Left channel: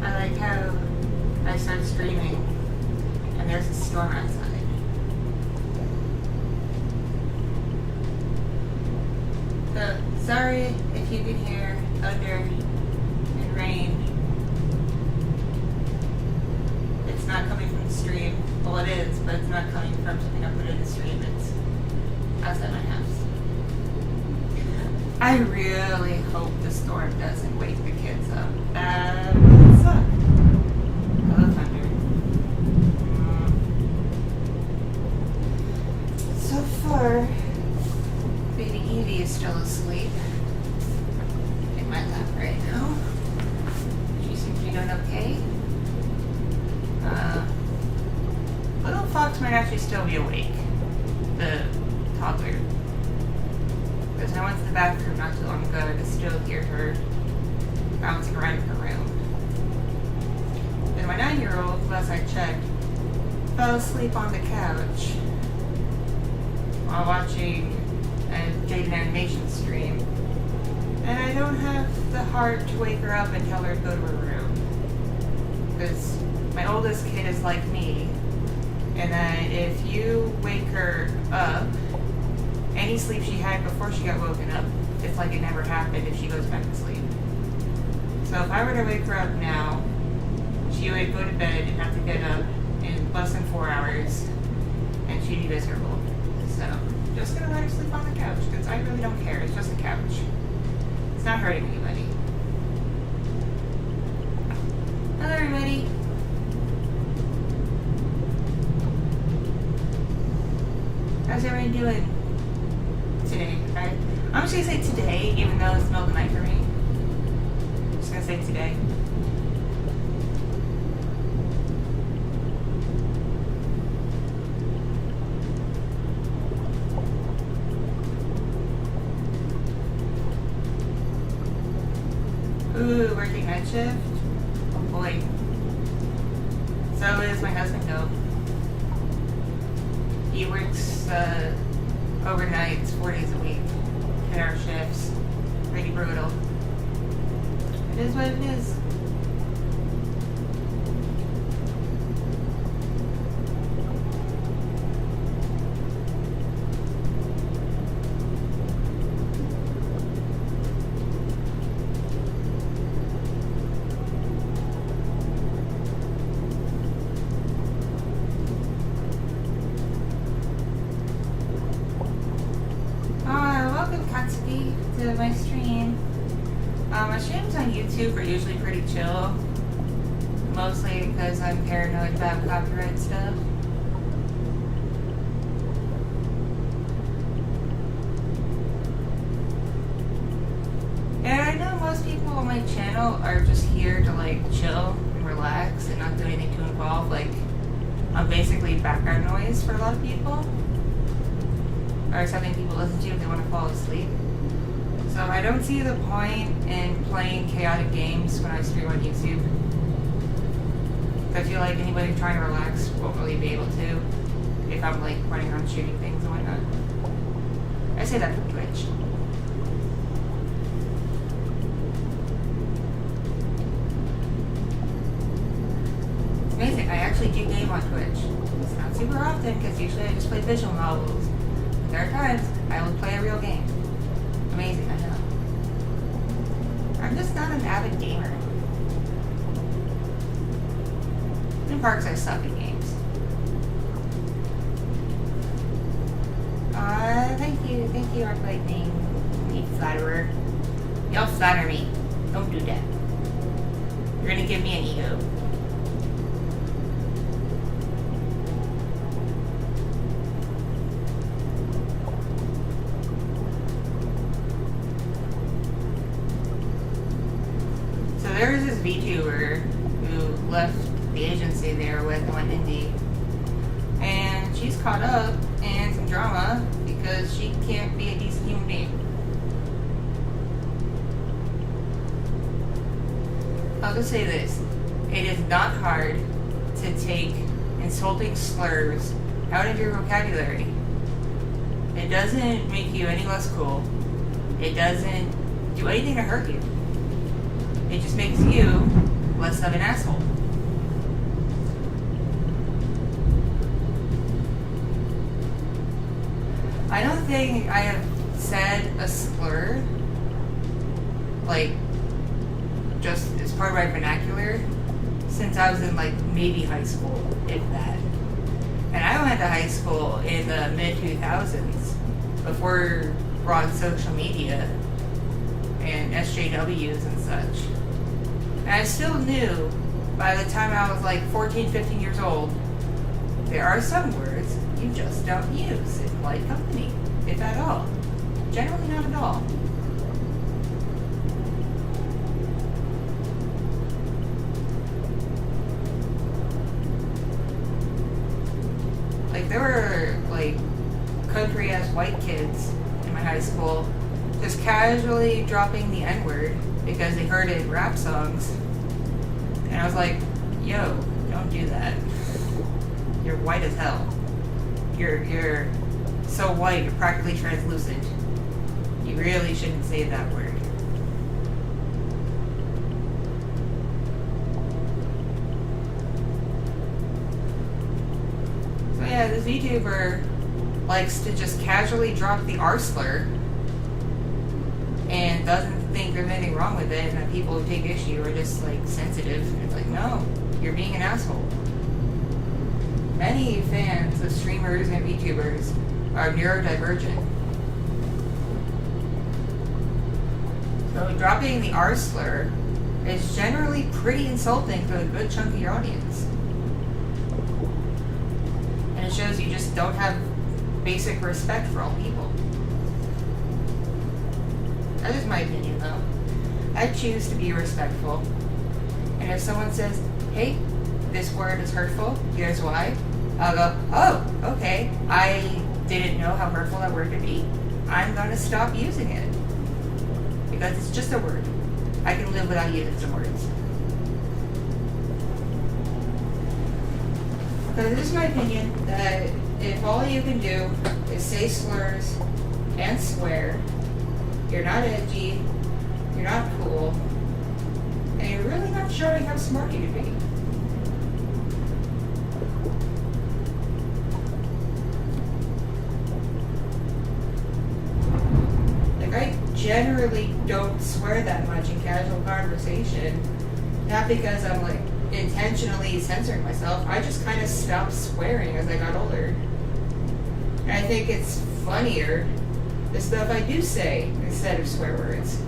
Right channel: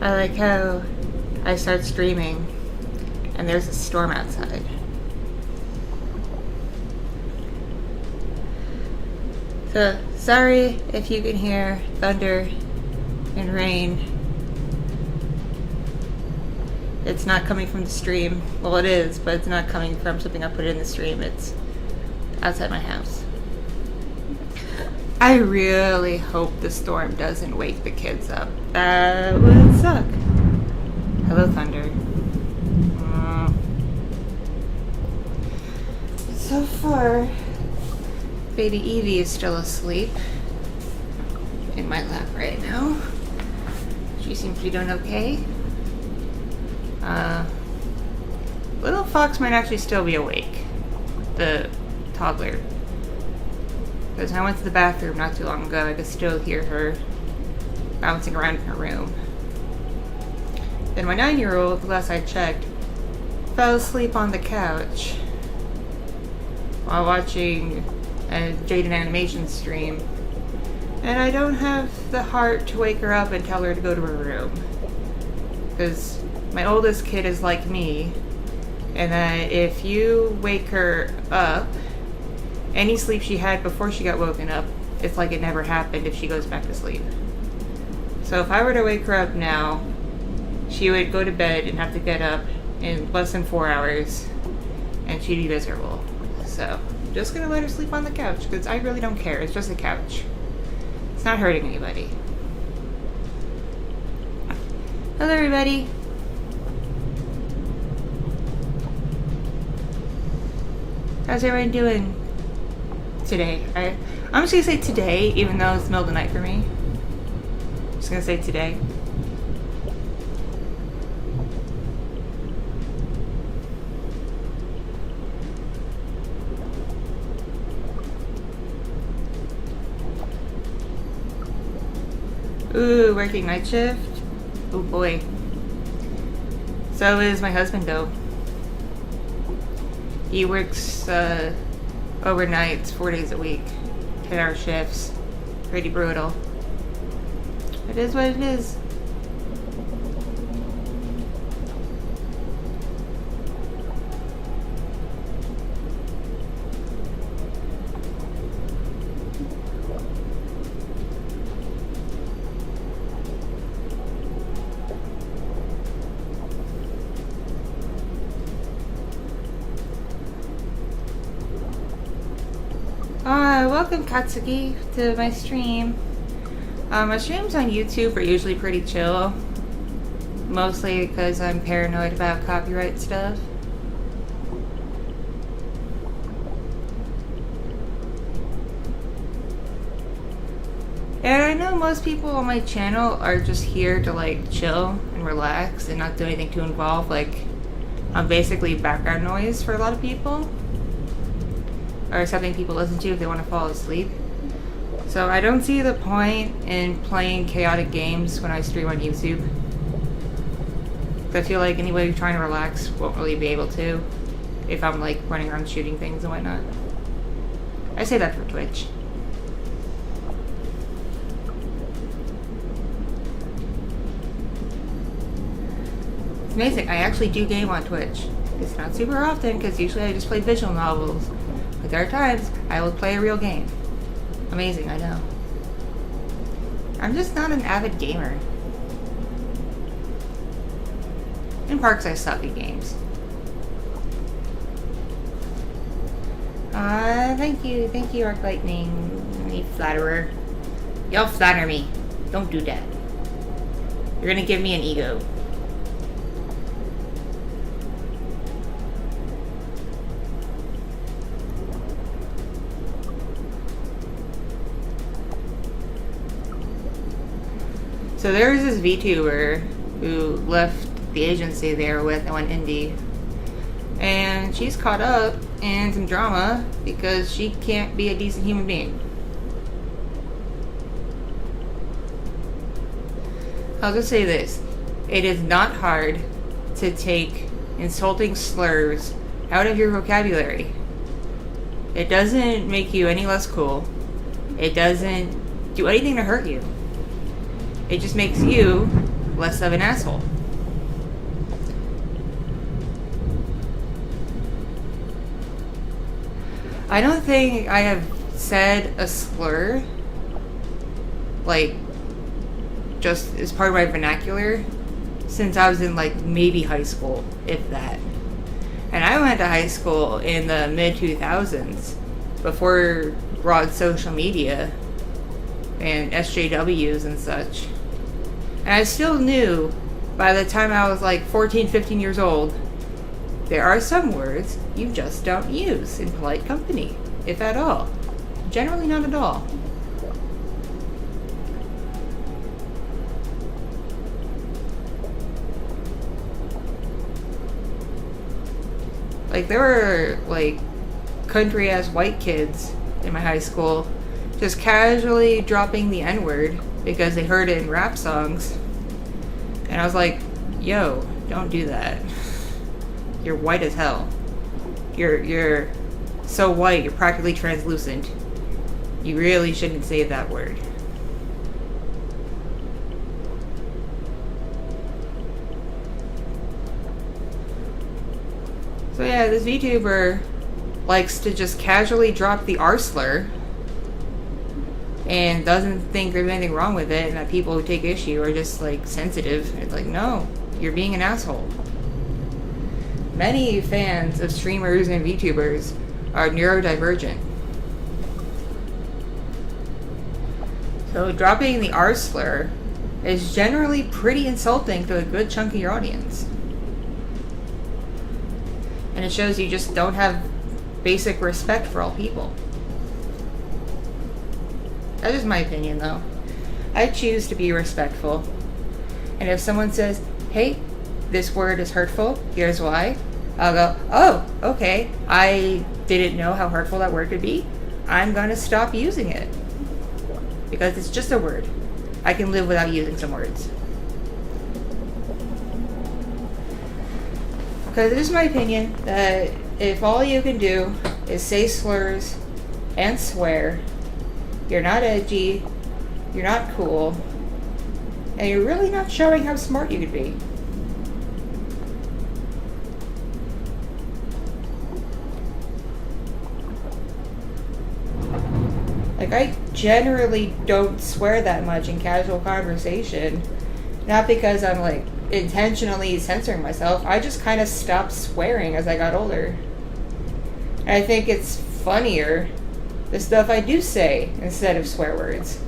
I like how I start streaming and there's a storm outside. So, sorry if you can hear thunder and rain. It's not coming from the stream. Well, it is, but it's not coming from something I put in the stream. It's outside my house. I really hope the storm doesn't wake the kids up. That would suck. Hello, thunder. So far, baby Evie is still asleep in my lap right now. She seems to be doing okay. Little Fox might actually still be awake. The toddler. Because I went to the bathroom not too long ago, I could still hear her bouncing around in her room. Then my 9-year-old, last I checked, fell asleep on the couch while watching a Jaden animation stream. And I don't have the heart to wake her up and tell her to go to her room. Because my oldest kid is like me, and that if you wake her up, any sleep she had before she got woken up, it's like it never happened if she goes back to sleep. So if I were to wake her up now, she would go to bed and have to get up in less than 4 hours, and she'd be miserable. So I'm just gonna let her sleep on the couch, because I really don't care. It's just a couch. It's not hurting anybody. Hello, everybody. How's everyone doing today? I'm just gonna say today, even though it's the middle of the night for me. I'm just gonna say today. Ooh, working night shift? Oh boy. So is my husband though. He works overnights 4 days a week. 10-hour shifts. Pretty brutal. It is what it is. Welcome Katsuki to my stream. My streams on YouTube are usually pretty chill. Mostly because I'm paranoid about copyright stuff. And I know most people on my channel are just here to like chill and relax and not do anything too involved. Like, I'm basically background noise for a lot of people. Or something people listen to if they want to fall asleep. So I don't see the point in playing chaotic games when I stream on YouTube. I feel like anybody trying to relax won't really be able to if I'm like running around shooting things and whatnot. I say that for Twitch. It's amazing, I actually do game on Twitch. It's not super often because usually I just play visual novels. But there are times I will play a real game. Amazing, I know. I'm just not an avid gamer. In parks, I suck at games. Thank you, Arc Lightning. You flatterer. Y'all flatter me. Don't do that. You're gonna give me an ego. So there was this VTuber who left the agency they were with and went indie. And she's caught up in some drama because she can't be a decent human being. I'll just say this. It is not hard to take insulting slurs out of your vocabulary. It doesn't make you any less cool. It doesn't do anything to hurt you. It just makes you less of an asshole. I don't think I have said a slur, like, just as part of my vernacular since I was in, like, maybe high school, if that. And I went to high school in the mid-2000s, before broad social media and SJWs and such. And I still knew, by the time I was like 14, 15 years old, there are some words you just don't use in polite company, if at all. Generally not at all. Like, there were, like, country-ass white kids in my high school just casually dropping the N-word because they heard it in rap songs. And I was like, yo, don't do that. You're white as hell. You're so white, you're practically translucent. You really shouldn't say that word. So yeah, this VTuber likes to just casually drop the R slur and doesn't think there's anything wrong with it, and that people who take issue are just like sensitive. It's like, no, you're being an asshole. Many fans of streamers and VTubers are neurodivergent. So dropping the R slur is generally pretty insulting to a good chunk of your audience. And it shows you just don't have basic respect for all people. That's just my opinion, though. I choose to be respectful. And if someone says, hey, this word is hurtful, here's why, I'll go, oh, okay, I didn't know how hurtful that word could be. I'm gonna stop using it. Because it's just a word. I can live without using some words. Because it is my opinion that if all you can do is say slurs and swear, you're not edgy, you're not cool, and you're really not showing how smart you could be. Like, I generally don't swear that much in casual conversation. Not because I'm, like, intentionally censoring myself. I just kind of stopped swearing as I got older. And I think it's funnier, the stuff I do say, instead of swear words.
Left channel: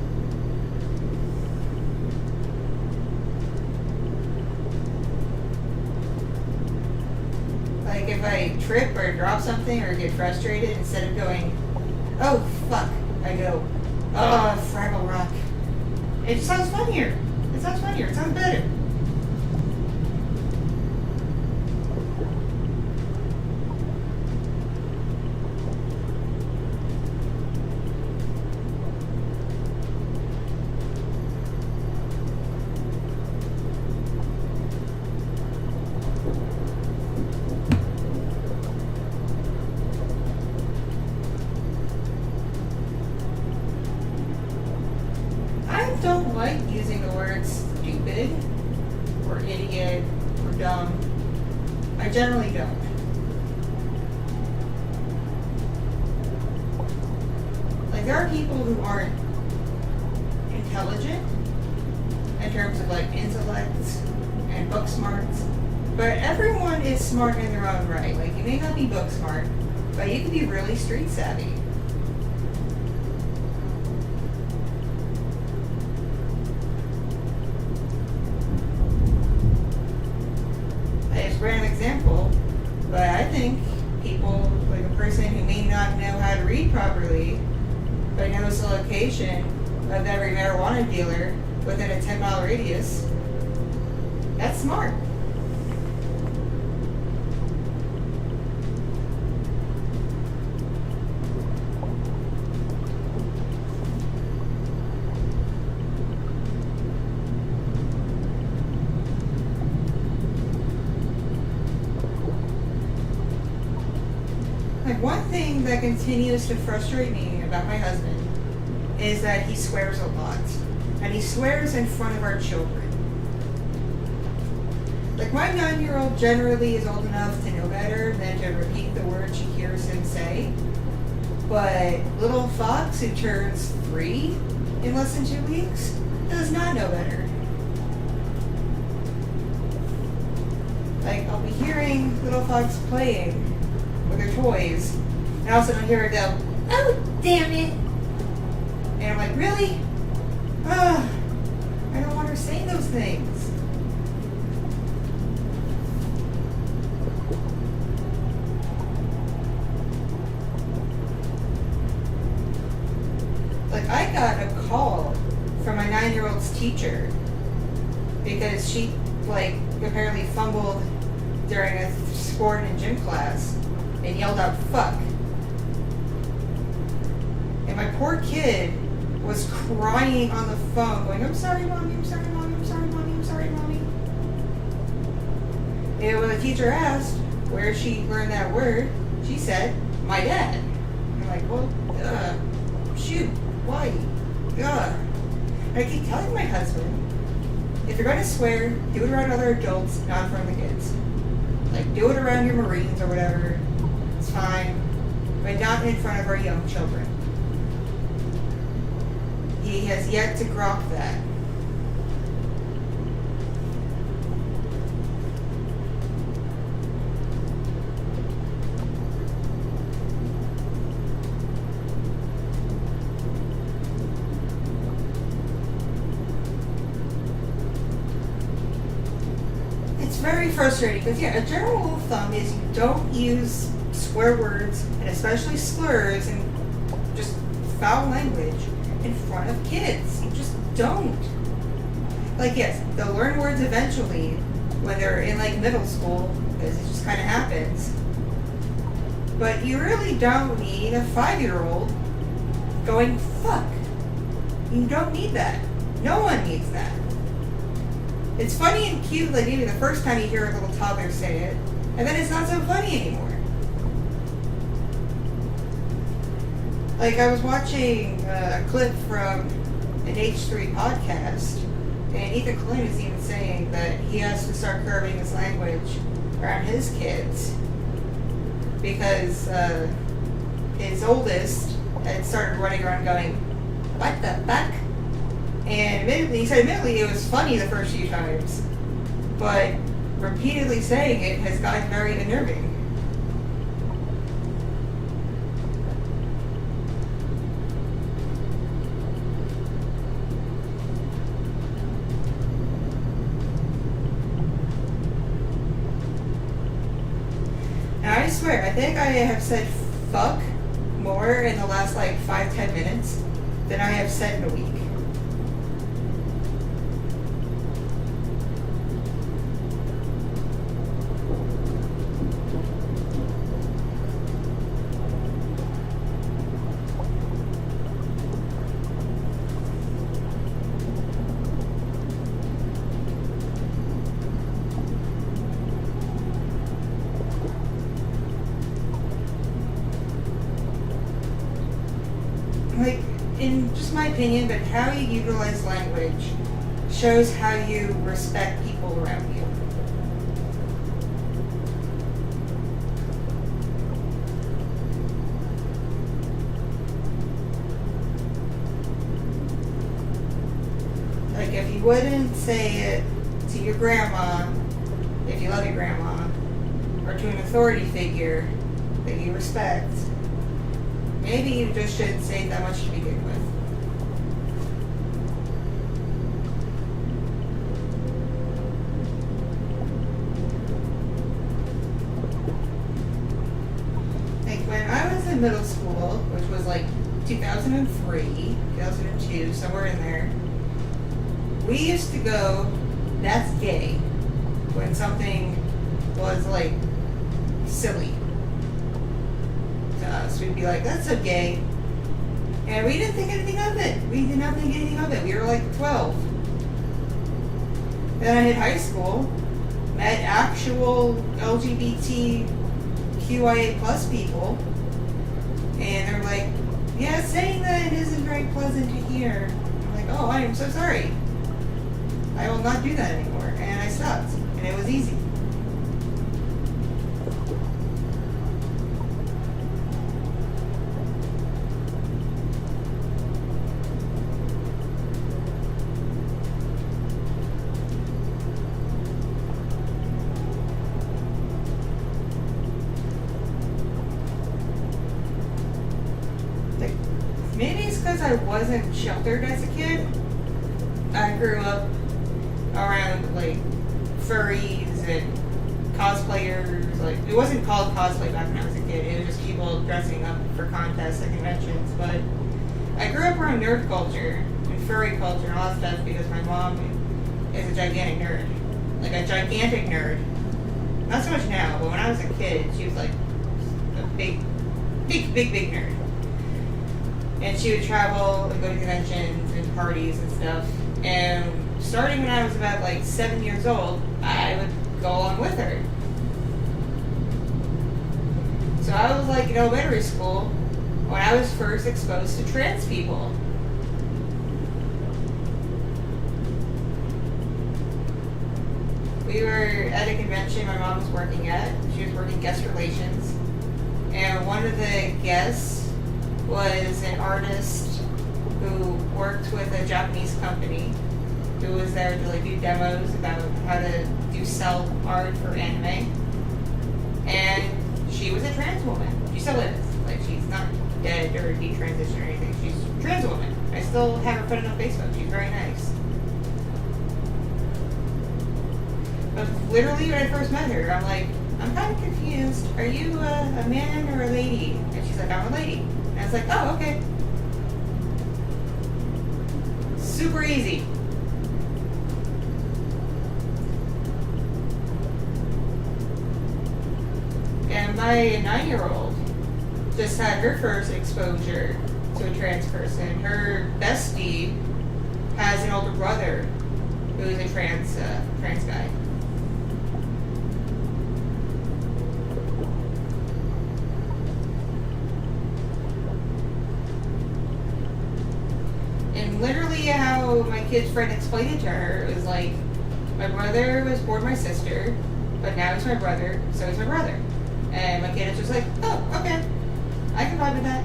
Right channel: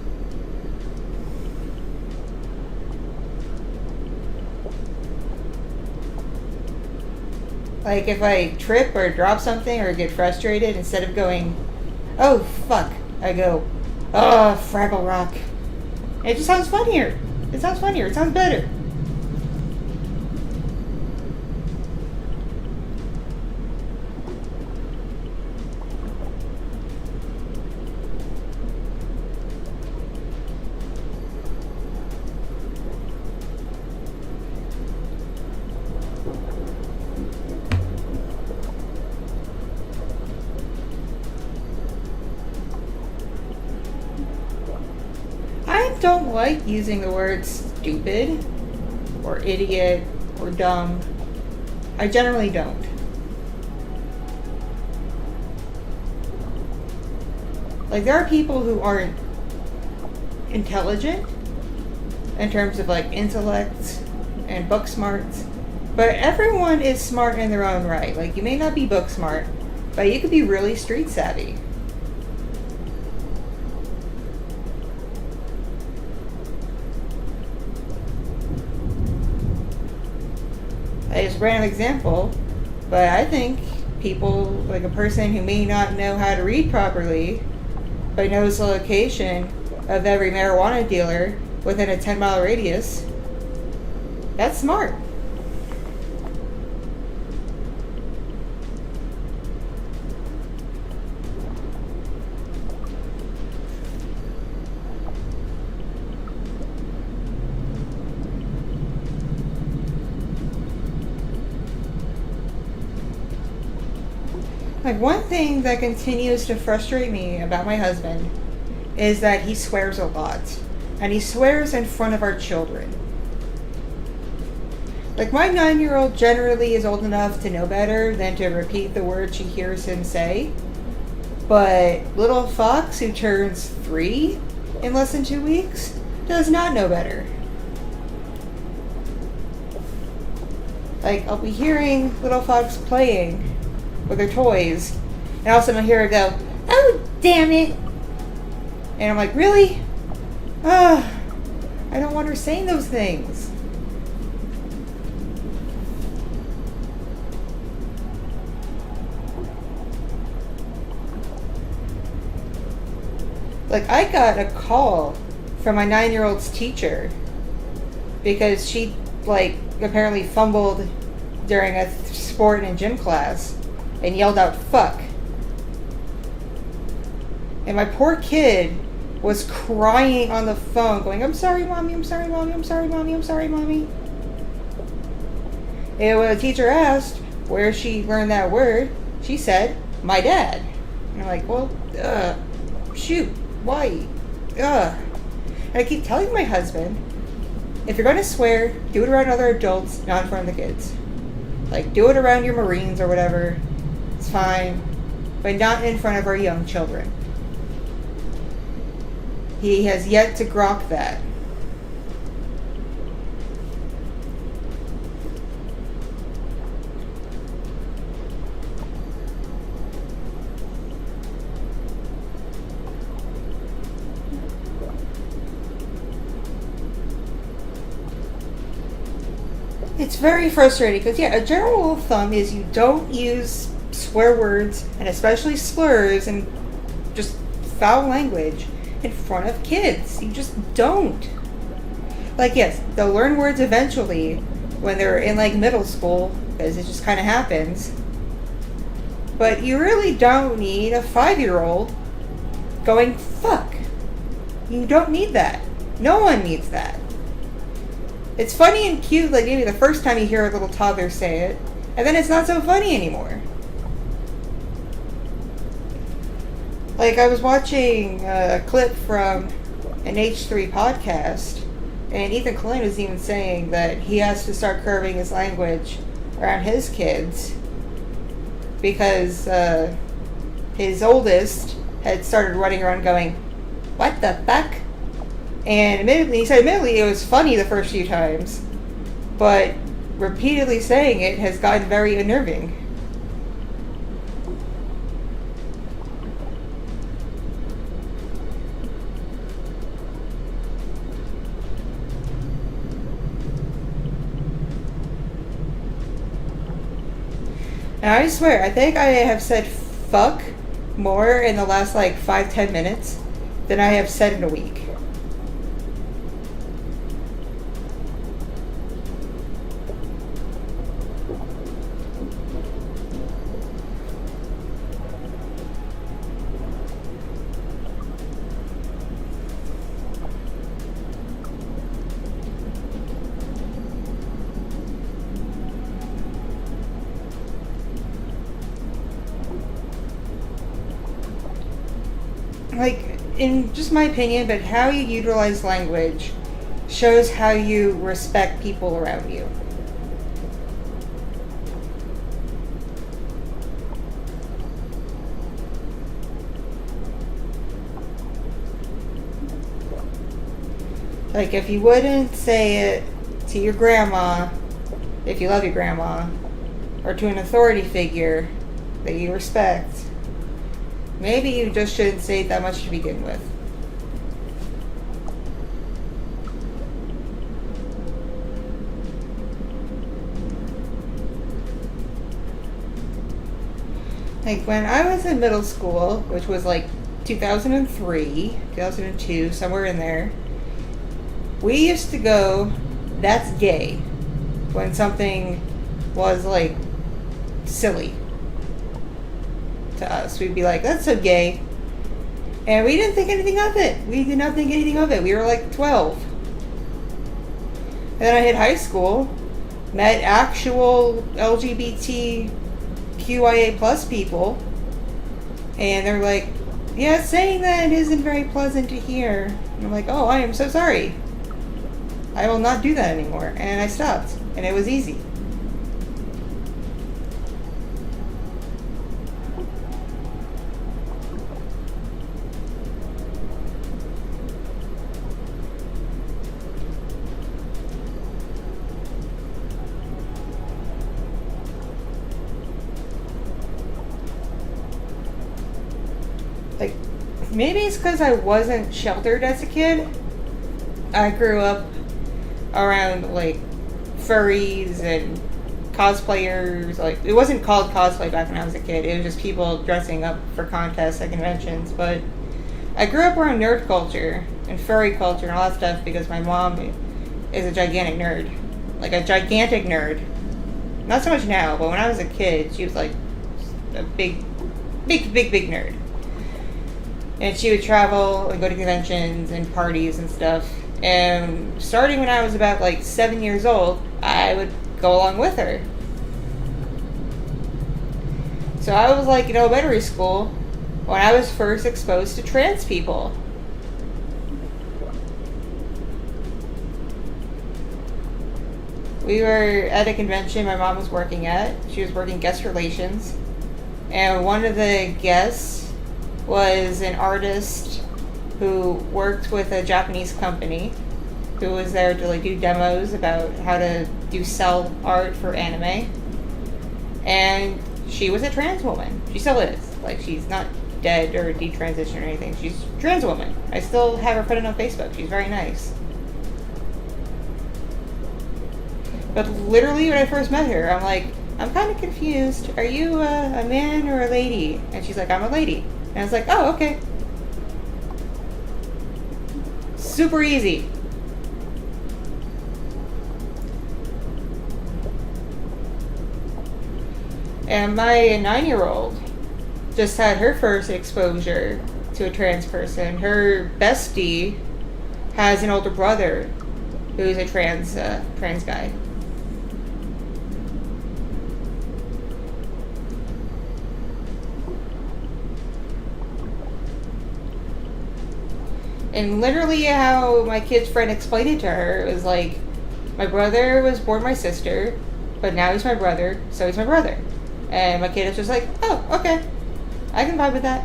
Like, if I trip or drop something or get frustrated, instead of going, oh, fuck, I go, oh, Fraggle Rock. It just sounds funnier. It sounds funnier. It sounds better. I don't like using the word stupid or idiot or dumb. I generally don't. Like, there are people who aren't intelligent in terms of, like, intellect and book smarts, but everyone is smart in their own right. Like, you may not be book smart, but you could be really street savvy. I just ran an example, but I think people, like a person who may not know how to read properly, but knows the location of every marijuana dealer within a 10-mile radius, that's smart. Like, one thing that continues to frustrate me about my husband is that he swears a lot. and he swears in front of our children. Like, my 9-year-old generally is old enough to know better than to repeat the words she hears him say. But little Fox, who turns 3 in less than 2 weeks, does not know better. Like, I'll be hearing little Fox playing with her toys, and all of a sudden I'll hear her go, "Oh, damn it!" And I'm like, really? I don't want her saying those things. Like, I got a call from my 9-year-old's teacher because she, like, apparently fumbled during a sport and gym class and yelled out, "Fuck." And my poor kid was crying on the phone, going, "I'm sorry, Mommy, I'm sorry, Mommy, I'm sorry, Mommy, I'm sorry, Mommy." And when the teacher asked where she learned that word, she said, "My dad." And I'm like, well, shoot, why? And I keep telling my husband, if you're going to swear, do it around other adults, not in front of the kids. Like, do it around your Marines or whatever. It's fine. But not in front of our young children. He has yet to grok that. It's very frustrating because, yeah, a general rule of thumb is you don't use swear words, and especially slurs and just foul language, in front of kids. You just don't. Like, yes, they'll learn words eventually when they're in, like, middle school, because it just kind of happens. But you really don't need a 5-year-old going, "Fuck." You don't need that. No one needs that. It's funny and cute, like, maybe the first time you hear a little toddler say it, and then it's not so funny anymore. Like, I was watching a clip from an H3 podcast, and Ethan Klein was even saying that he has to start curbing his language around his kids because his oldest had started running around going, "What the fuck?" And he said admittedly it was funny the first few times, but repeatedly saying it has gotten very unnerving. And I swear, I think I have said fuck more in the last, like, 5-10 minutes than I have said in a week. Like, in just my opinion, but how you utilize language shows how you respect people around you. Like, if you wouldn't say it to your grandma, if you love your grandma, or to an authority figure that you respect, maybe you just shouldn't say it that much to begin with. Like, when I was in middle school, which was like 2003, 2002, somewhere in there, we used to go, "That's gay," when something was, like, silly to us. We'd be like, "That's so gay." And we didn't think anything of it. We did not think anything of it. We were like 12. And then I hit high school, met actual LGBTQIA plus people, and they were like, "Yeah, saying that isn't very pleasant to hear." And I'm like, oh, I am so sorry. I will not do that anymore. And I stopped. And it was easy. Like, maybe it's because I wasn't sheltered as a kid. I grew up around, like, furries and cosplayers. Like, it wasn't called cosplay back when I was a kid. It was just people dressing up for contests and conventions. But I grew up around nerd culture and furry culture and all that stuff because my mom is a gigantic nerd. Like, a gigantic nerd. Not so much now, but when I was a kid, she was, like, a big nerd. And she would travel and go to conventions and parties and stuff. And starting when I was about, like, 7 years old, I would go along with her. So I was, like, in elementary school when I was first exposed to trans people. We were at a convention my mom was working at. She was working guest relations. And one of the guests was an artist who worked with a Japanese company who was there to, like, do demos about how to do cell art for anime. And she was a trans woman. She still is. Like, she's not dead or detransitioned or anything. She's a trans woman. I still have her put it on Facebook. She's very nice. But literally when I first met her, I'm like, I'm kind of confused. Are you a man or a lady? And she's like, I'm a lady. And I was like, oh, okay. Super easy. And my 9-year-old just had her first exposure to a trans person. Her bestie has an older brother who's a trans guy. And literally how my kid's friend explained it to her was like, my brother was born my sister, but now he's my brother, so he's my brother. And my kid was just like, oh, okay. I can vibe with that.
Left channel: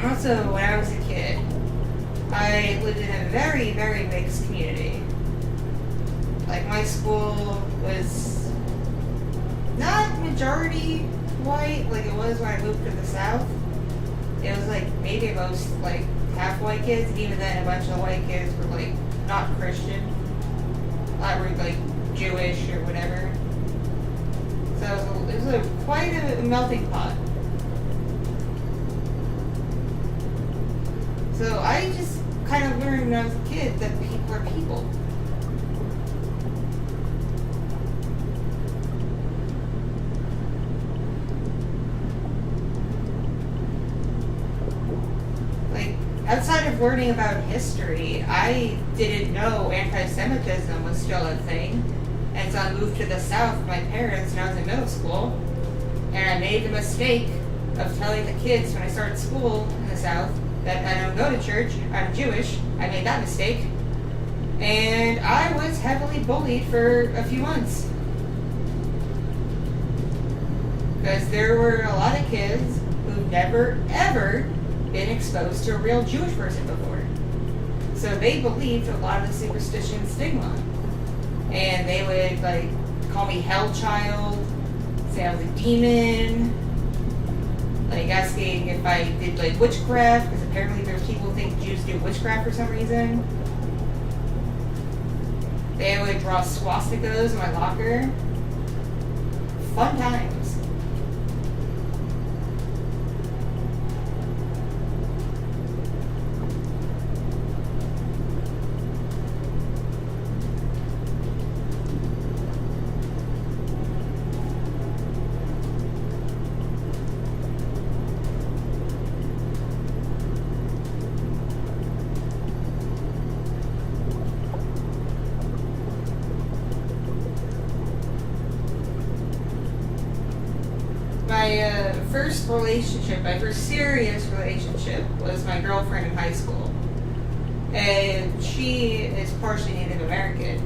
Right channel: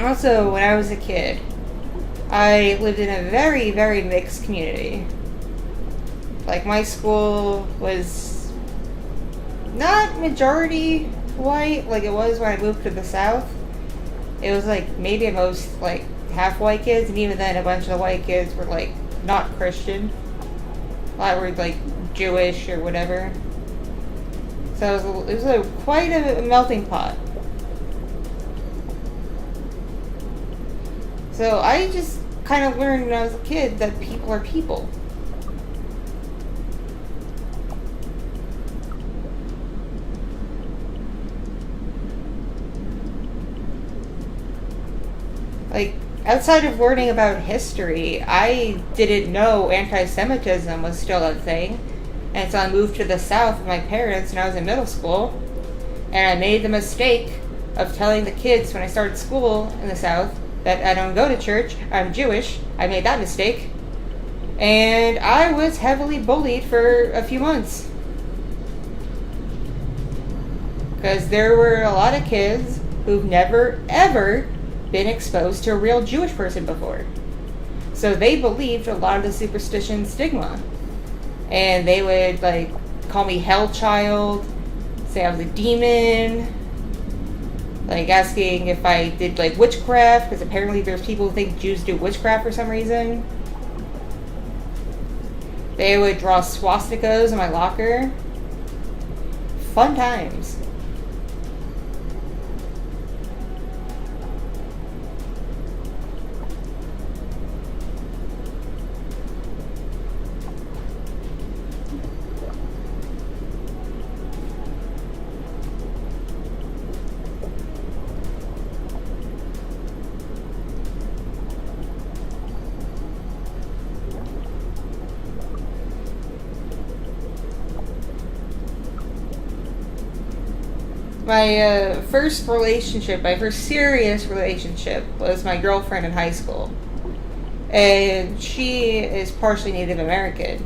Also, when I was a kid, I lived in a very, very mixed community. Like, my school was not majority white like it was when I moved to the South. It was, like, maybe at most, like, half white kids, and even then a bunch of the white kids were, like, not Christian. A lot were, like, Jewish or whatever. So it was quite a melting pot. So I just kind of learned when I was a kid that people are people. Like, outside of learning about history, I didn't know anti-Semitism was still a thing. And so I moved to the South with my parents when I was in middle school. And I made the mistake of telling the kids when I started school in the South that I don't go to church, I'm Jewish. I made that mistake. And I was heavily bullied for a few months. Because there were a lot of kids who've never, ever been exposed to a real Jewish person before. So they believed a lot of the superstition stigma. And they would, like, call me hell child, say I was a demon, like, asking if I did, like, witchcraft, because apparently there's people who think Jews do witchcraft for some reason. They would draw swastikas in my locker. Fun times. My first relationship, my first serious relationship, was my girlfriend in high school. And she is partially Native American.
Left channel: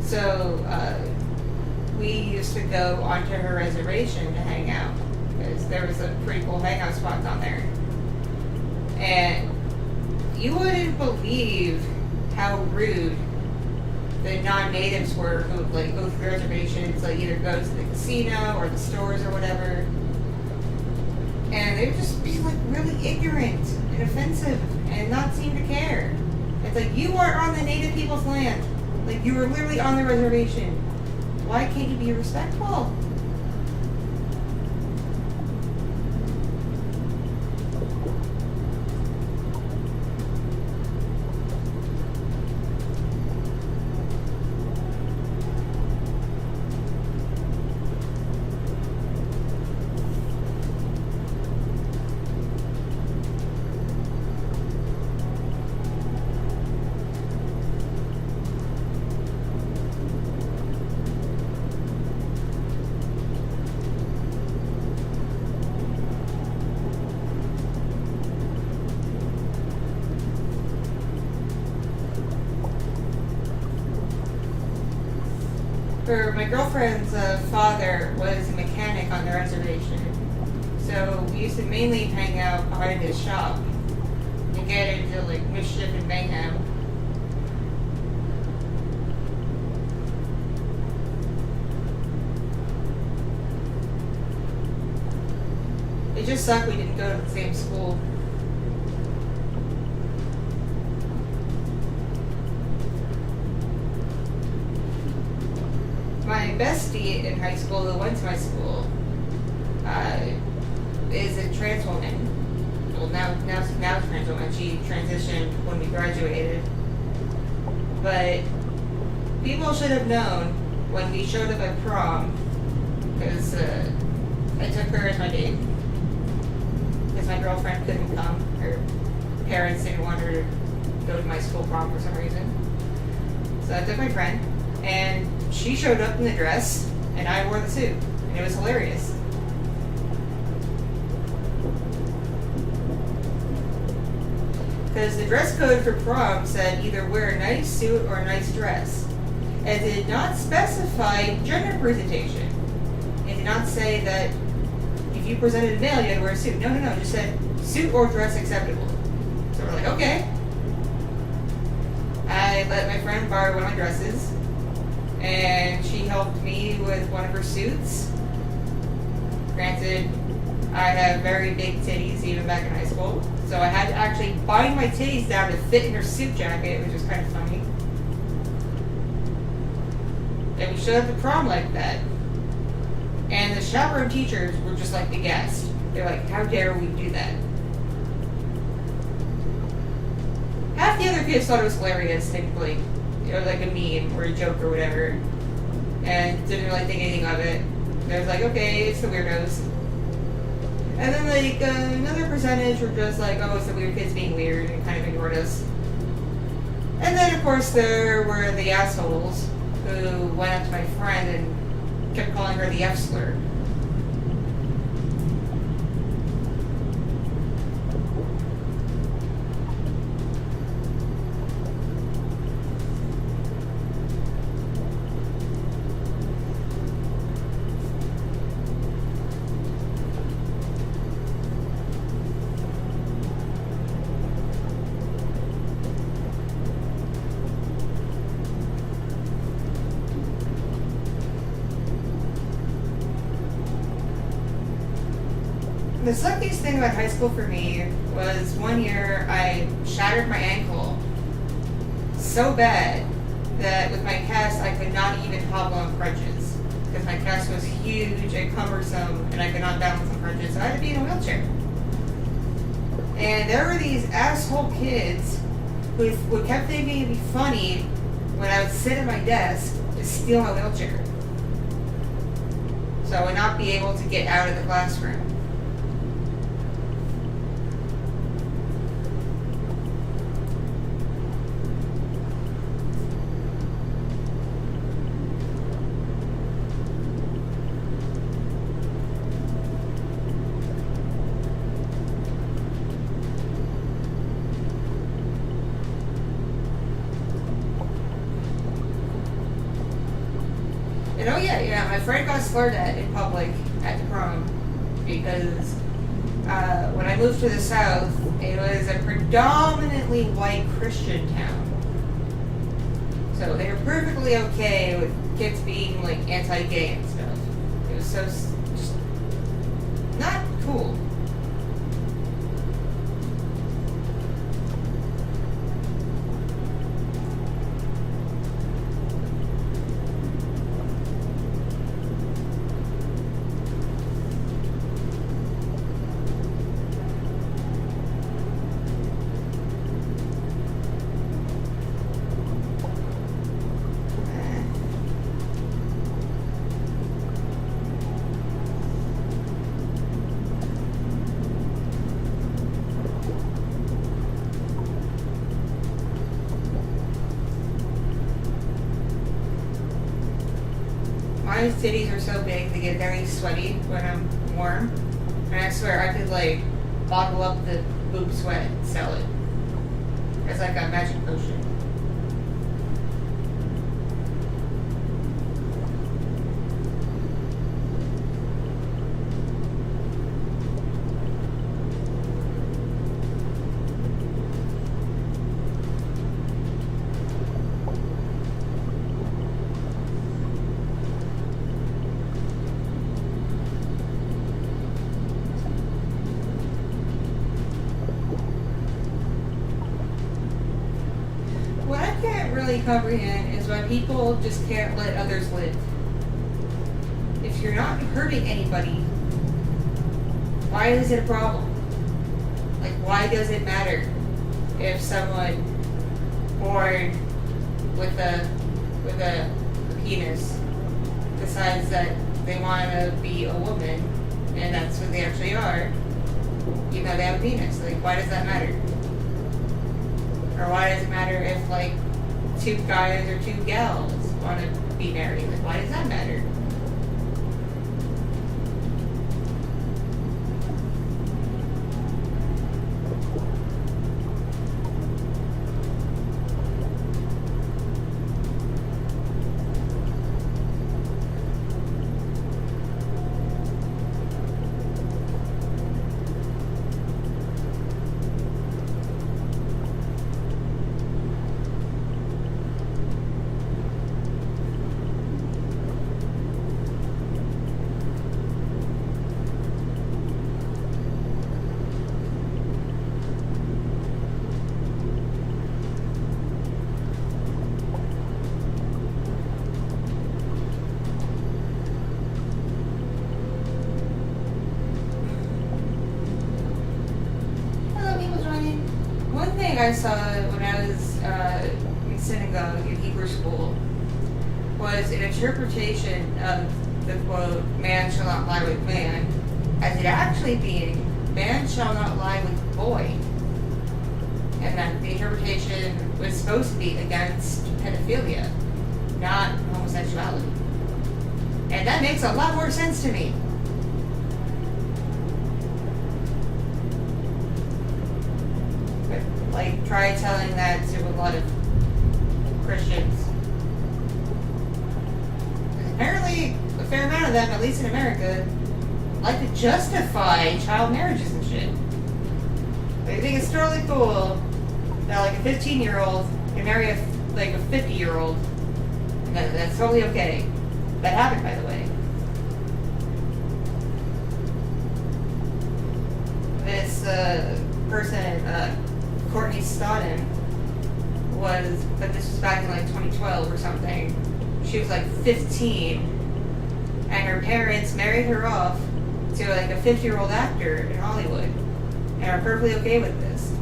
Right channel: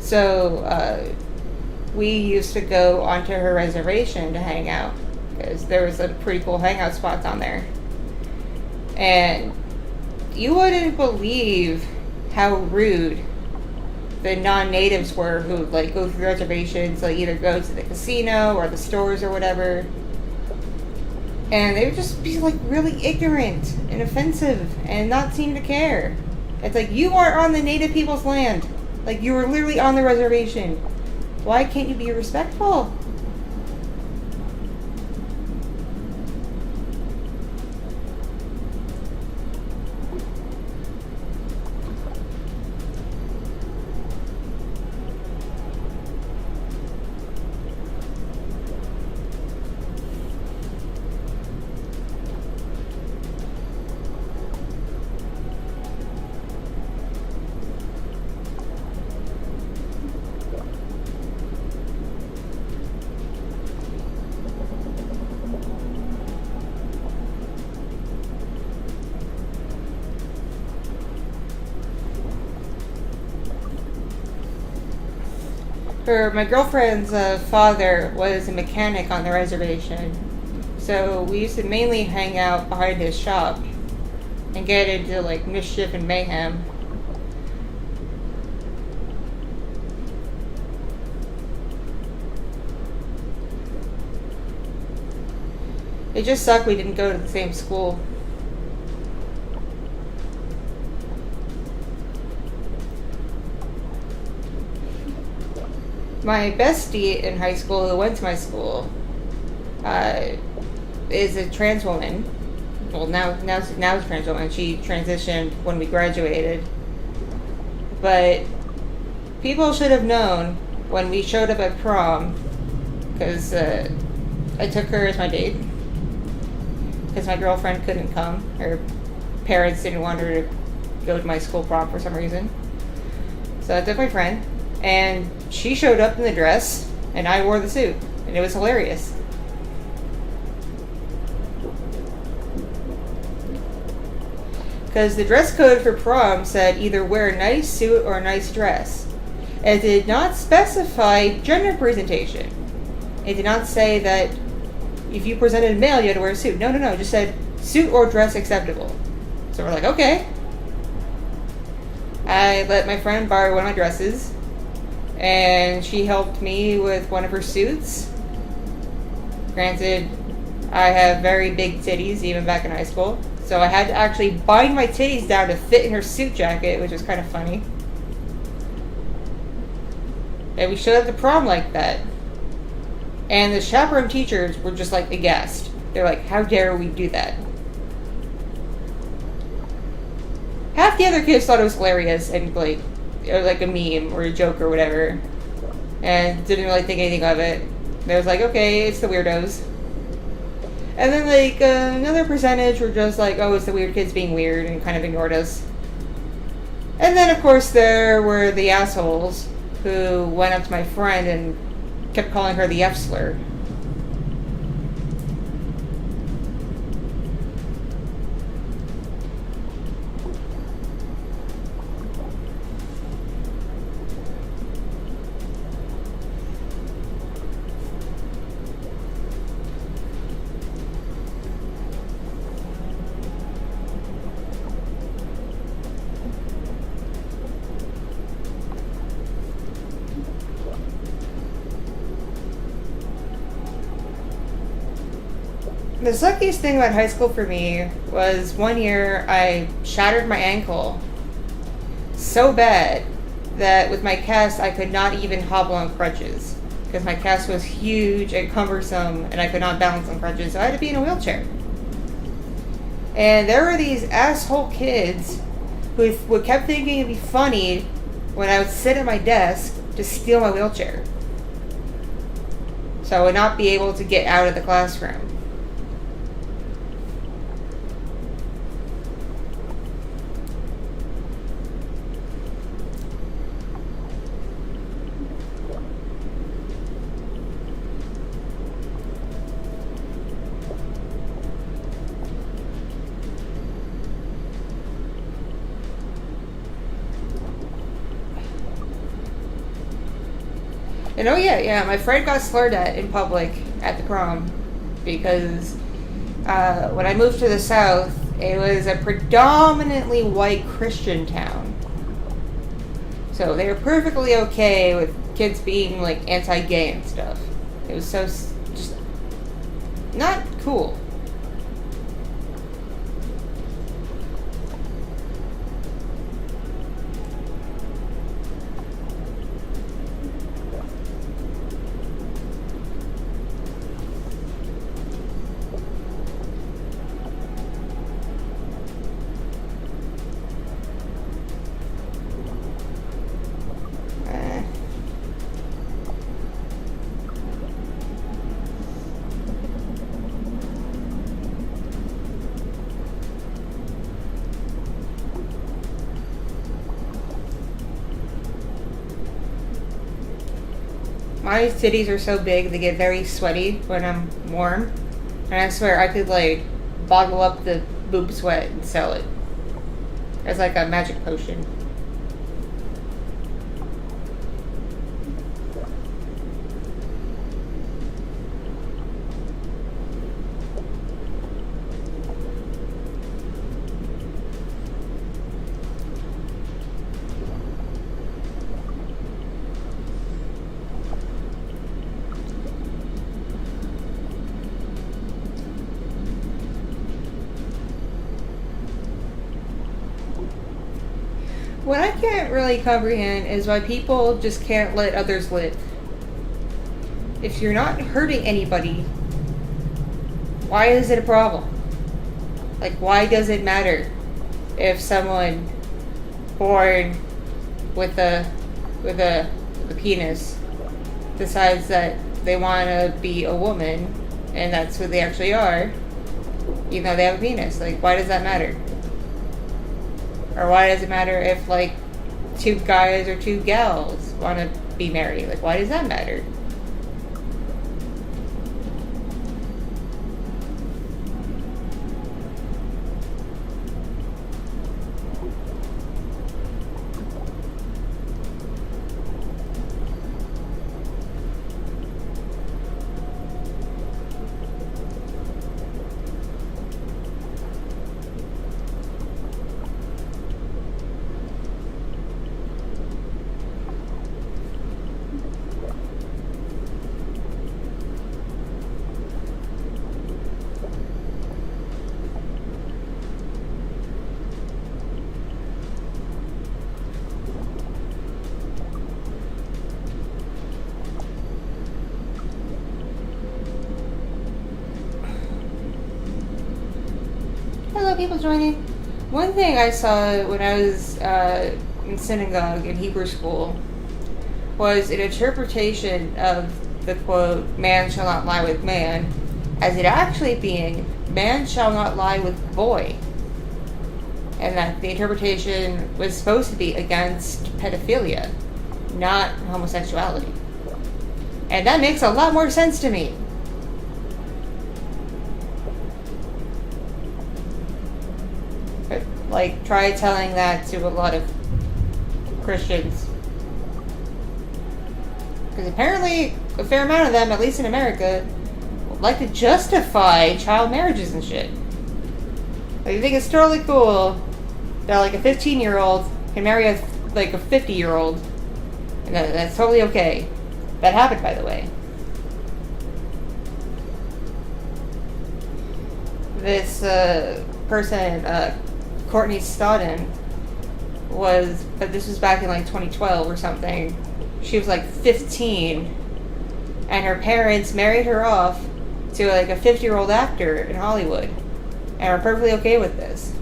So we used to go onto her reservation to hang out because there was a pretty cool hangout spot on there. And you wouldn't believe how rude the non-natives were who would like go through reservations, like either go to the casino or the stores or whatever. And they would just be like really ignorant and offensive and not seem to care. It's like, you are on the native people's land. Like, you were literally on the reservation. Why can't you be respectful? My girlfriend's father was a mechanic on the reservation, so we used to mainly hang out behind his shop and get into like mischief and mayhem. It just sucked we didn't go to the same school. My bestie in high school who went to my school is a trans woman. Well, now is a trans woman. She transitioned when we graduated. But people should have known when we showed up at prom, because I took her as my date. Because my girlfriend couldn't come. Her parents didn't want her to go to my school prom for some reason. So I took my friend. And she showed up in the dress, and I wore the suit, and it was hilarious. Because the dress code for prom said either wear a nice suit or a nice dress. It did not specify gender presentation. It did not say that if you presented a male, you had to wear a suit. No, it just said suit or dress acceptable. So we're like, okay. I let my friend borrow one of my dresses. And she helped me with one of her suits. Granted, I have very big titties even back in high school, so I had to actually bind my titties down to fit in her suit jacket, which was kind of funny. And we showed up to prom like that. And the chaperone teachers were just like aghast. They're like, how dare we do that? Half the other kids thought it was hilarious and like, it was like a meme or a joke or whatever, and didn't really think anything of it. They was like, okay, it's the weirdos. And then like another percentage were just like, oh, it's the weird kids being weird, and kind of ignored us. And then of course there were the assholes who went up to my friend and kept calling her the F slur. The suckiest thing about high school for me was one year I shattered my ankle so bad that with my cast I could not even hobble on crutches because my cast was huge and cumbersome and I could not balance on crutches, so I had to be in a wheelchair. And there were these asshole kids who kept thinking it'd be funny when I would sit at my desk to steal my wheelchair, so I would not be able to get out of the classroom. And oh yeah, my friend got slurred at in public at the prom because when I moved to the South, it was a predominantly white Christian town. So they were perfectly okay with kids being like anti-gay and stuff. It was so just not cool. My cities are so big, they get very sweaty when I'm warm. And I swear I could, like, bottle up the boob sweat and sell it. It's like a magic potion. What I can't really comprehend is why people just can't let others live. If you're not hurting anybody, why is it a problem? Like, why does it matter if someone born with a penis decides that they want to be a woman and that's who they actually are, even though they have a penis? Like, why does that matter? Or why does it matter if, like, two guys or two gals want to be married? Like, why does that matter? People joining. One thing I saw when I was in synagogue in Hebrew school was an interpretation of the quote, "Man shall not lie with man," as it actually being, "Man shall not lie with boy," and that the interpretation was supposed to be against pedophilia, not homosexuality. And that makes a lot more sense to me. Like, try telling that to a lot of Christians. Because apparently, a fair amount of them, at least in America, like to justify child marriages and shit. Like, I think it's totally cool that, like, a 15-year-old can marry a 50-year-old. And that's totally okay. That happened, by the way. This person, Courtney Stodden, but this was back in like 2012 or something. She was like 15, and her parents married her off to like a 50-year-old actor in Hollywood, and are perfectly okay with this.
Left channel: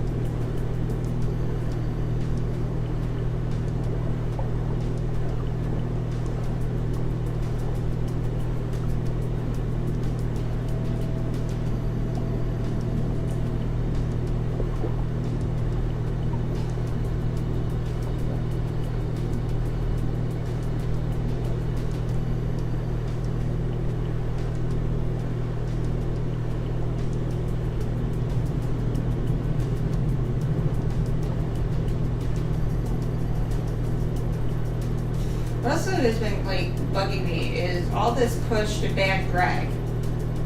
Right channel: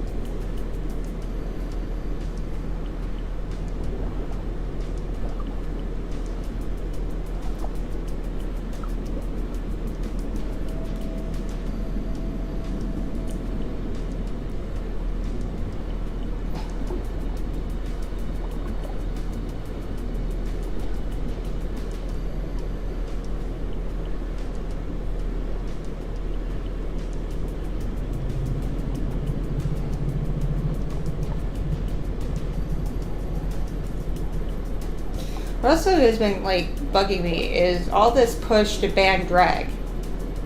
Also has been like bugging me is all this push to ban drag.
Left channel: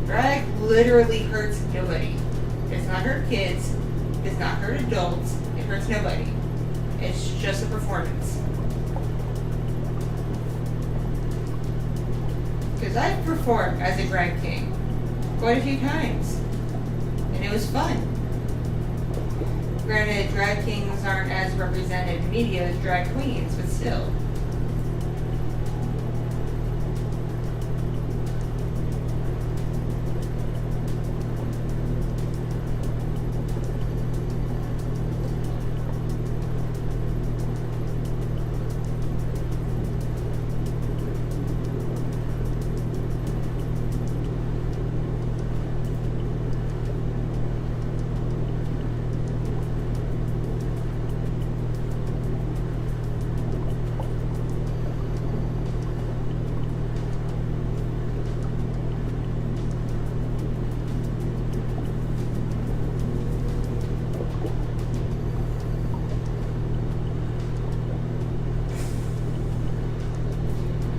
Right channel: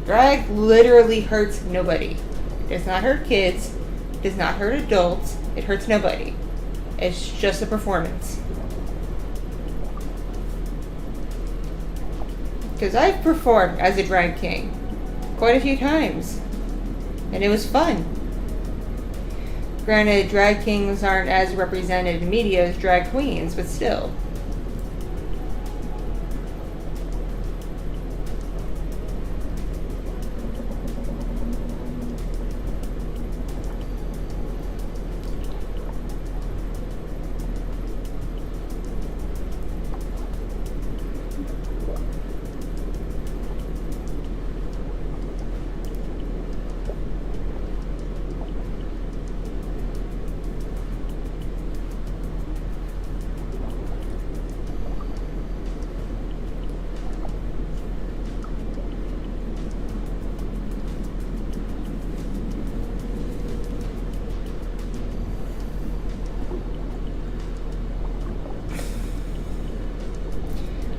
Drag literally hurts nobody. It does not hurt kids, it does not hurt adults, it hurts nobody. It's just a performance. Because I've performed as a drag king quite a few times, and it was fun. Granted, drag kings aren't as represented in media as drag queens, but still.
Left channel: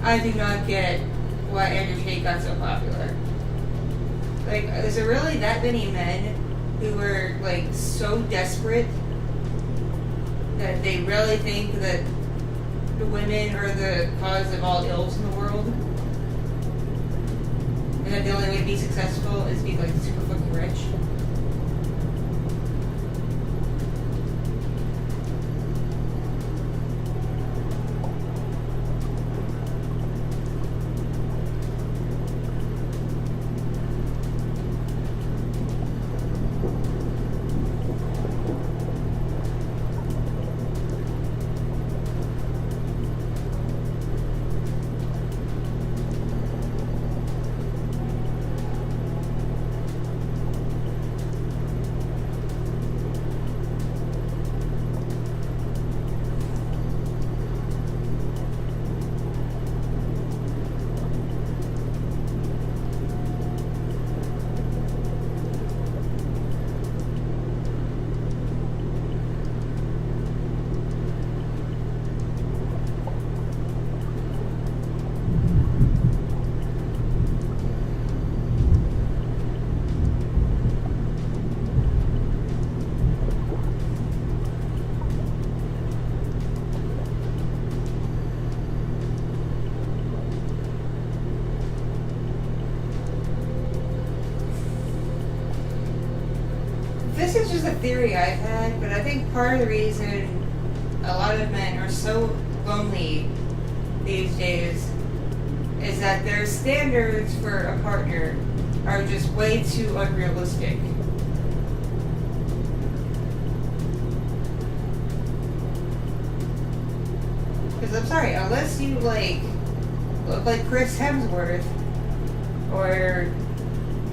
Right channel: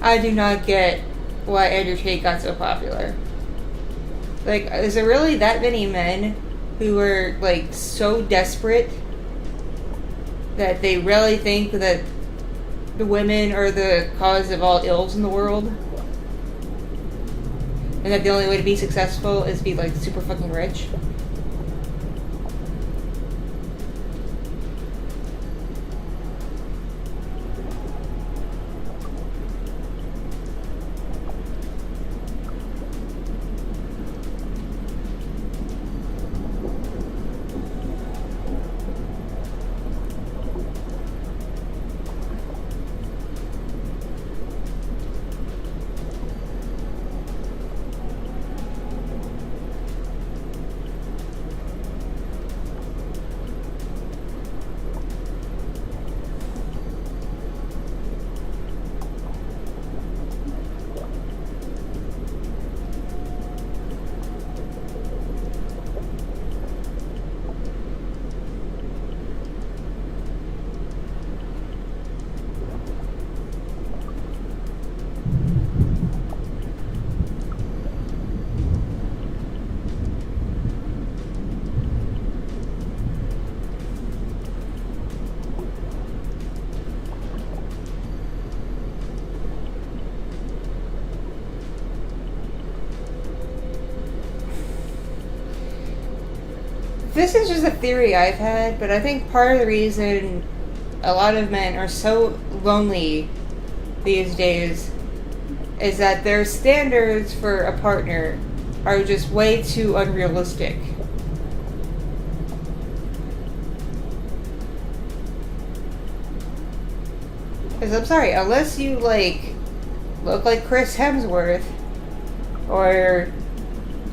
I do not get why Andrew Tate got so popular. Like, is there really that many men who are, like, so desperate that they really think that the women are the cause of all ills in the world? And that the only way to be successful is be, like, super fucking rich? This is just a theory I've had, but I think part of the reason a lot of men are so lonely these days is that their standards for a partner are just way too unrealistic. Because I'm sorry, unless you, like, look like Chris Hemsworth, or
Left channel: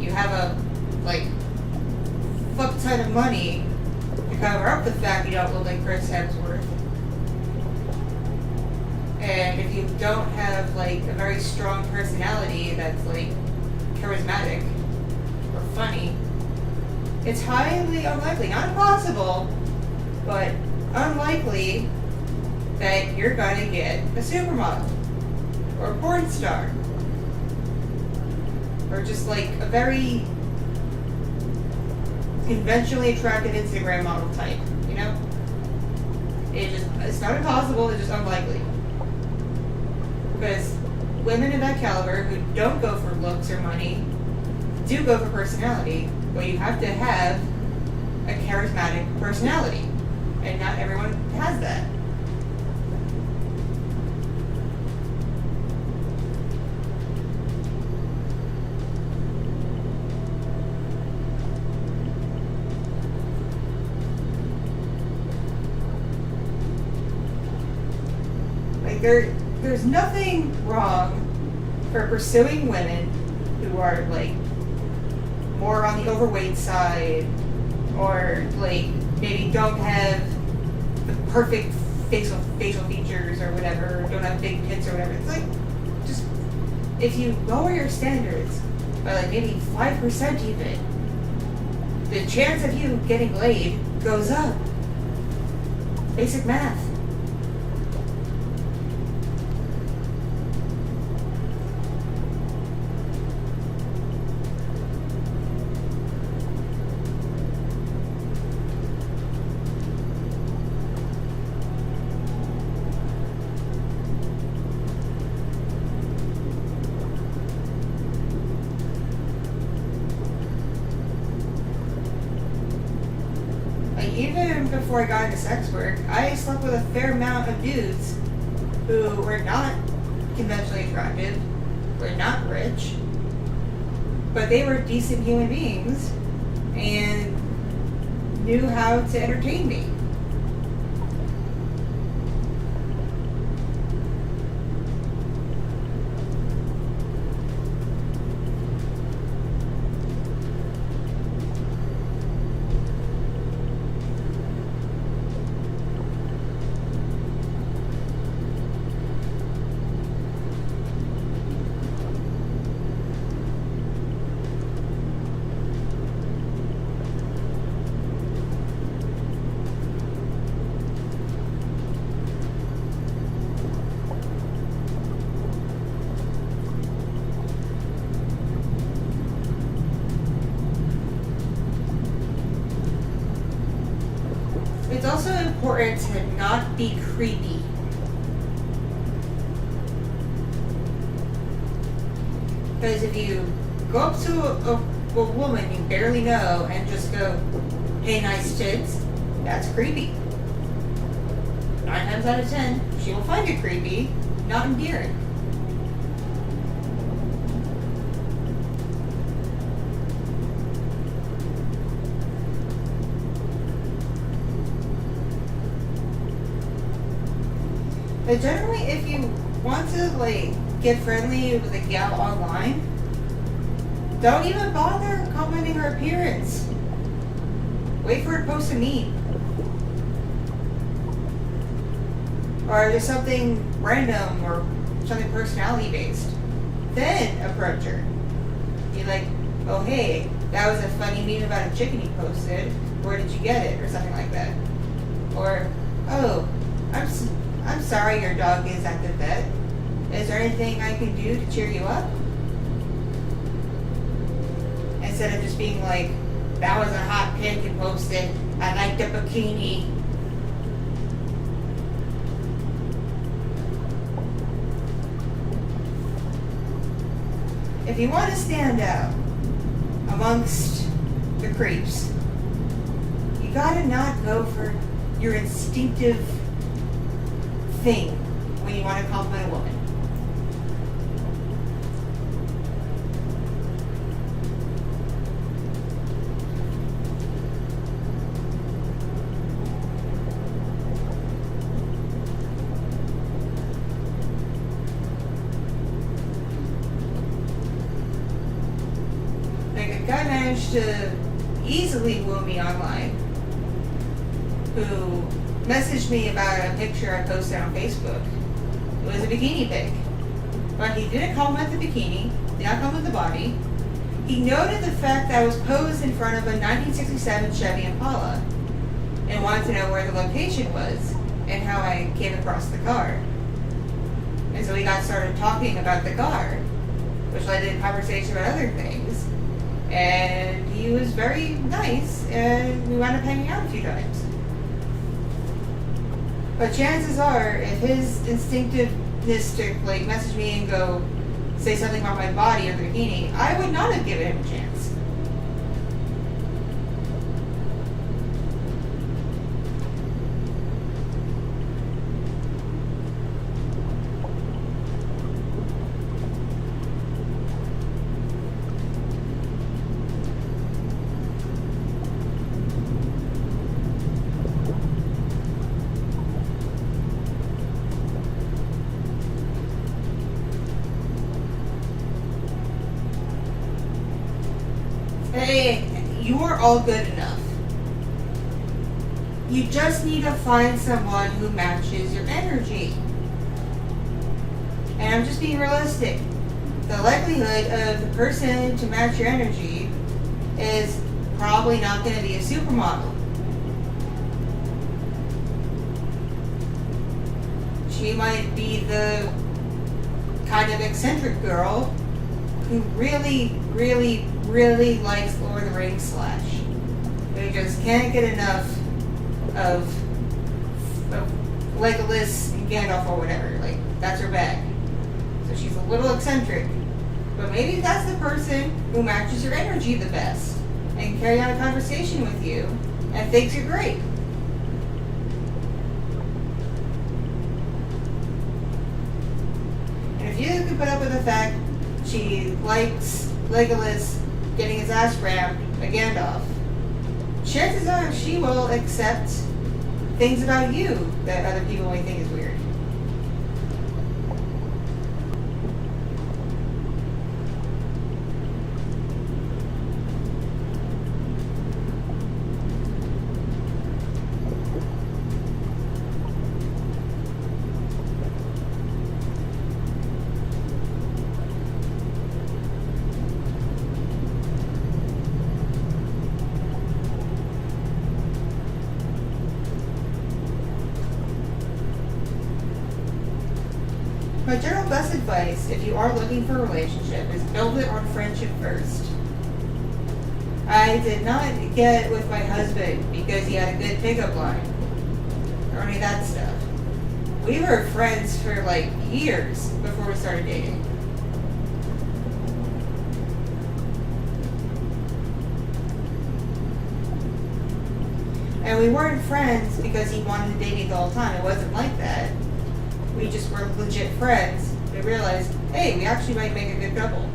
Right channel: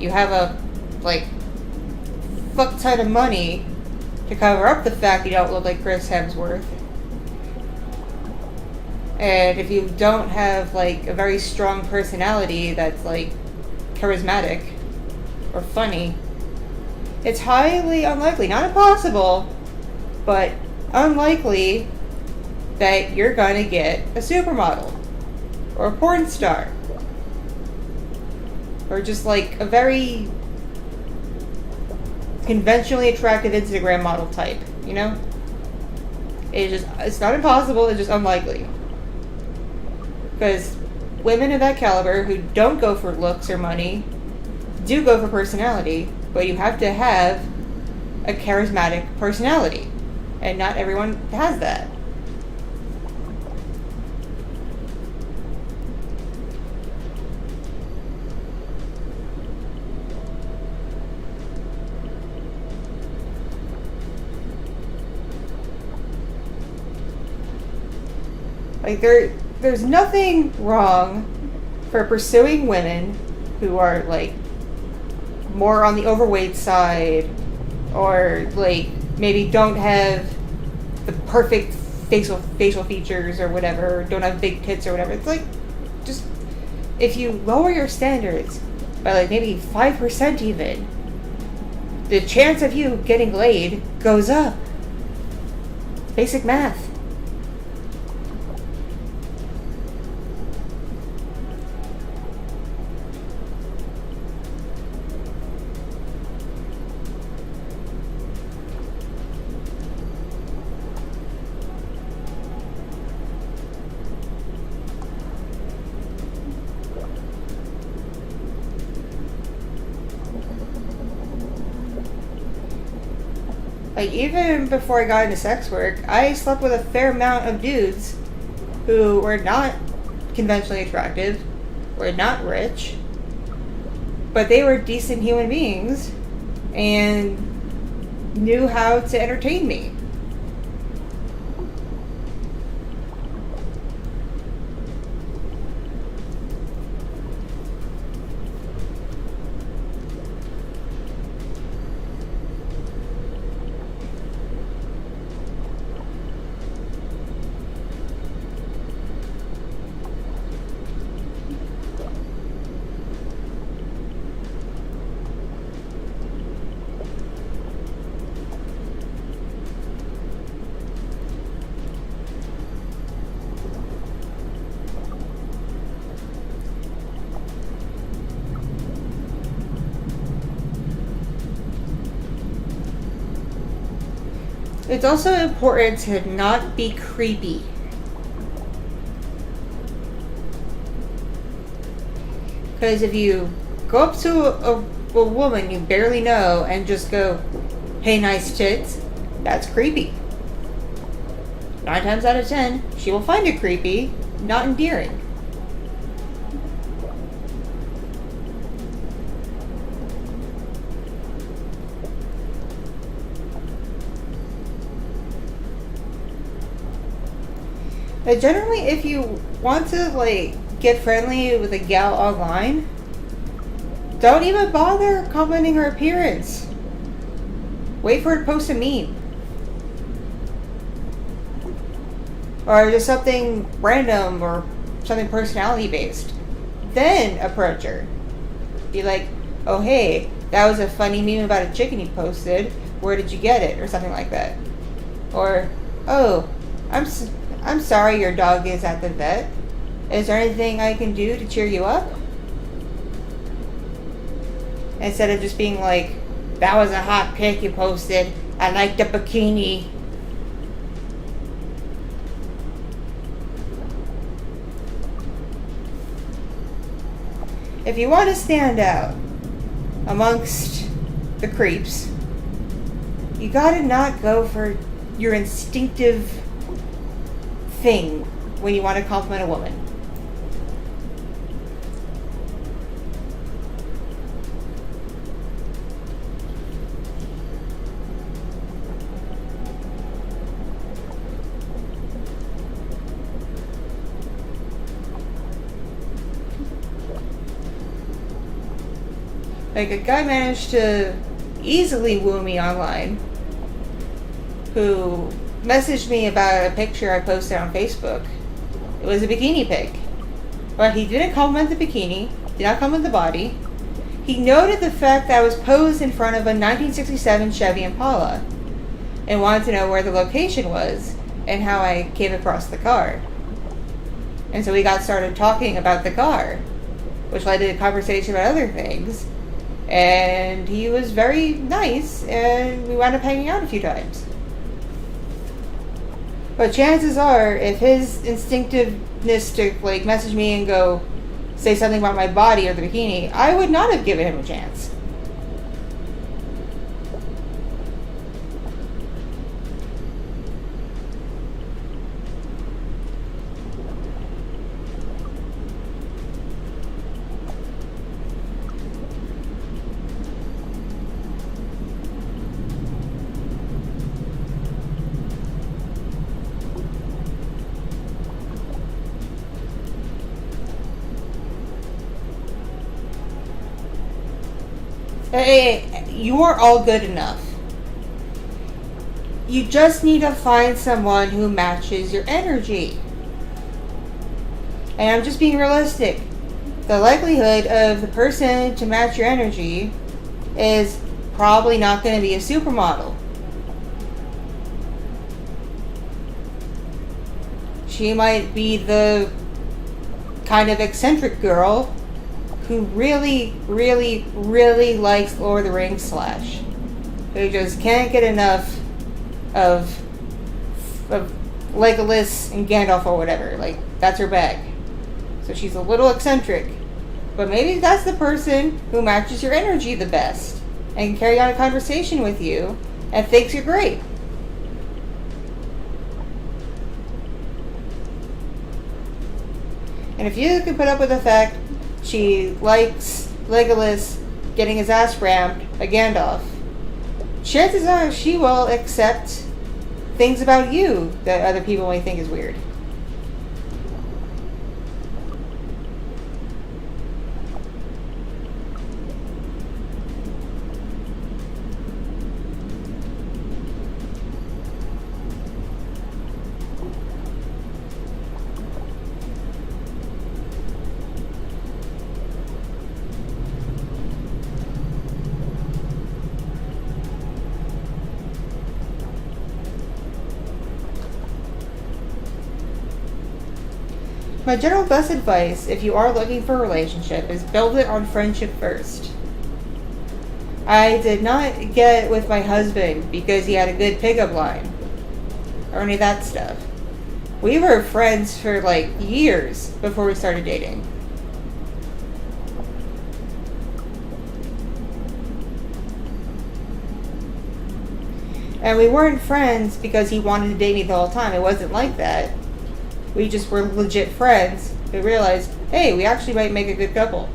you have a, like, fuck ton of money to cover up the fact you don't look like Chris Hemsworth, and if you don't have, like, a very strong personality that's, like, charismatic or funny, it's highly unlikely, not impossible, but unlikely that you're gonna get a supermodel or a porn star or just, like, a very conventionally attractive Instagram model type, you know? It's not impossible, it's just unlikely. Because women of that caliber who don't go for looks or money do go for personality, but you have to have a charismatic personality, and not everyone has that. Like, there's nothing wrong for pursuing women who are, like, more on the overweight side, or, like, maybe don't have the perfect facial features or whatever, or don't have big tits or whatever. It's like, just, if you lower your standards by, like, maybe 5% even, the chance of you getting laid goes up. Basic math. Like, even before I got into sex work, I slept with a fair amount of dudes who were not conventionally attractive, were not rich, but they were decent human beings and knew how to entertain me. It's also important to not be creepy. Because if you go up to a woman you barely know and just go, "Hey, nice tits," that's creepy. 9 times out of 10, she will find it creepy, not endearing. But generally, if you want to, like, get friendly with a gal online, don't even bother commenting her appearance. Wait for her to post a meme. Or just something random or something personality based. Then approach her. Be like, "Oh, hey, that was a funny meme about a chicken you posted. Where did you get it?" Or something like that. Or, "Oh, I'm sorry your dog is at the vet. Is there anything I can do to cheer you up?" Instead of just being like, "That was a hot pic you posted. I like the bikini." If you want to stand out amongst the creeps, you gotta not go for your instinctive thing when you want to compliment a woman. Like, a guy managed to easily woo me online who messaged me about a picture I posted on Facebook. It was a bikini pic. But he didn't compliment the bikini, did not compliment the body. He noted the fact that I was posed in front of a 1967 Chevy Impala and wanted to know where the location was and how I came across the car. And so we got started talking about the car, which led to a conversation about other things. And he was very nice, and we wound up hanging out a few times. But chances are, if his instinctiveness to, like, message me and go say something about my body or the bikini, I would not have given him a chance. Hey, you are all good enough. You just need to find someone who matches your energy. And I'm just being realistic. The likelihood of the person to match your energy is probably not going to be a supermodel. She might be the kind of eccentric girl who really, really, really likes Lord of the Rings Slash. Who just can't get enough of Legolas and Gandalf or whatever. Like, that's her bag. So she's a little eccentric. But maybe that's the person who matches your energy the best and can carry on a conversation with you and thinks you're great. And if you can put up with the fact she likes Legolas getting his ass rammed by Gandalf, chances are she will accept things about you that other people might think is weird. My general best advice, if you are looking for a relationship, is build it on friendship first. I did not get with my husband because he had a good pickup line, or any of that stuff. We were friends for like years before we started dating. And we weren't friends because he wanted to date me the whole time. It wasn't like that. We just were legit friends. We realized, hey, we actually might make a good couple.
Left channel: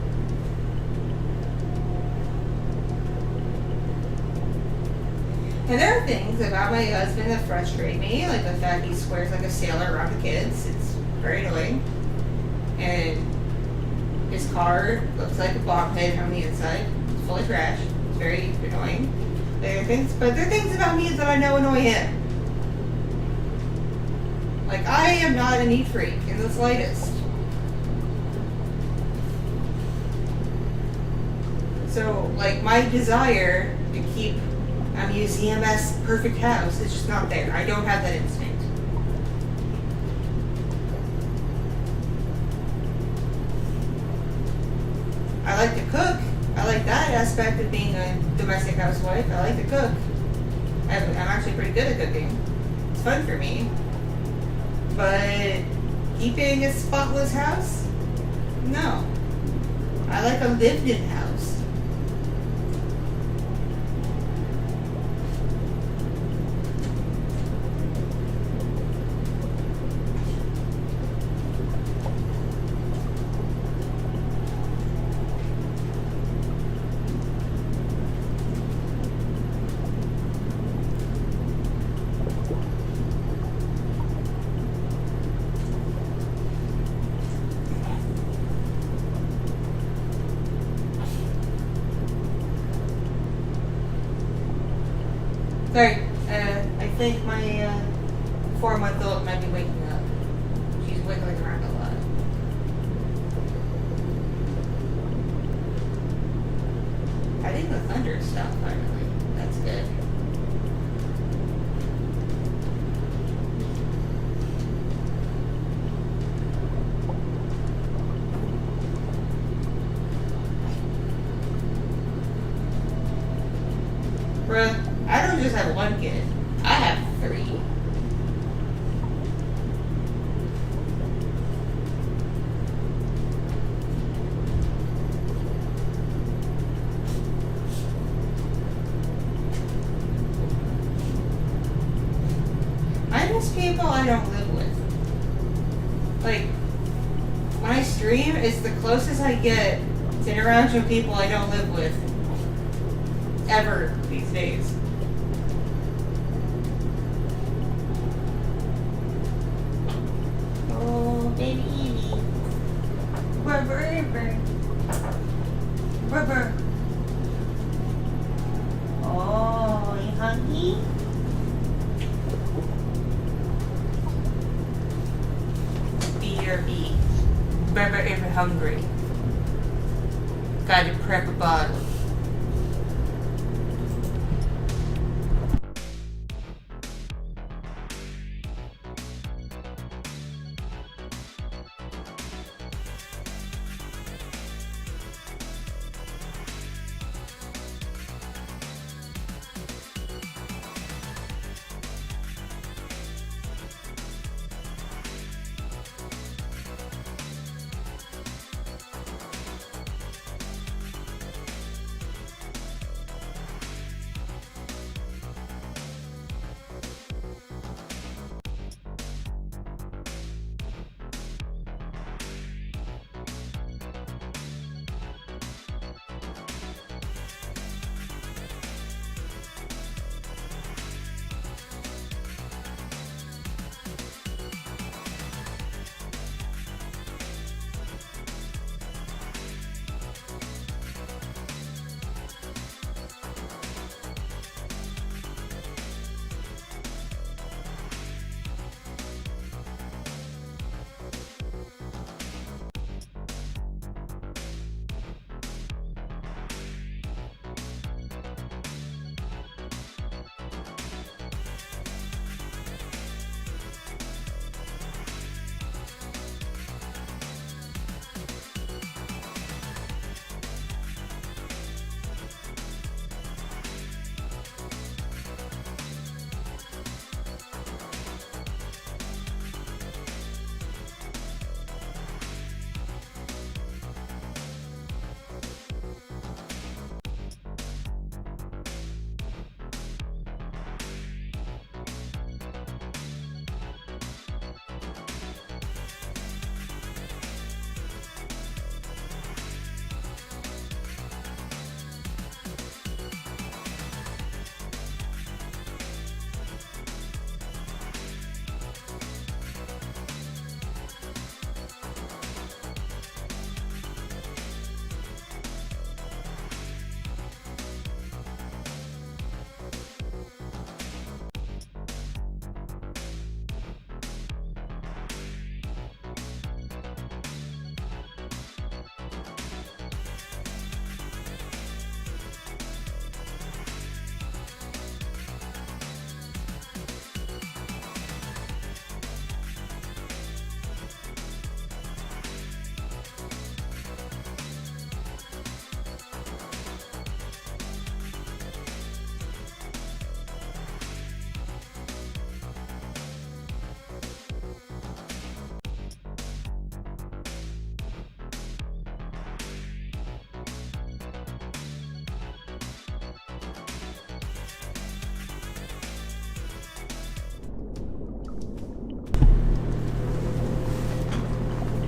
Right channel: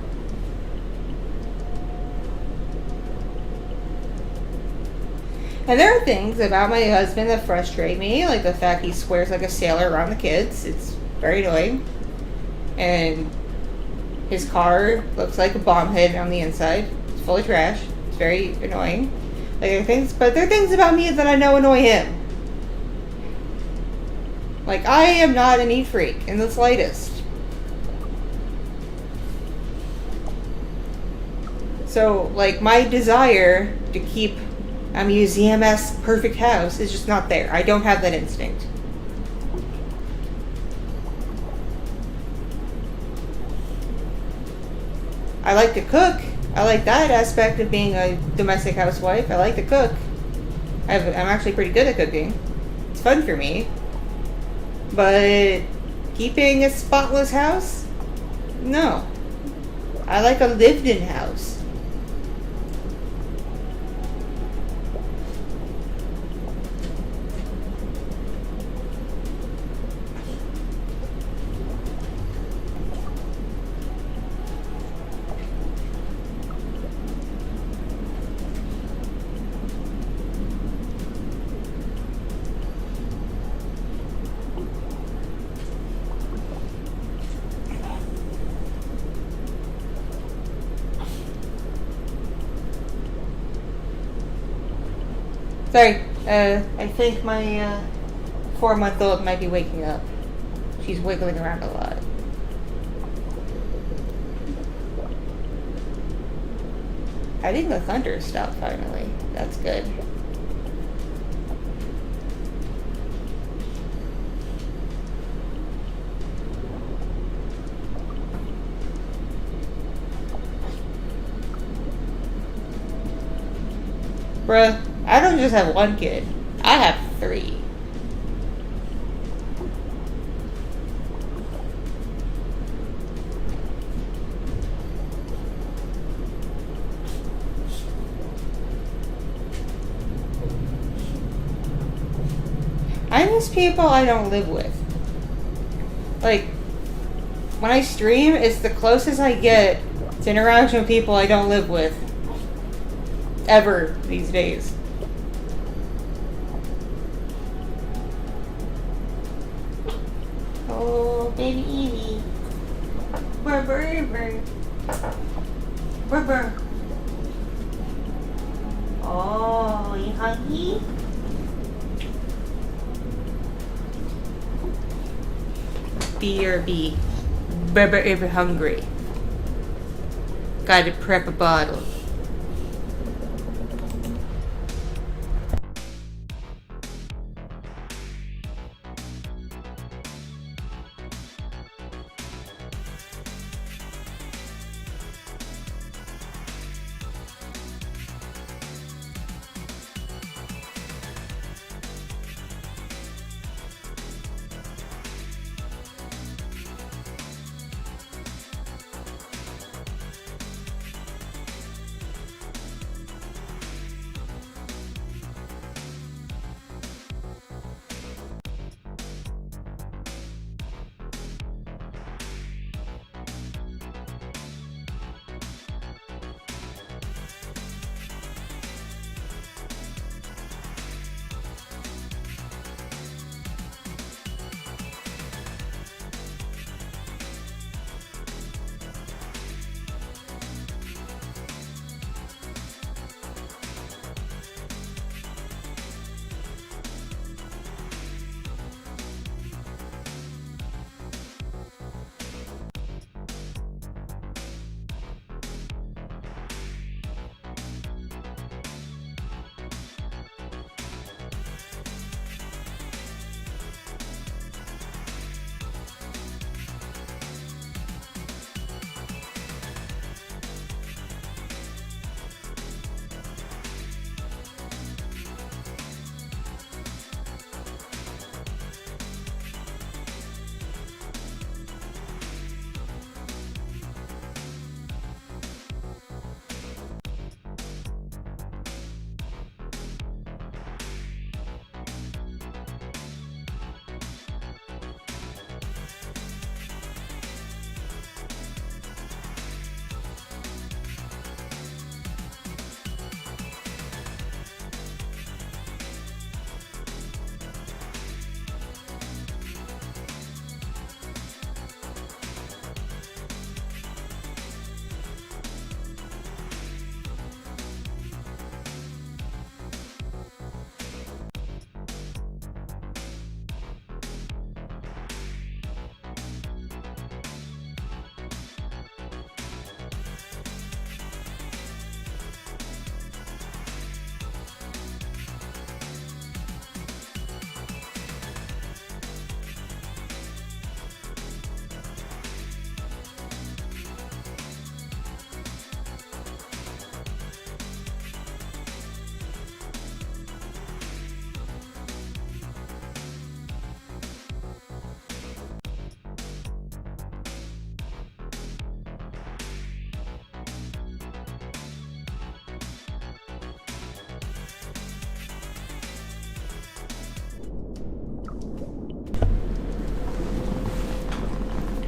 And there are things about my husband that frustrate me, like the fact he swears like a sailor around the kids. It's very annoying. And his car looks like a bomb head on the inside. It's full of trash. It's very annoying. Like, there are things about me that I know annoy him. Like, I am not a neat freak in the slightest. So, like, my desire to keep a museum-esque perfect house is just not there. I don't have that instinct. I like to cook. I like that aspect of being a domestic housewife. I like to cook. I'm actually pretty good at cooking. It's fun for me. But keeping a spotless house? No. I like a lived-in house. Sorry, I think my 4-month-old might be waking up. She's wiggling around a lot. I think the thunder stopped finally. That's good. Bruh, I don't just have one kid. I have 3. I miss people I don't live with. Like, when I stream, it's the closest I get to interaction with people I don't live with ever these days. Oh, baby Evie. Rubber. Oh, you hungry? BRB. Rubber ever hungry. Gotta prep a bottle.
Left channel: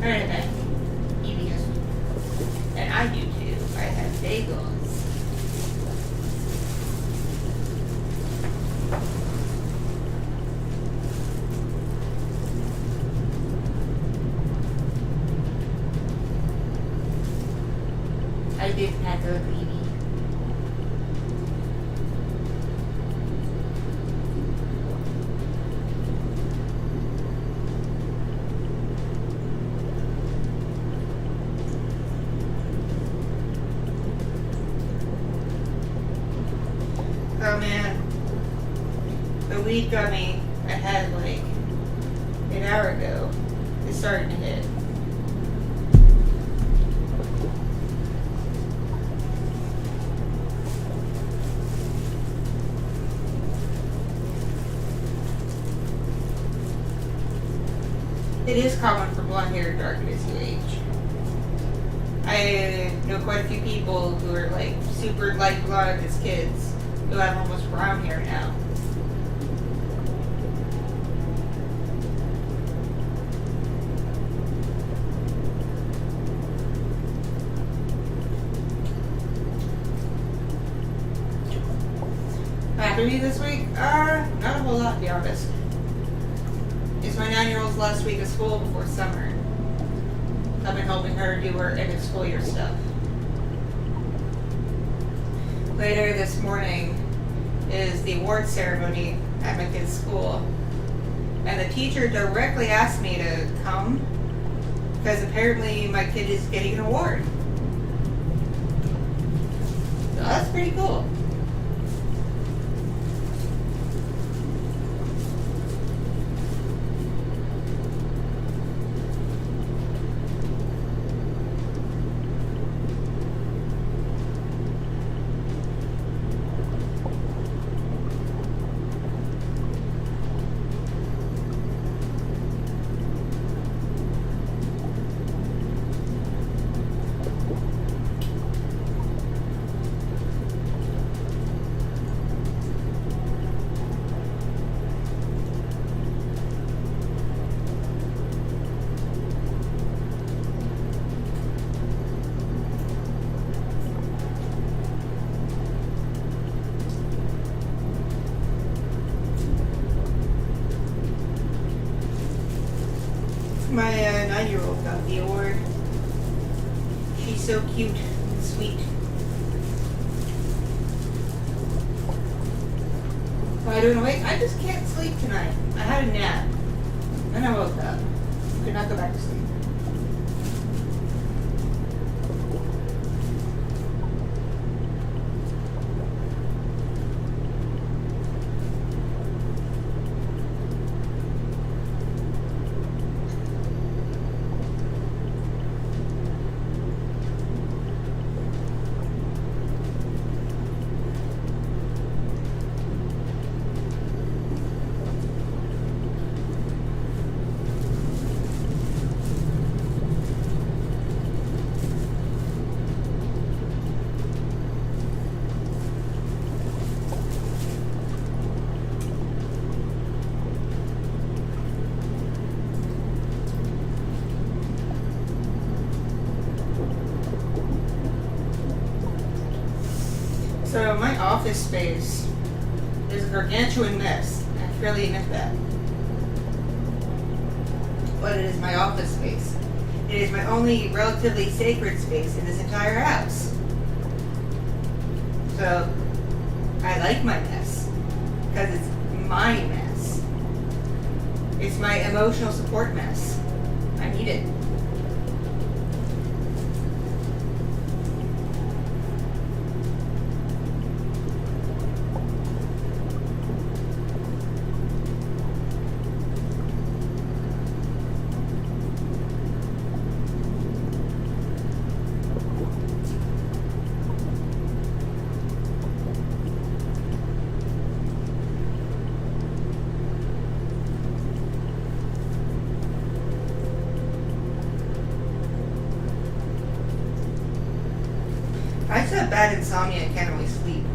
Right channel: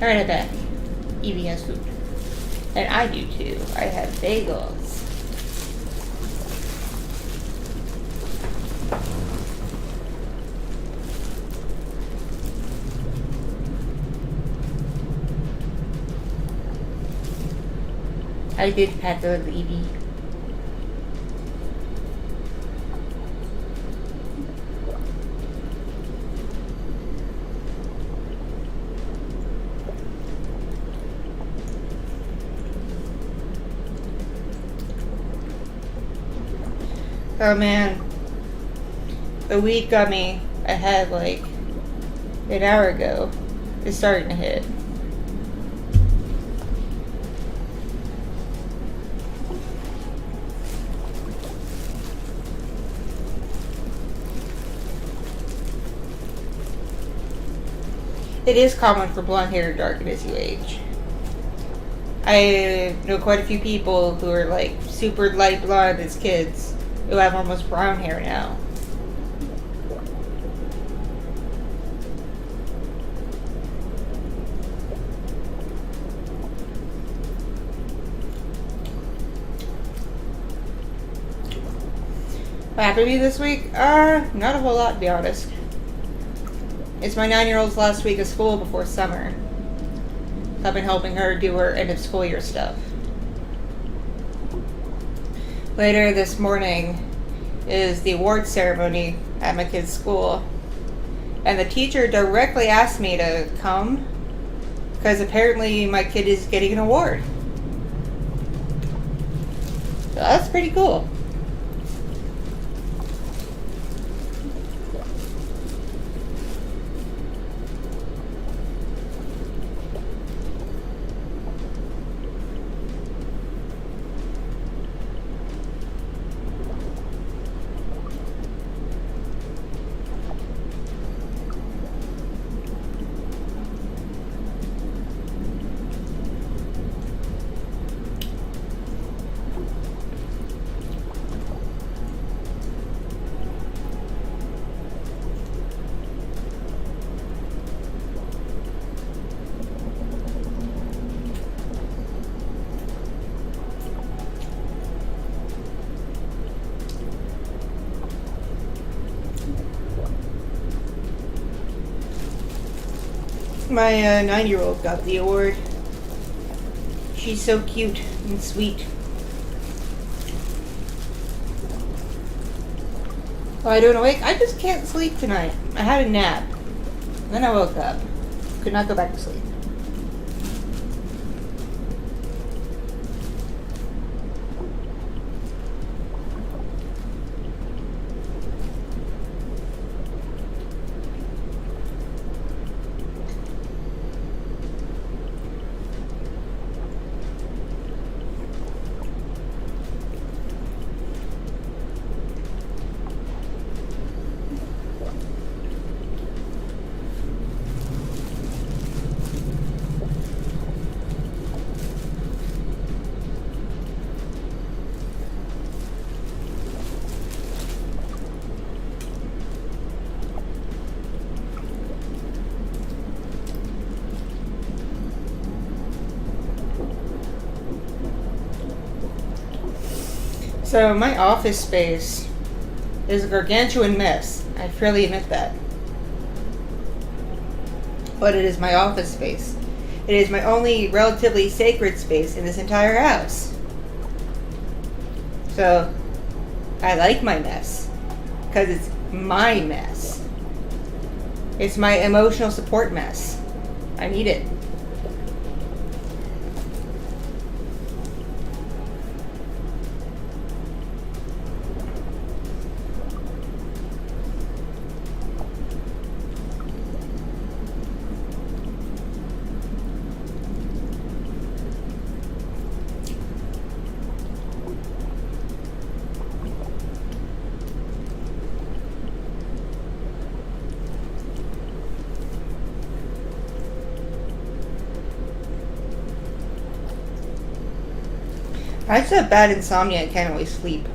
Alright, I'm back. Evie has food. And I do too. I have bagels. I did pat the little Evie. Oh man, the weed gummy I had like an hour ago is starting to hit. It is common for blonde hair to darken as you age. I know quite a few people who are like super light blonde as kids who have almost brown hair now. What happened to me this week? Not a whole lot to be honest. It's my 9-year-old's last week of school before summer. I've been helping her do her end of school year stuff. Later this morning is the award ceremony at my kid's school. And the teacher directly asked me to come because apparently my kid is getting an award. So that's pretty cool. My 9-year-old got the award. She's so cute and sweet. Why doing awake? I just can't sleep tonight. I had a nap. Then I woke up. Could not go back to sleep. So my office space is a gargantuan mess. I freely admit that. But it is my office space. It is my only relatively sacred space in this entire house. So I like my mess because it's my mess. It's my emotional support mess. I need it. I just have bad insomnia and can't always sleep.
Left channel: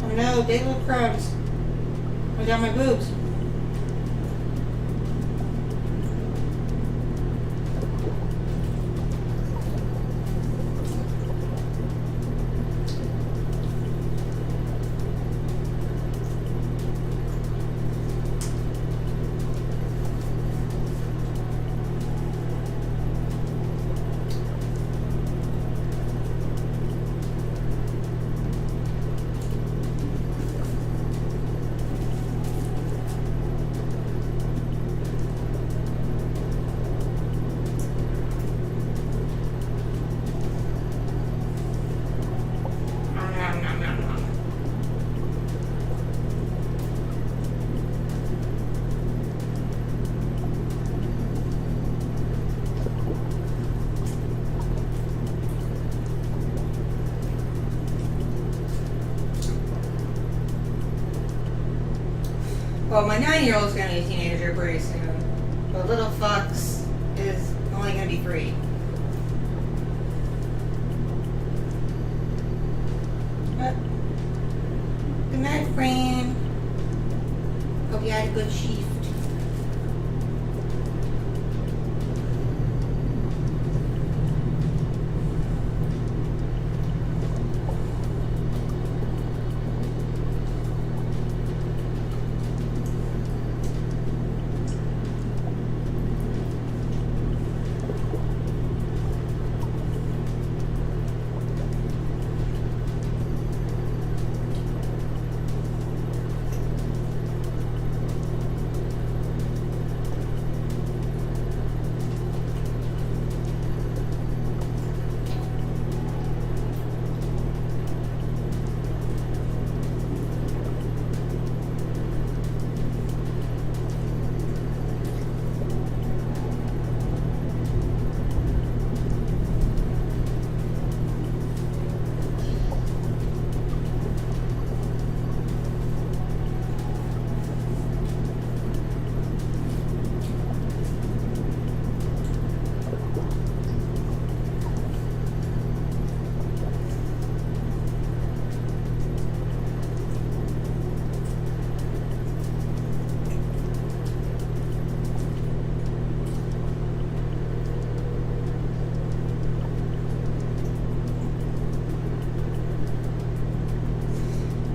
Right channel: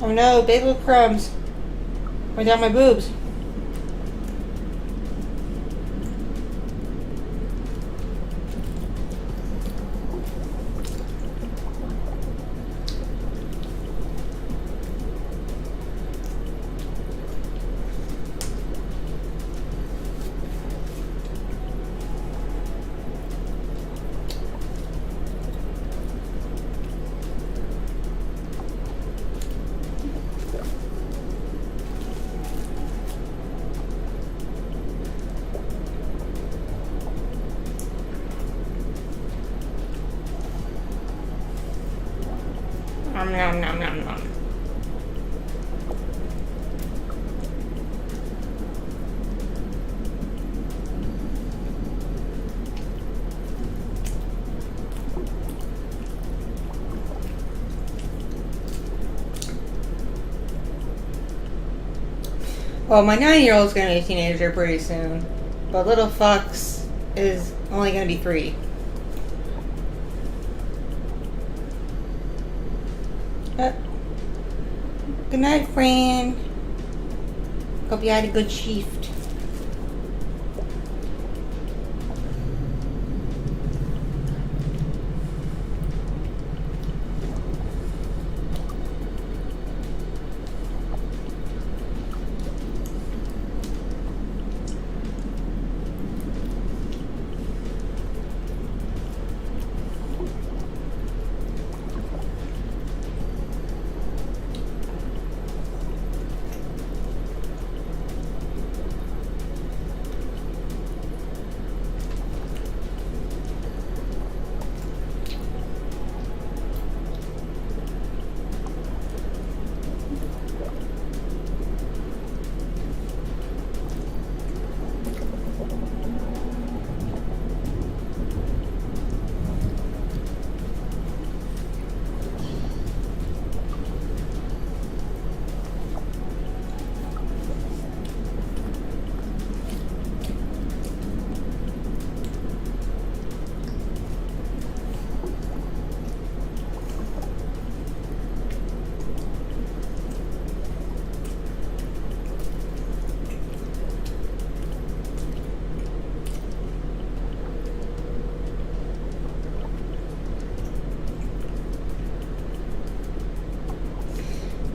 Oh no, big little crumbs. Right down my boobs. Nom, nom, nom, nom, nom. Well, my 9-year-old is going to be a teenager pretty soon, but little Fox is only going to be 3. Good night, friend. Hope you had a good shift.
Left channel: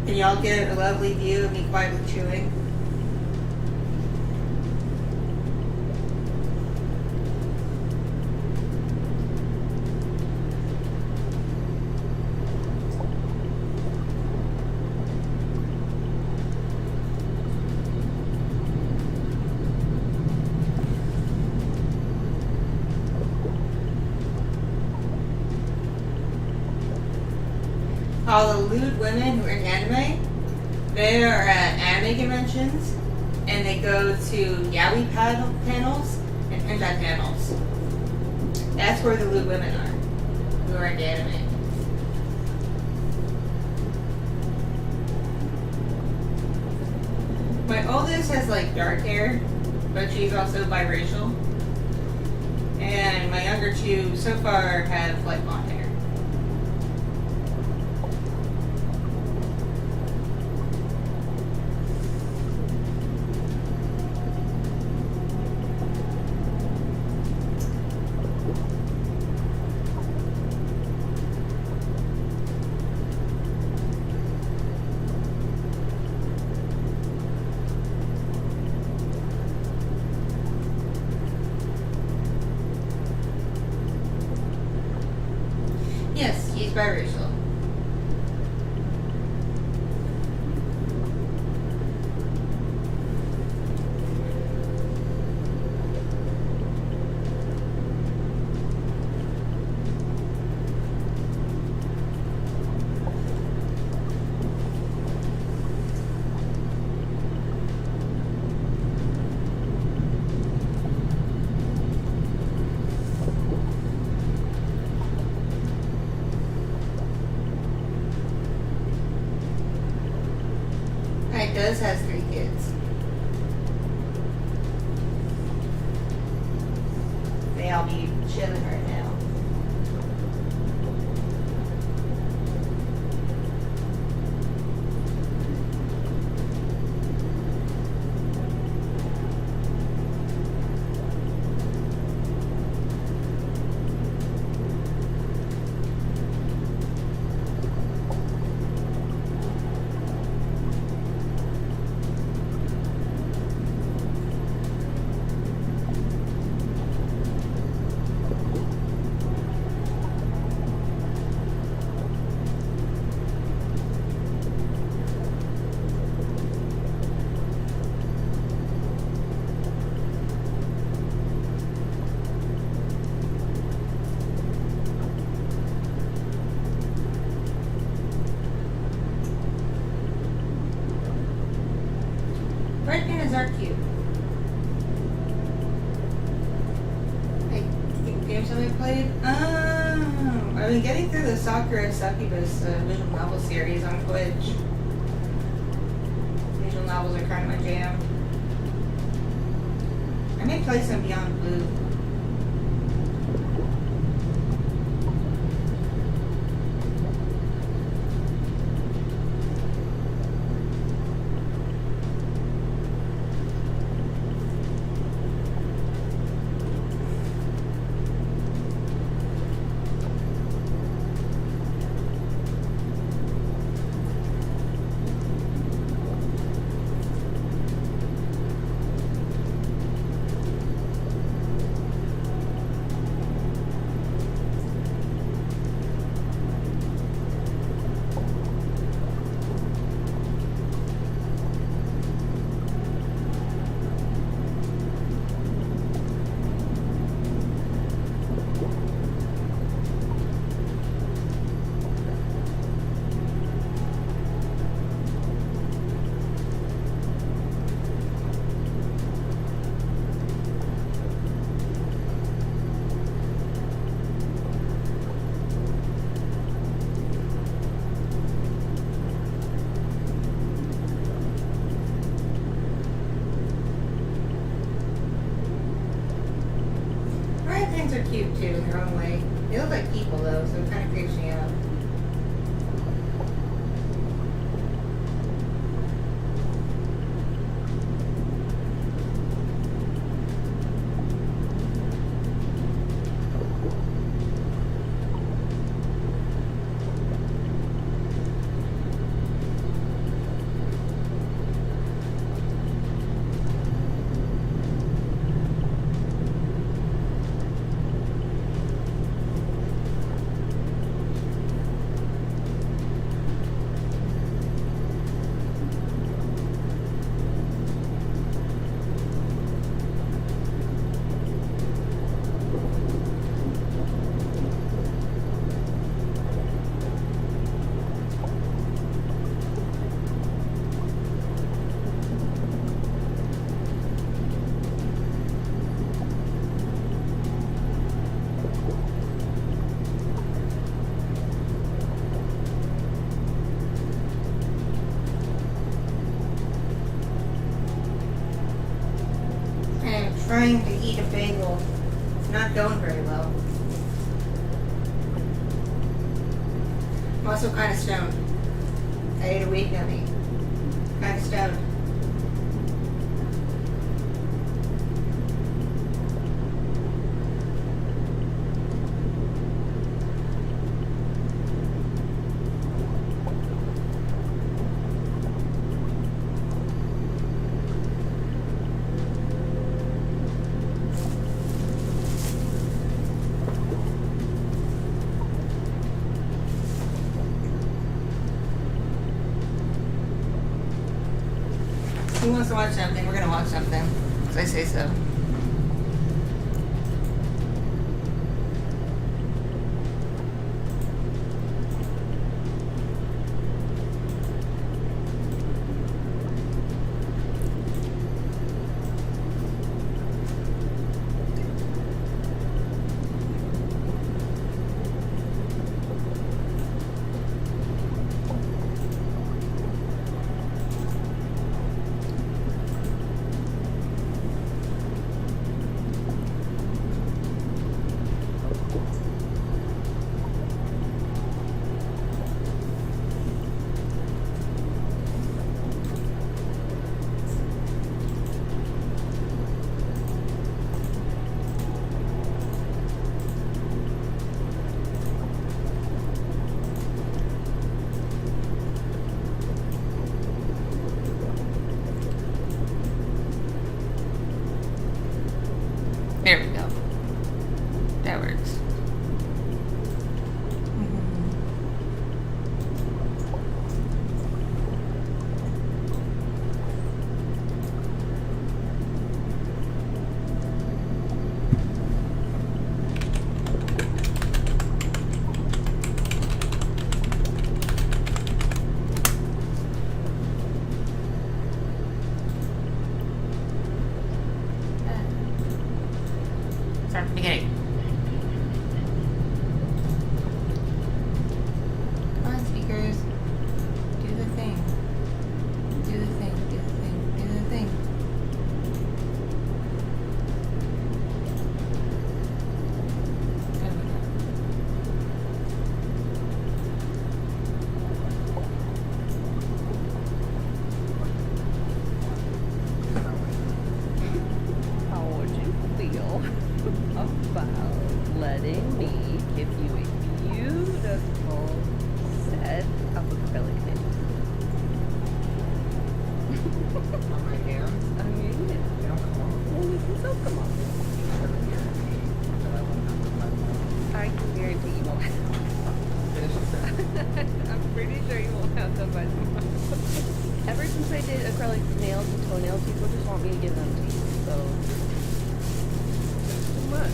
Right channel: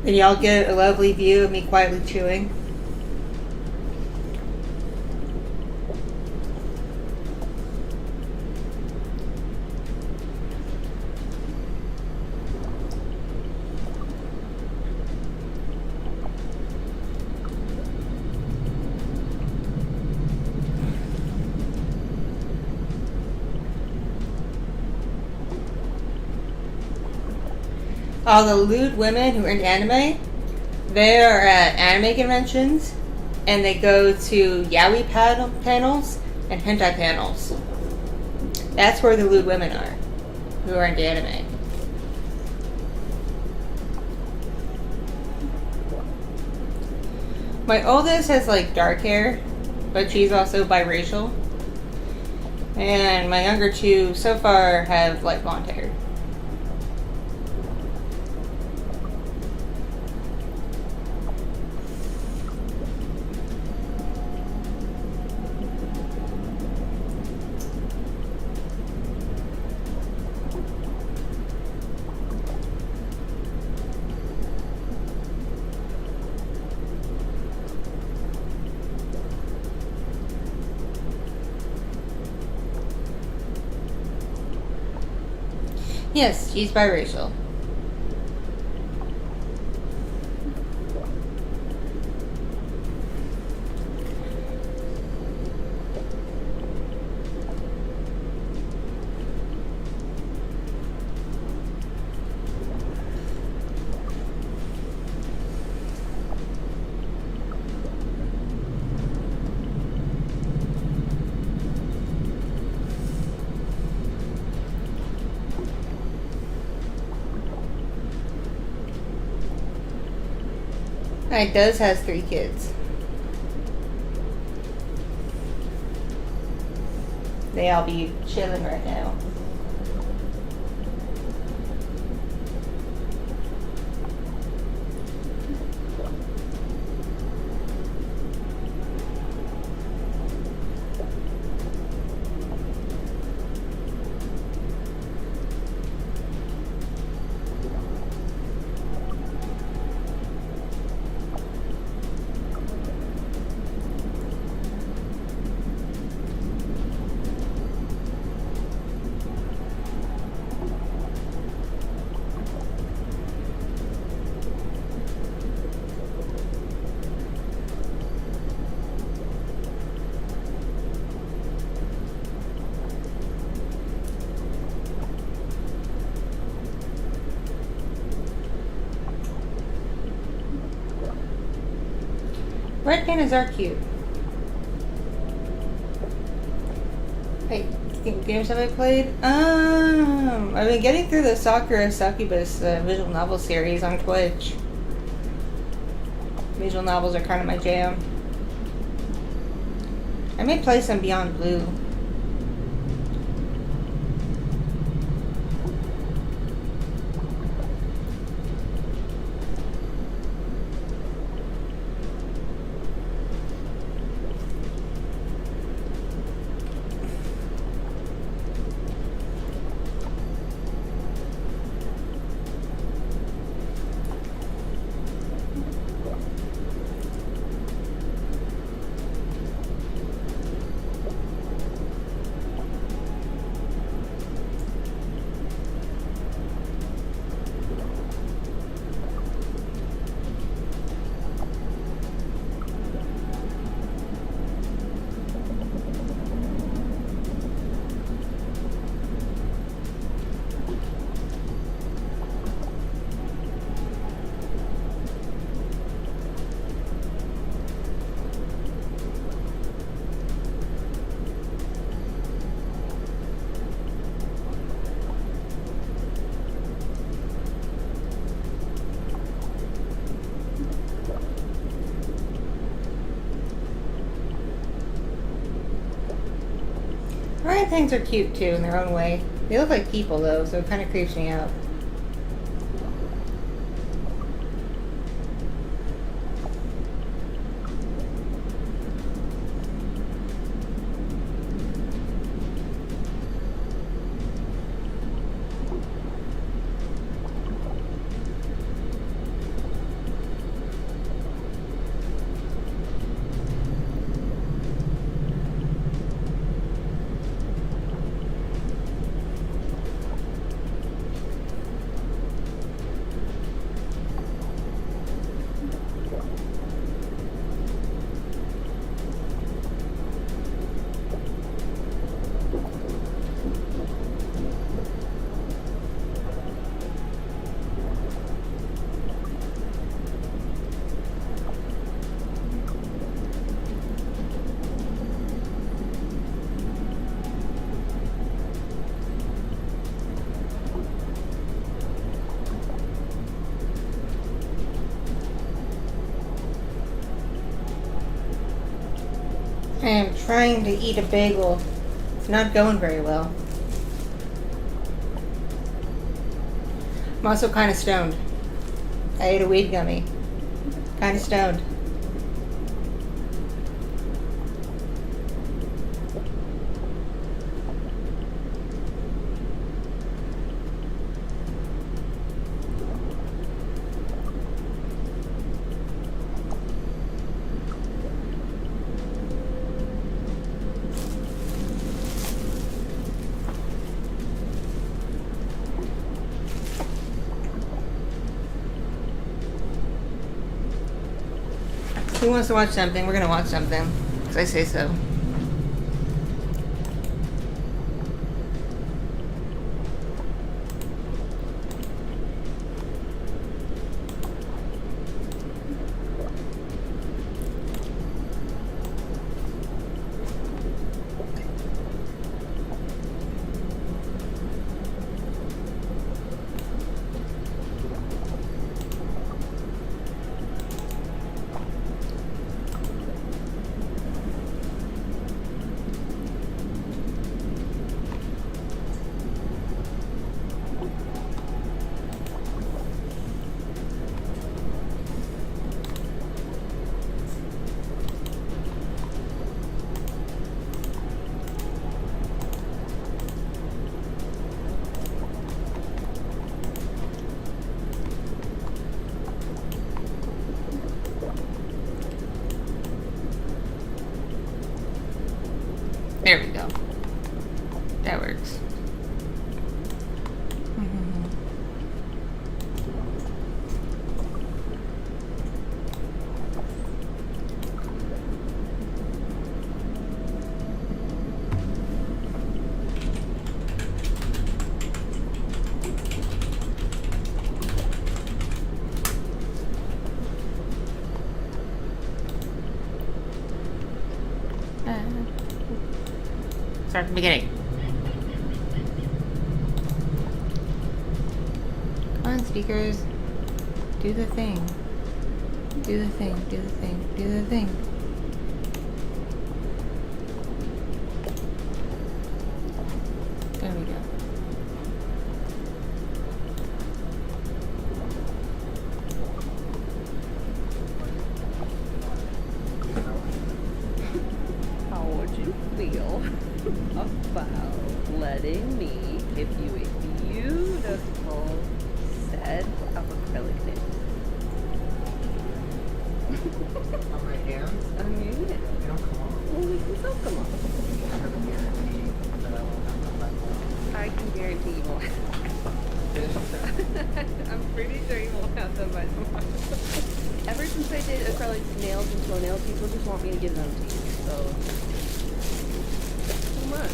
And y'all get a lovely view of me quietly chewing. All the lewd women who are in anime, they are at anime conventions, and they go to yaoi panels and hentai panels. That's where the lewd women are, who are into anime. My oldest has like dark hair, but she's also biracial. And my younger two so far have like blonde hair. Yes, she's biracial. It does has 3 kids. They all be chilling right now. Red pandas are cute. Hey, games have I played? I've been getting through the Sakura Succubus visual novel series on Twitch. Visual novels are kind of my jam. I may play some Beyond Blue. Orangutans are cute too in their own way. They look like people though, so it kind of creeps me out. I am trying to eat a bagel. It's not going very well. I'm also kind of stoned. I ate a weed gummy. Kind of stoned. Who wants to watch something? We're gonna watch something. Because I say so. There we go. That works. Start from the beginning. Come on, speakers. Do the thing. Do the thing. Do the thing. Do the thing. There we go. How would you feel about letting me give you a beautiful set of acrylic nails? On my hands? I mean, They don't come off. well, we can still come on. I have a guarantee that I won't have to find more. I can guarantee you won't. Finish the sentence. I'm pretty sure you won't have them by tomorrow. Ever since I did acrylic nails and toenails, people just want me to give them to you. So, that's too much.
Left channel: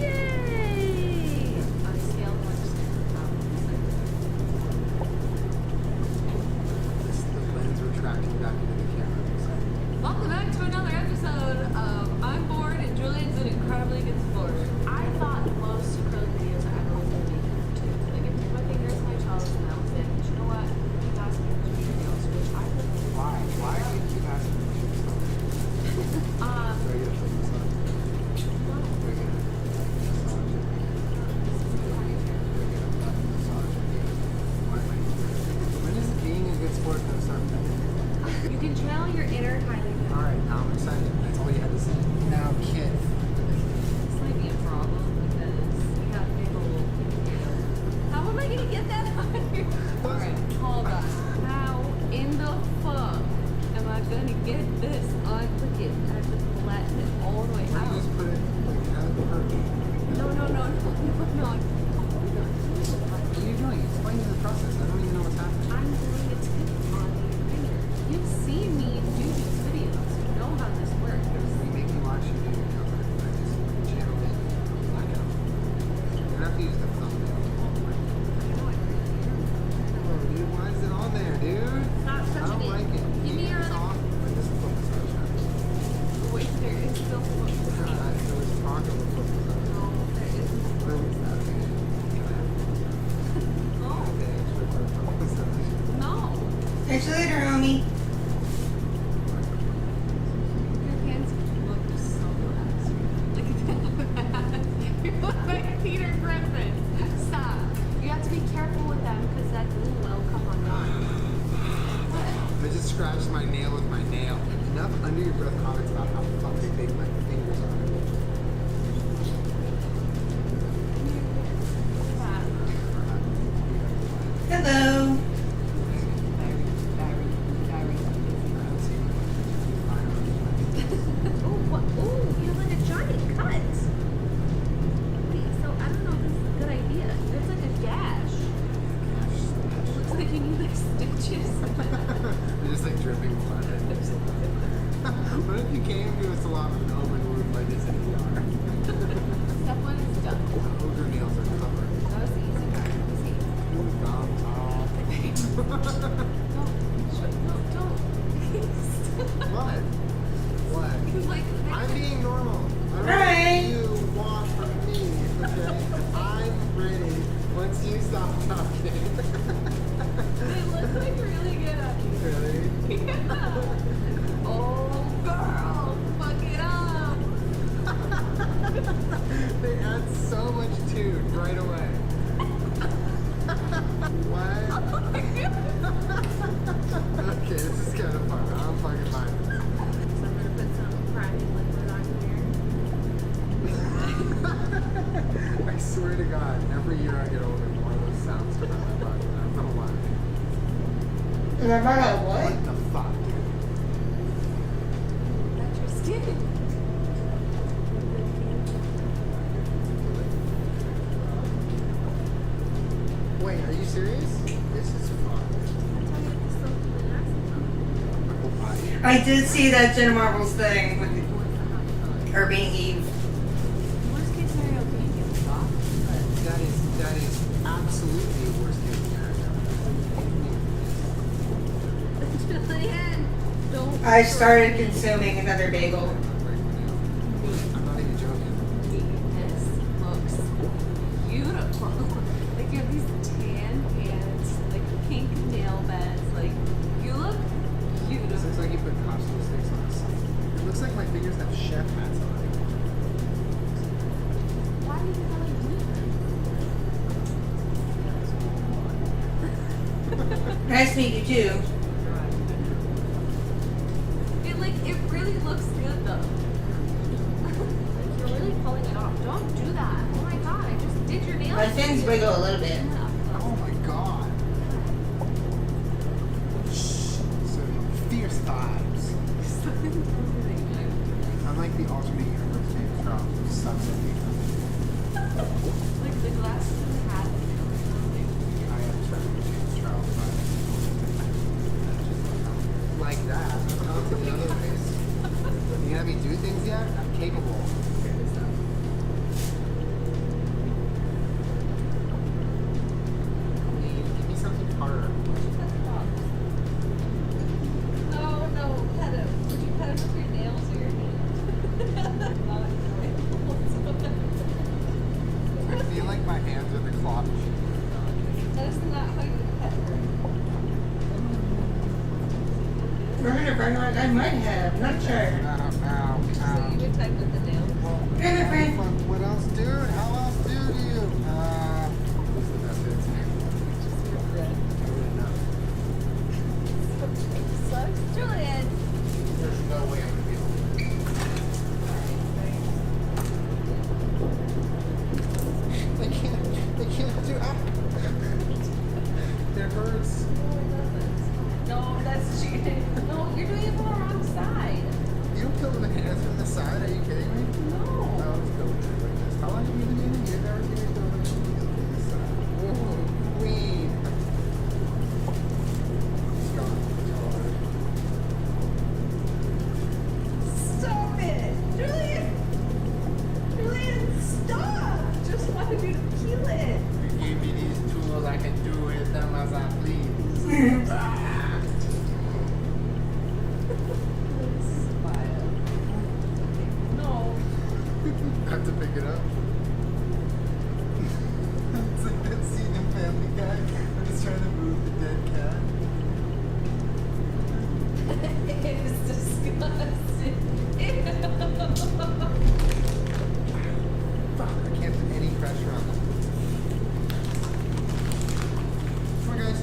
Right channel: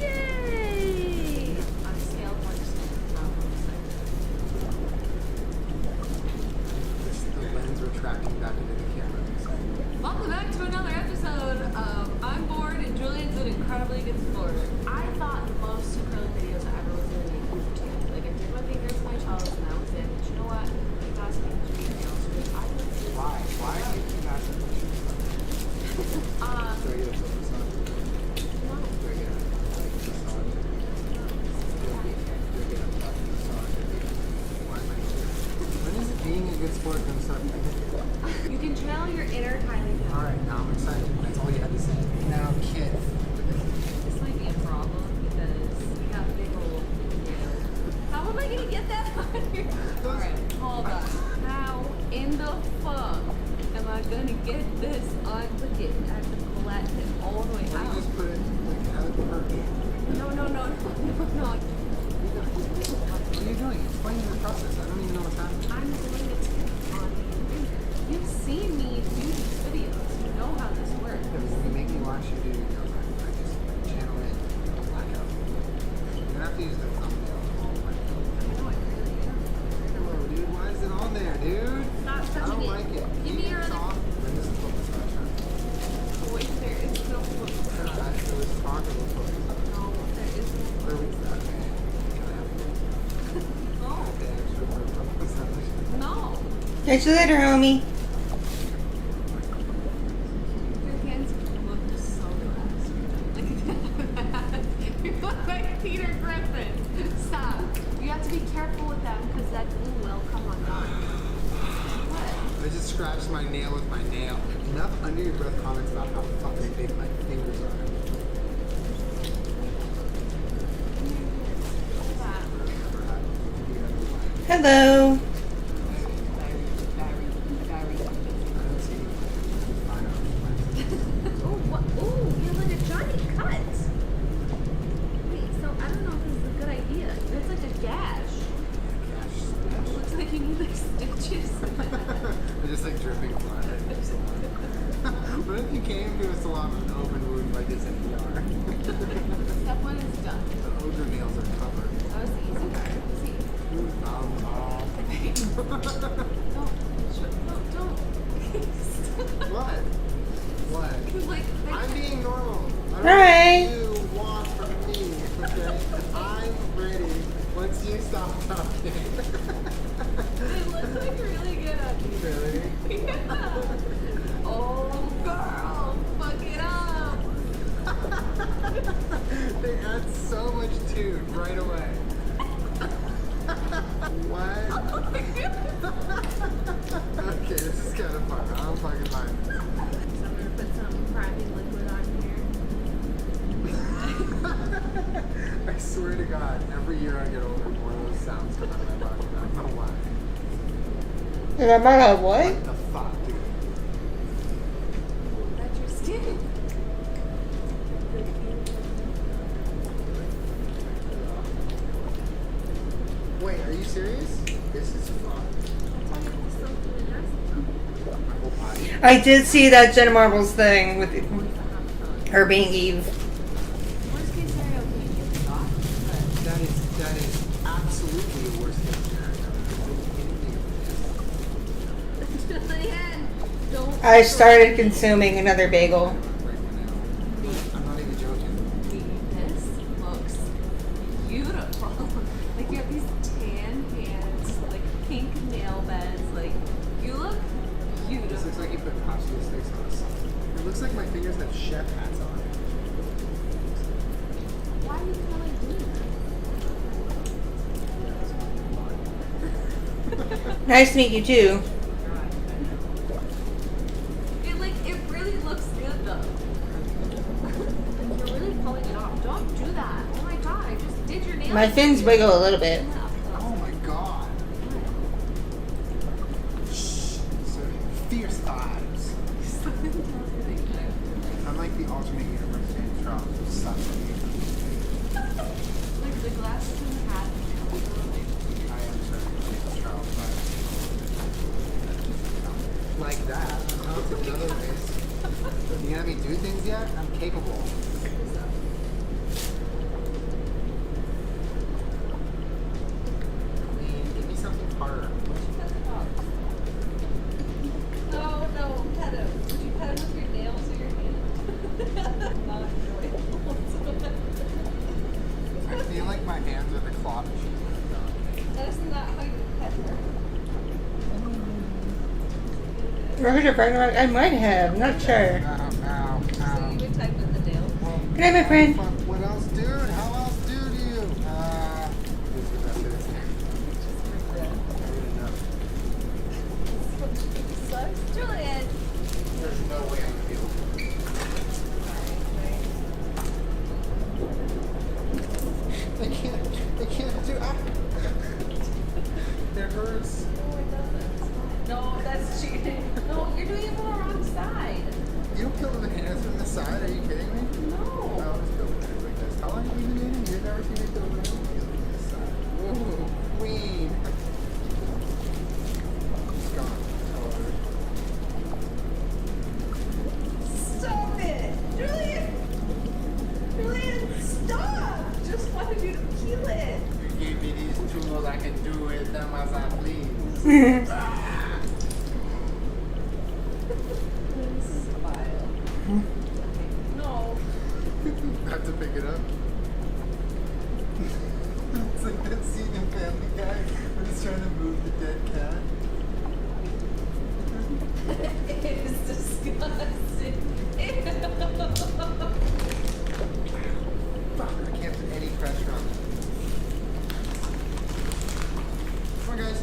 Yay! On a scale of 1 to 10, how The lens retracting back into the camera. welcome back to another episode of I'm Bored and Julian's an incredibly good sport. I thought most acrylic videos I ever was going to make were too. Like, I did my fingers and my toes, and that was it. But you know what? Keep asking me to do your nails, which I would do. Why? Why do you keep asking me to shoot stuff? Do I get a foot massage? No. Do I get a massage at the end? Do I get a butt massage at the end? Why am I here? When is being a good sport going to start benefiting? You can channel your inner Kylie Jenner. Alright, now I'm excited. That's all you had to say. Now, kid. This might be a problem because you have big old nails. How am I going to get that on here? Alright, hold on. How in the fuck am I gonna get this on? Look it, I have to flatten it all the way Why don't out. you just put it, like, have it perch? No. What are you doing? Explain the process. I don't even know what's happening. I'm doing a tip on your finger. You've seen me do these videos. You know how this works. When you make me watch you do your nails, I just channel in blackout. You don't have to use the thumbnail all the way. I know, I really am. Hello, dude. Why is it on there, dude? Stop I touching don't it. like it. Give me your It's other. off. When this is foot massage time. Wait, there is no foot massage. There was talk of a foot massage. No, there is no Where foot was that? Okay. Can I have a foot massage? No. Can I pay extra for a foot massage? No. Catch you later, homie. Your hands look so relaxed. Look at that. You look like Peter Griffin. Stop. You have to be careful with them because that glue will come undone. What? I just scratched my nail with my nail. Enough under your breath comments about how fucking big my fingers are. Stop. Hello. Very I don't see anyone. Oh, what? Oh, you have like a giant cut. Wait, so I don't know if this is a good idea. There's like a gash. It looks like you need like stitches. They're just like dripping blood at your salon. What if you came to a salon with an open wound like this in VR? Step 1 is done. The ogre nails are covered. That was the easy part. Let me see. Two thumbs off. Don't. What? What? Like, I'm being normal. I don't Right. know what you want from me, okay? I'm ready once you stop talking. they look like really good on you. Really? Yeah. Oh, girl, fuck it up. They add so much tune right away. What? Okay, this is kind of fun. I don't fucking mind this. So I'm gonna put some priming liquid on here. I swear to God, every year I get older, more of those sounds come out of my body. I don't know why. Remember what? What the fuck, dude? Ooh, that's your skin. Wait, are you serious? This is fun. That's how you get this stuff really nice. My whole body. I did see that Jenna Marbles thing with What's the hot dog? her being Eve. Worst case scenario, can you get soft? But That is absolutely a worst case scenario. It's in Julian, don't. I started consuming another bagel. I'm not even joking. problem. Like you have these tan hands, like pink nail beds. Like you look This beautiful. looks like you put popsicle sticks on a salsa. It looks like my fingers have chef hats on. Why do you think I like doing that? Yeah, that's fun. Nice to meet you too. It really looks good though. Like you're really pulling it off. Don't do that. Oh my god, I just did your nails. My fins for you. wiggle a little bit. Oh my god. Shh. Serving fierce vibes. I'm like the alternate universe James Charles who sucks at makeup. Like the glasses and the hat. And nails, I am serving James Charles vibes. Like that. I'm talented in other ways. You gonna have me do things yet? I'm capable. Queen, give me something harder. No, no, pet him. Would you pet him with your nails or your hand? Not enjoyable whatsoever. I feel like my hands are the claw machine with a dog. That is not how you would pet her. Roger, I might have, not sure. Ow, ow, So ow. you would type with the nails? Well, Hey, my friend. What else, dude? How else do you? Who's the best dancer? Just regret. I really know. Sucks. Julian! There's no way I'm gonna be able to do this. I can't do. It hurts. No, it doesn't. No, that's cheating. No, you're doing it from the wrong side. You don't kill with the hands from the side. Are you kidding me? I No. always kill with hands like this. How long have you been dating? You've never seen me kill with hands from this side. Whoa, queen. It's gone. Tell her. Stop it! Julian! Julian, stop! Just wanted you to peel it. You gave me these tools. I can do with them as I please. Ah. Please smile. No. I have to pick it up. It's like that scene in Family Guy when he's trying to move the dead cat. It is disgusting. Ew. Fuck, I can't put any pressure on that. Come on, guys.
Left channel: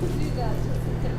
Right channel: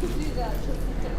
Do that. Oh my god.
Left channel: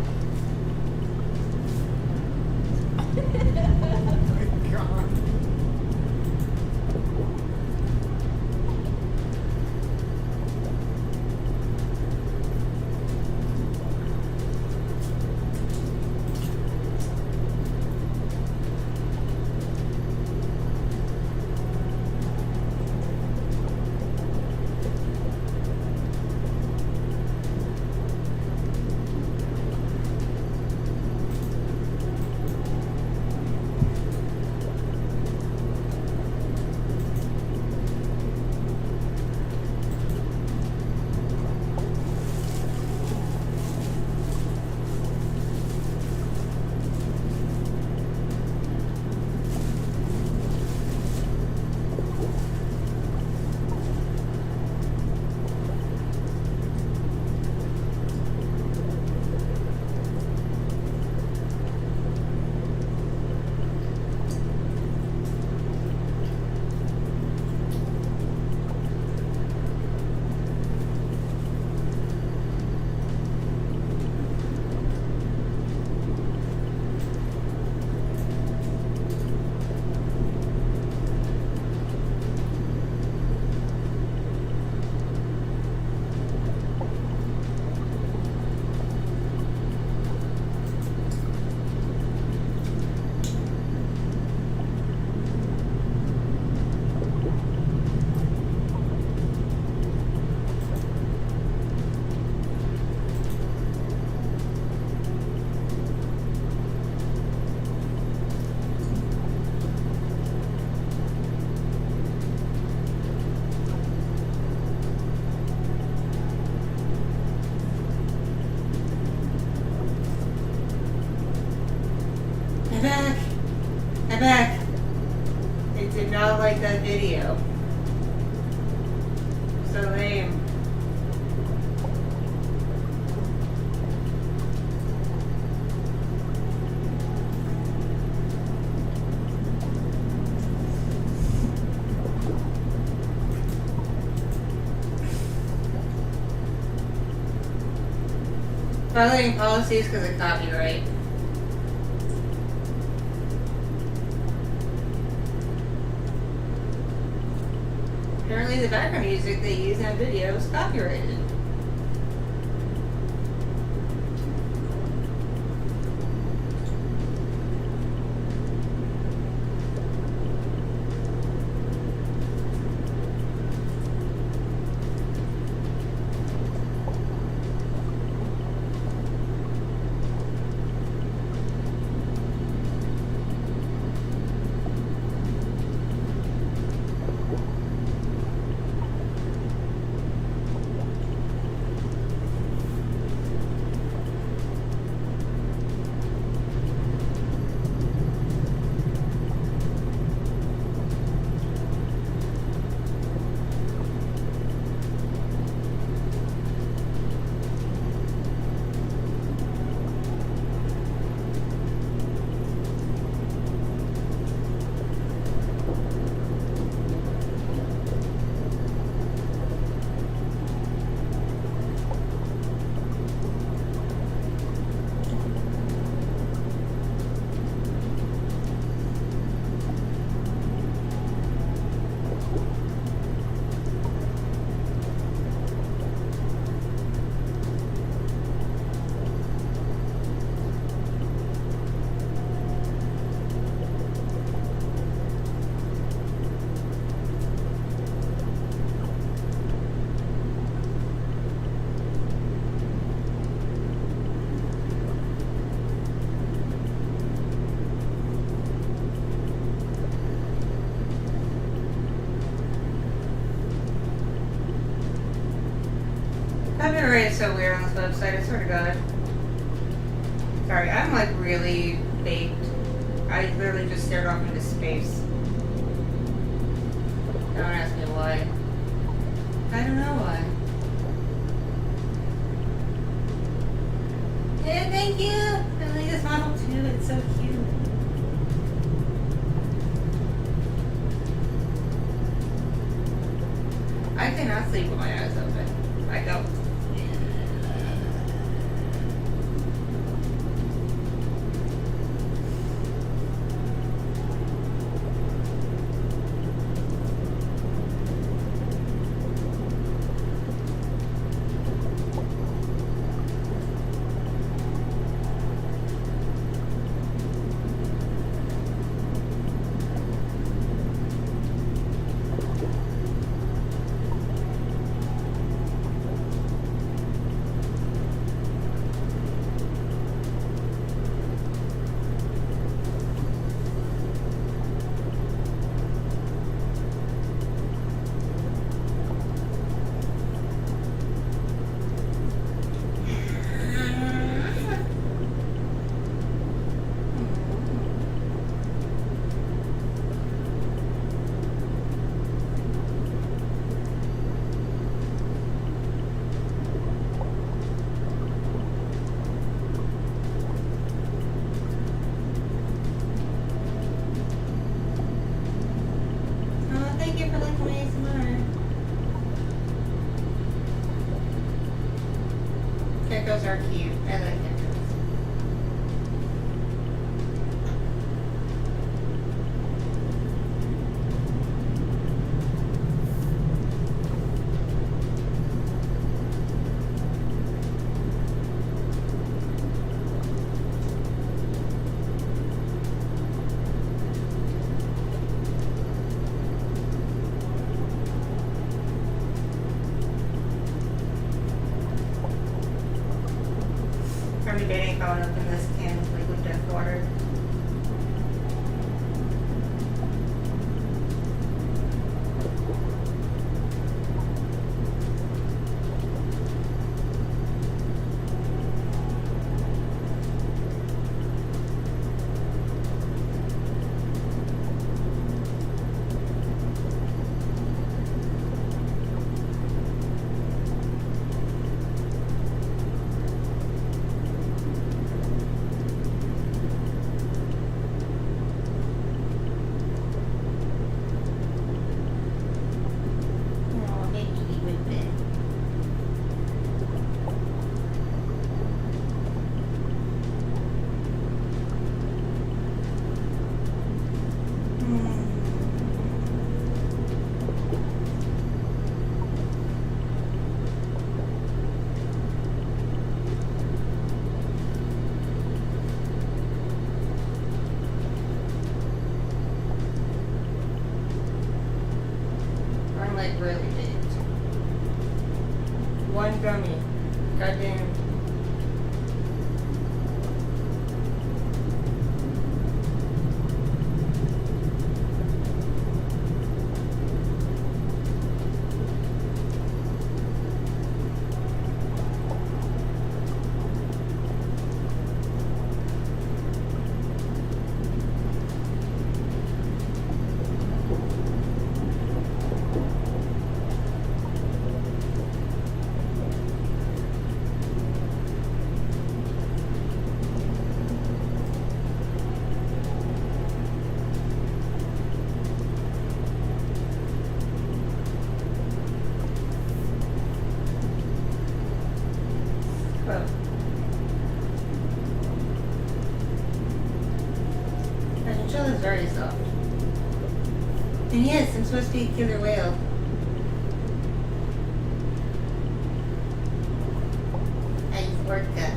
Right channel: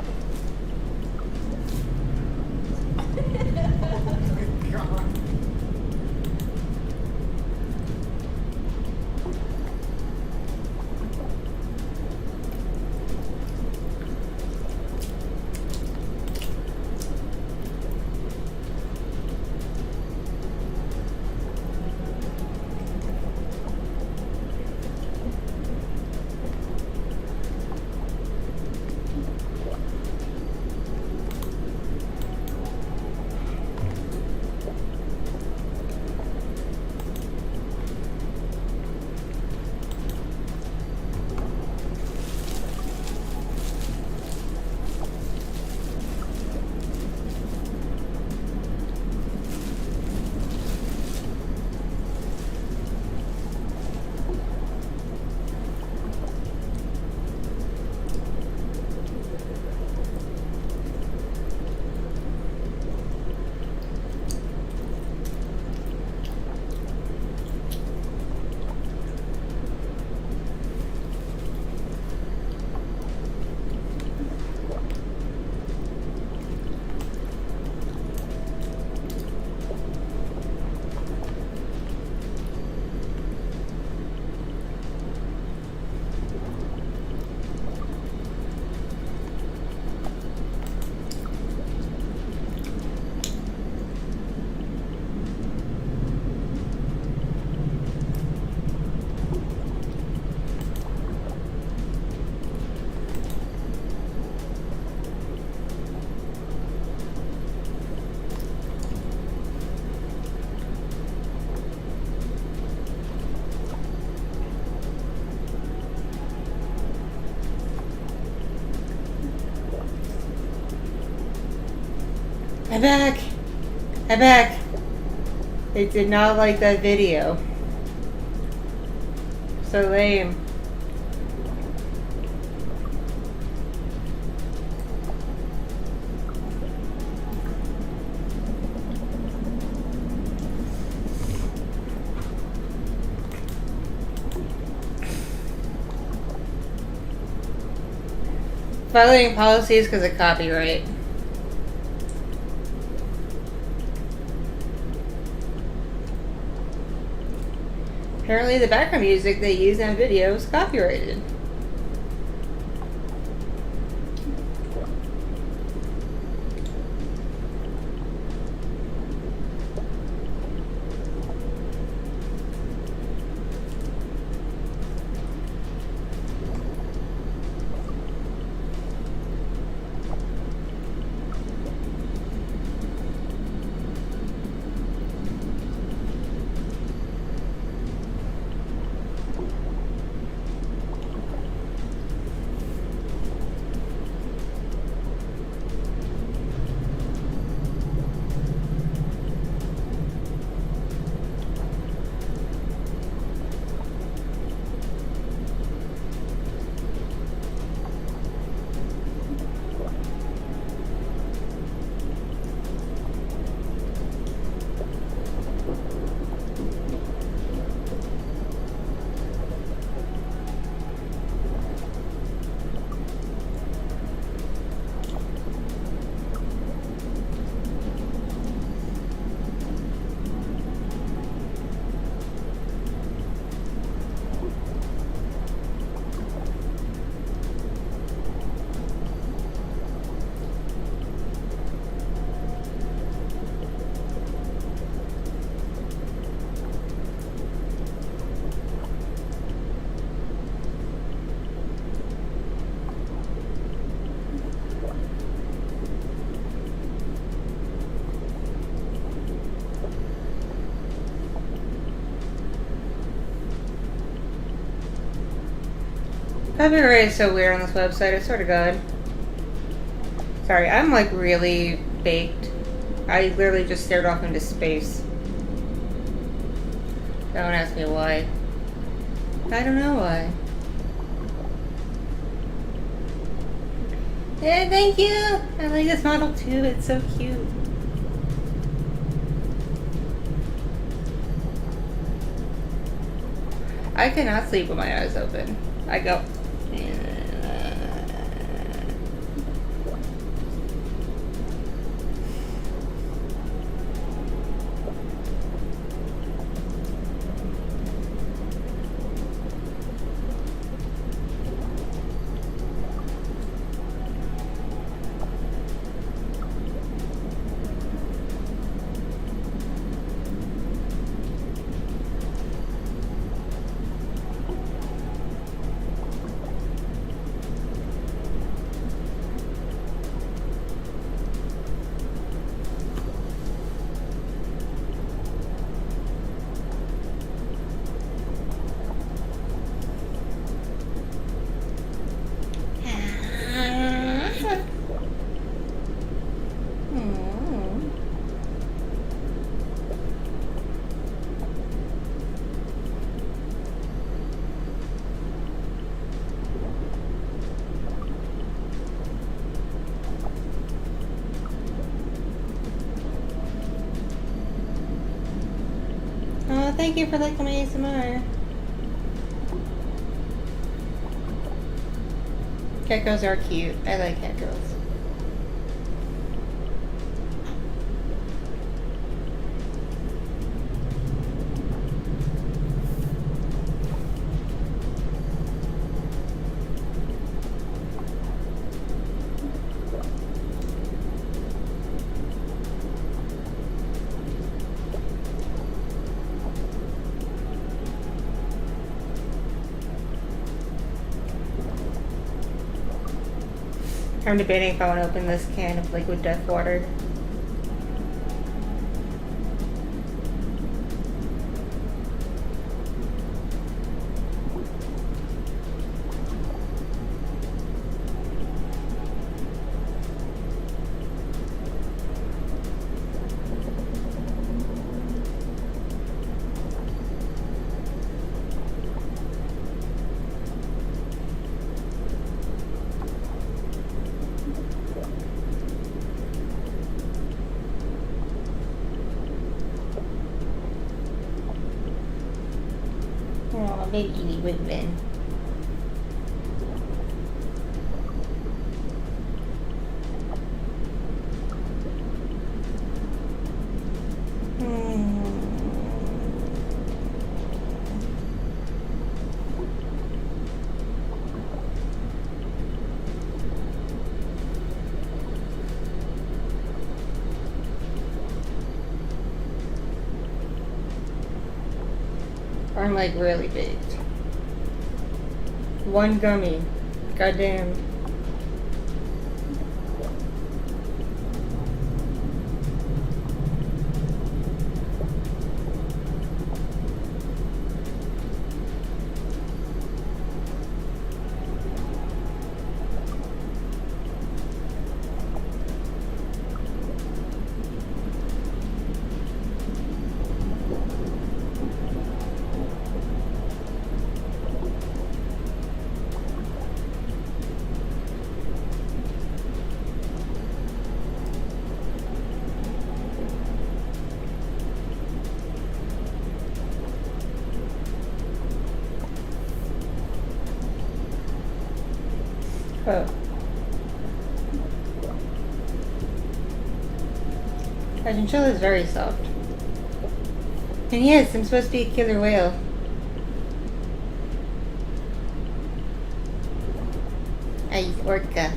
I'm back. I'm back. They did not like that video. So lame. Violating policies because of copyright. Apparently the background music they use in a video is copyrighted. Copyright is so weird on this website, I swear to God. Sorry, I'm like really baked. I literally just stared off into space. Don't ask me why. I don't know why. Yeah, thank you! I like this model too, it's so cute. I cannot sleep with my eyes open. I go. Thank you for liking my ASMR. Geckos are cute. I like geckos. I'm debating if I want to open this can of liquid death water. Maybe would win. I'm like really big. One gummy. Goddamn. Oh. Our chinchilla is very soft. And yes, I'm supposed to be a killer whale. Ice orca.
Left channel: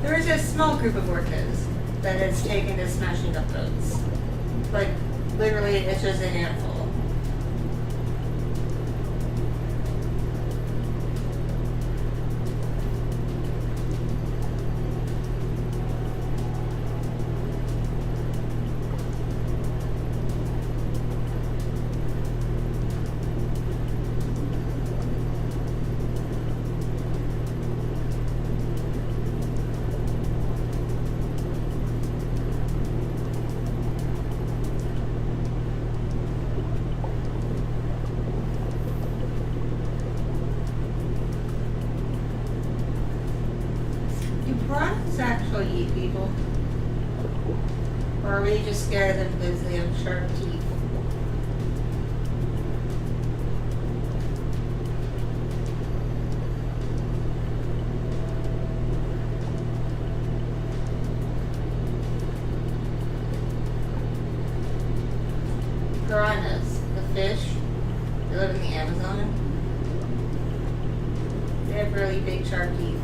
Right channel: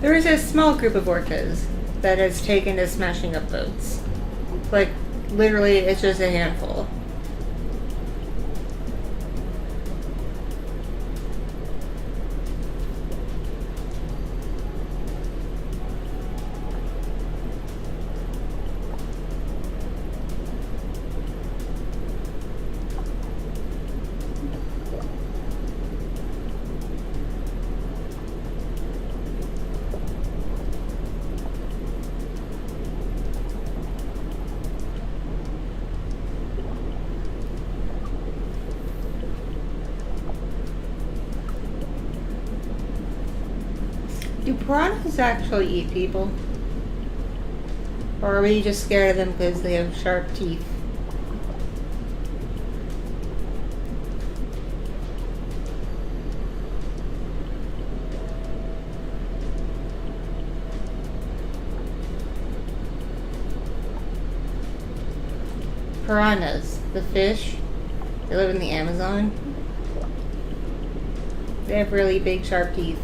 There is a small group of orcas that has taken to smashing up boats. Like, literally, it's just a handful. Do piranhas actually eat people? Or are we just scared of them because they have sharp teeth? Piranhas, the fish, they live in the Amazon. They have really big sharp teeth.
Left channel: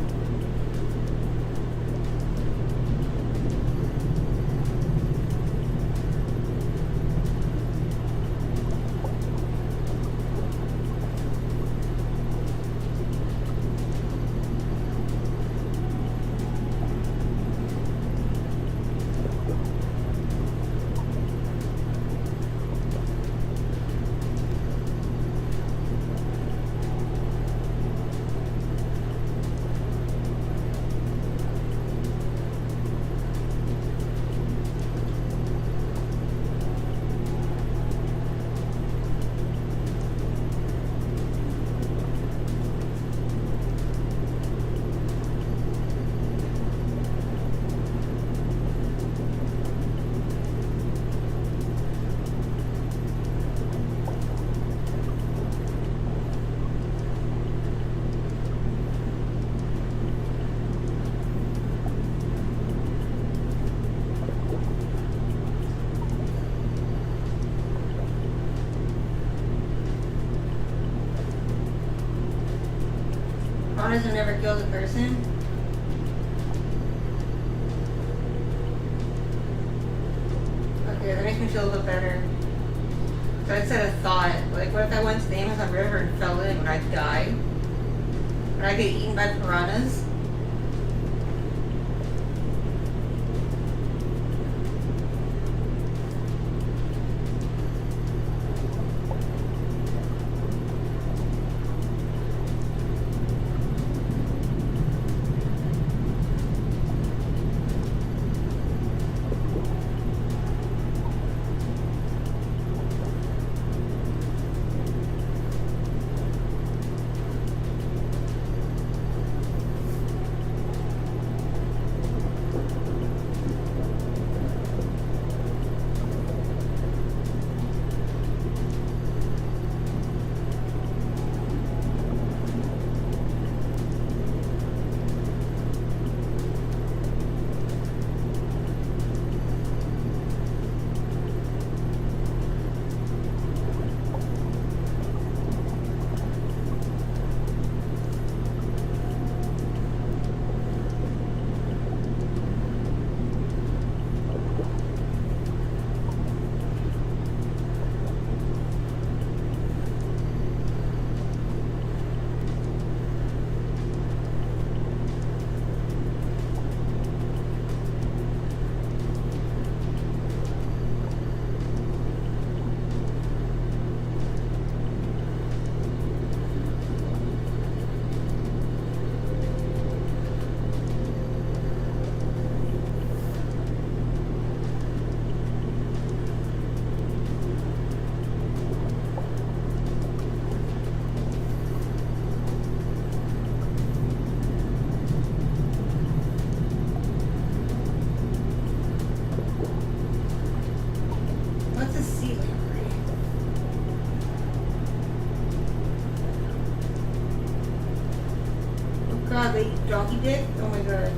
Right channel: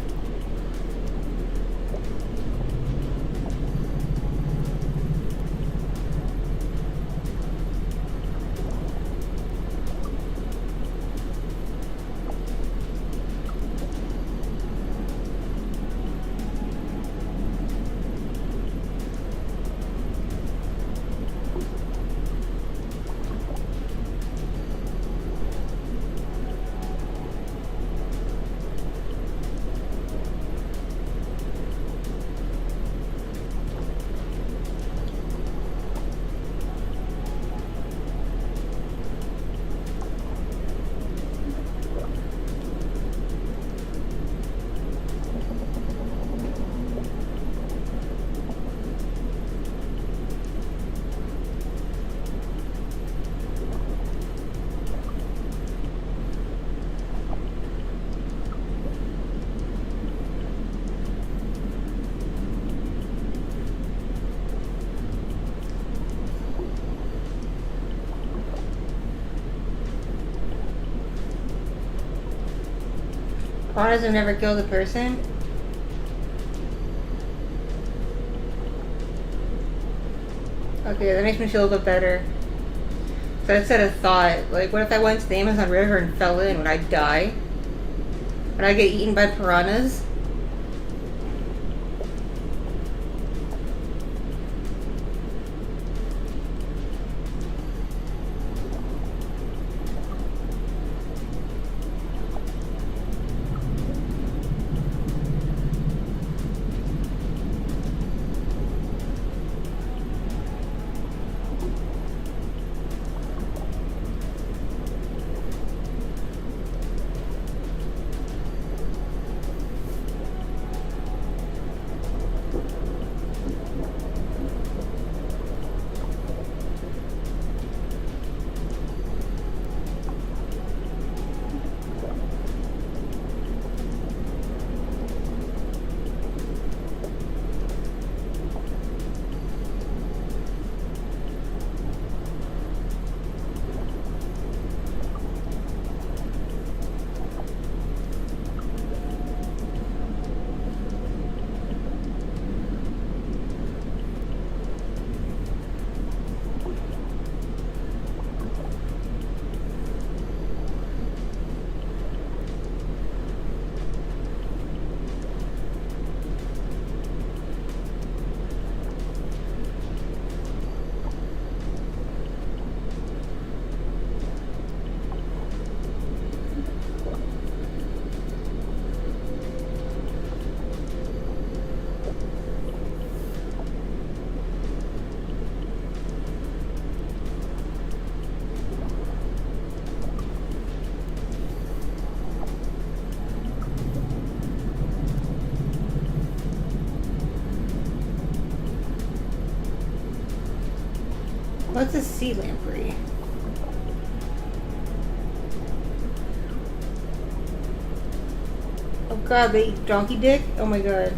Piranhas have never killed a person? Okay, that makes me feel a little bit better. So I said a thought. Like, what if I went to the Amazon River and fell in? Would I die? Would I get eaten by piranhas? What's a sea lamprey? Oh god, they eat donkey dick? Oh my god.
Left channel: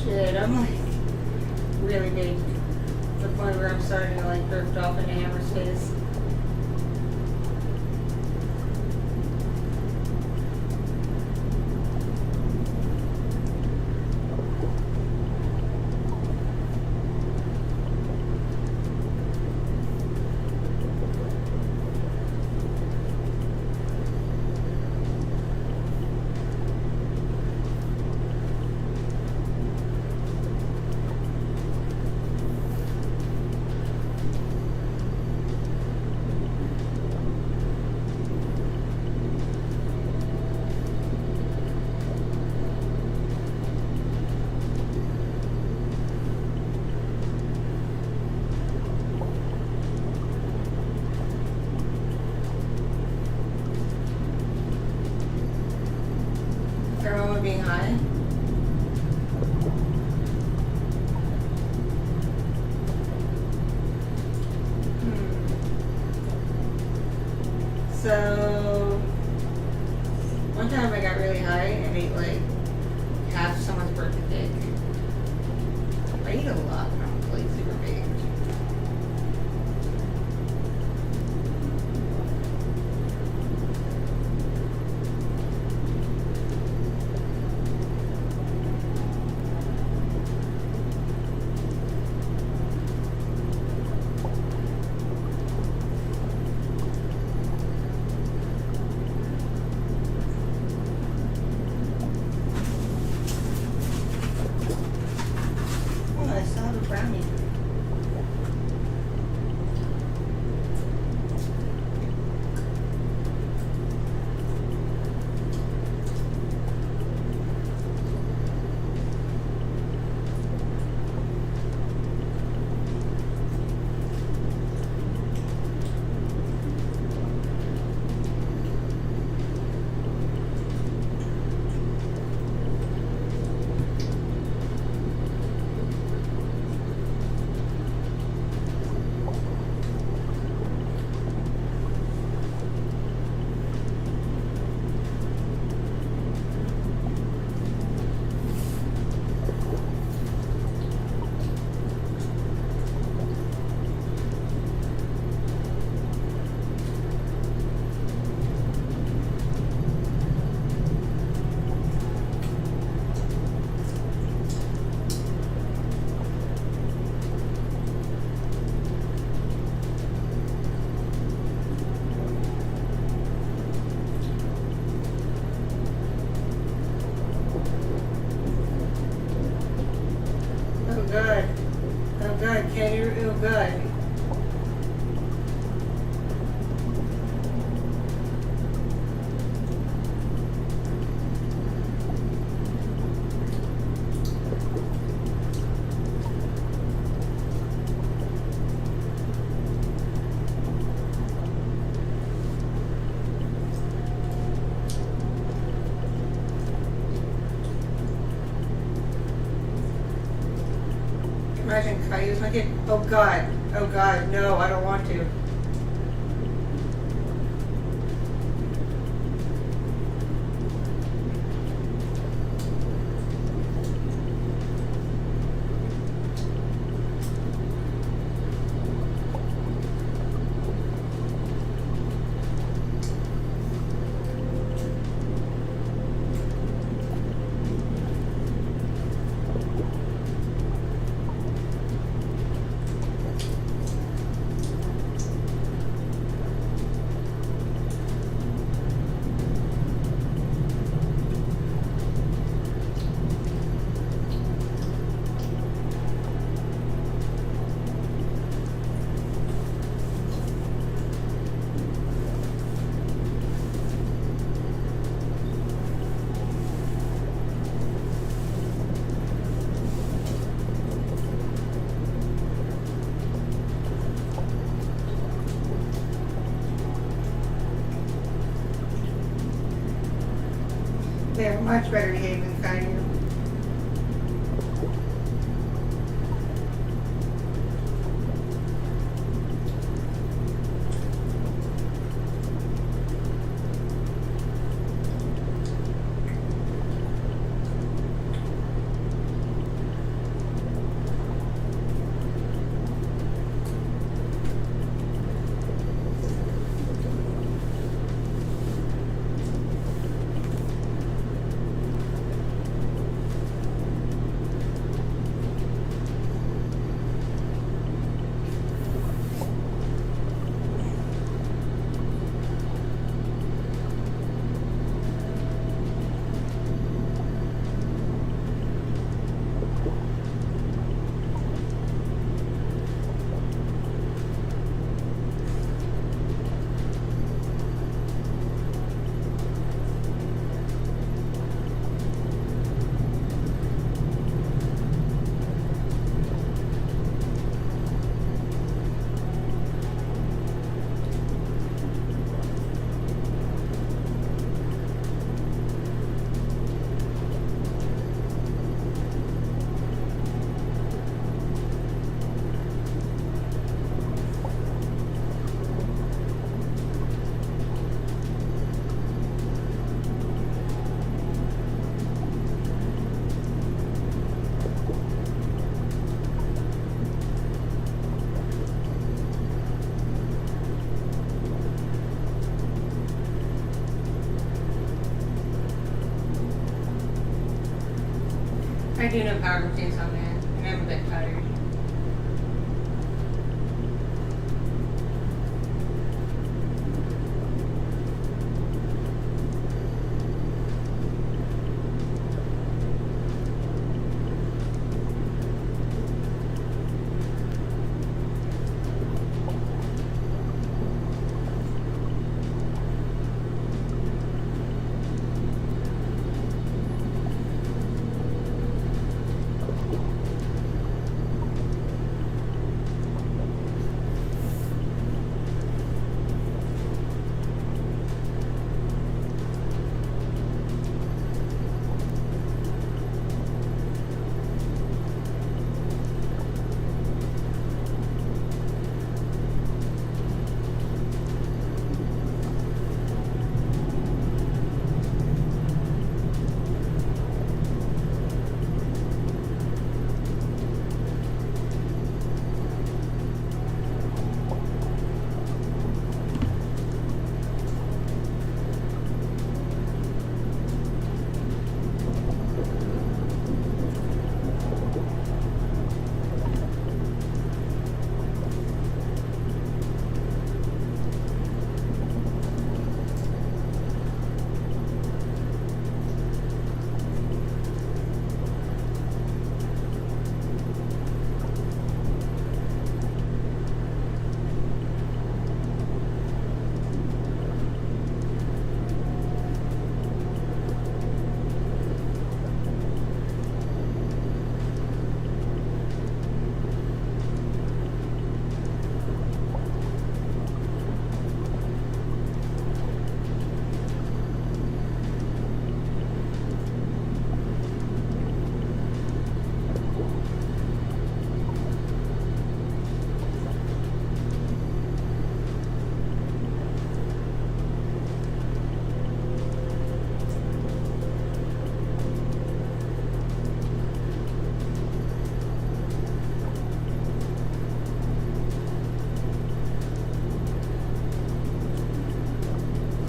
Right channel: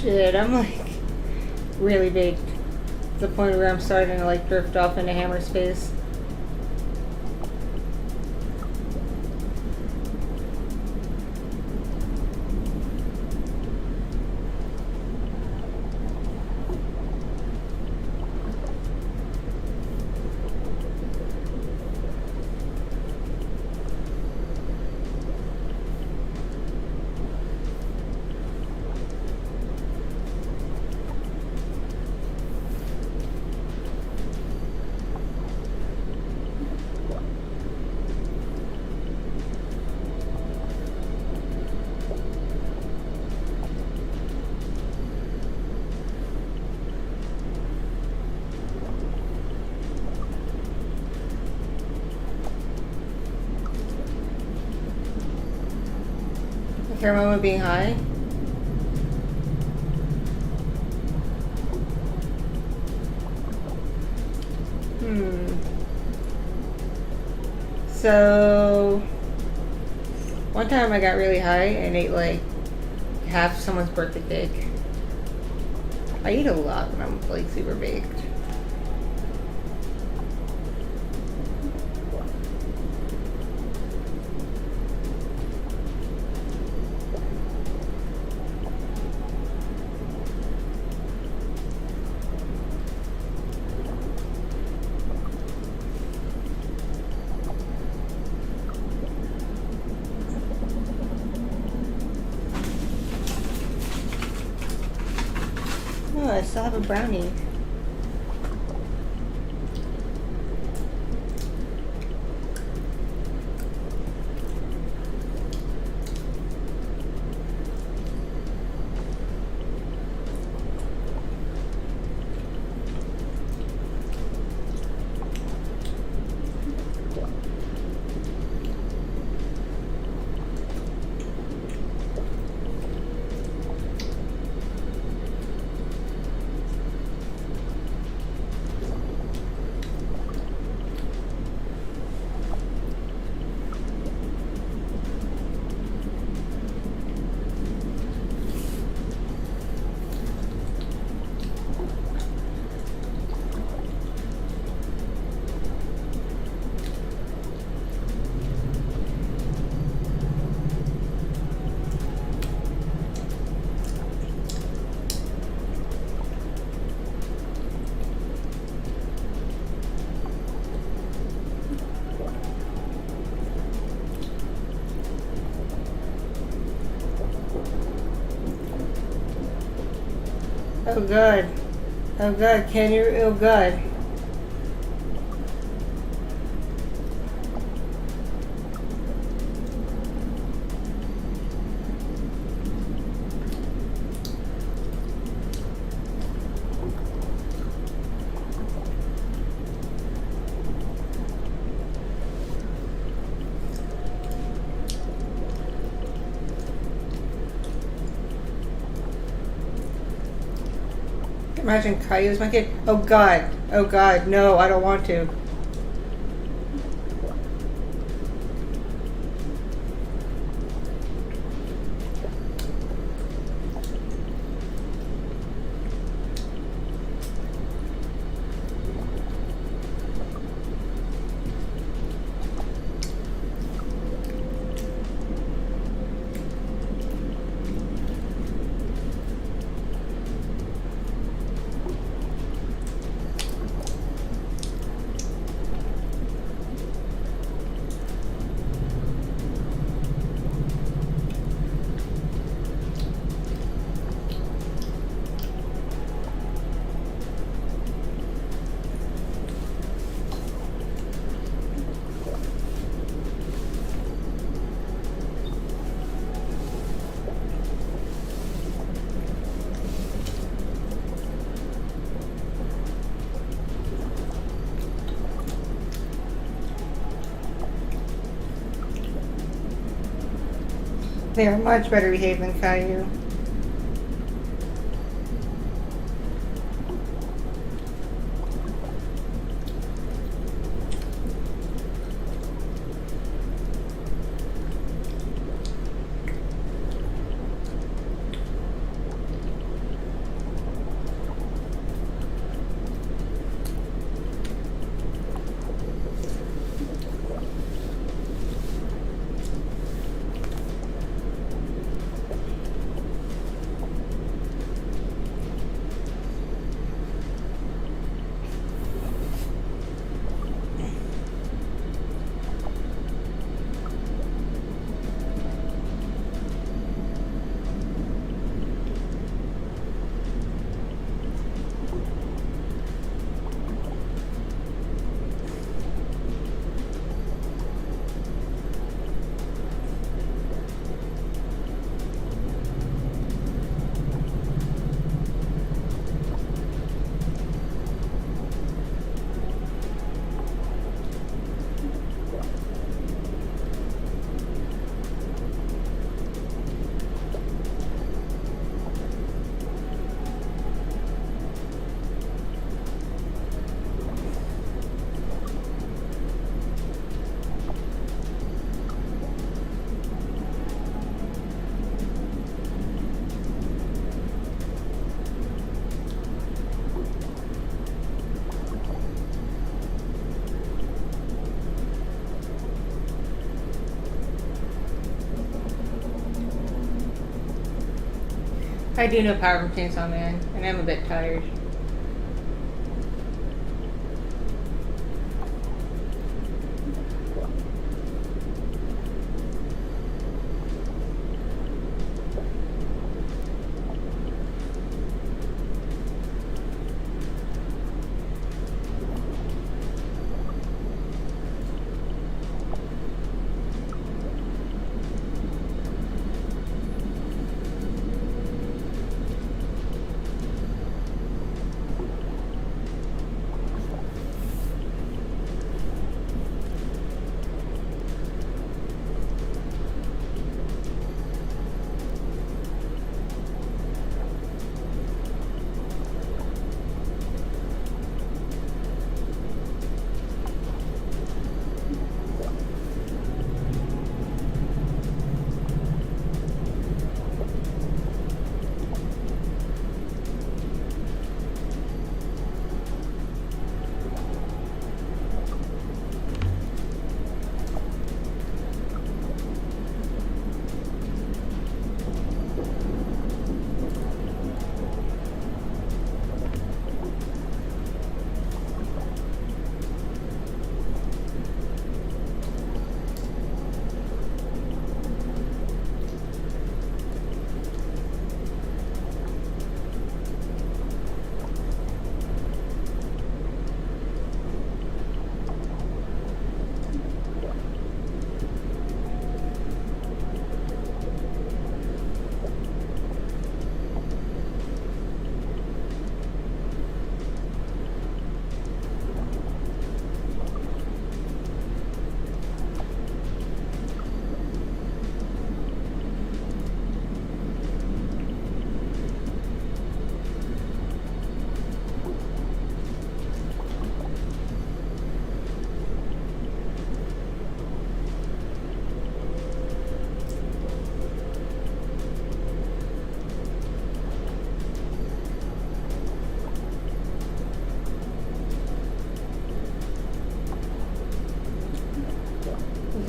Shit, I'm like really big to the point where I'm starting to like drift off into hammer space. Pheromone being high. So one time I got really high and ate like half someone's birthday cake. I eat a lot when I'm like super baked. Oh, I still have a brownie. Oh god. Oh god, can you? Oh god. Imagine Caillou's my kid. Oh god. Oh god. No, I don't want to. They are much better behaved than Caillou. I do know power from Chainsaw Man, and I'm a bit tired.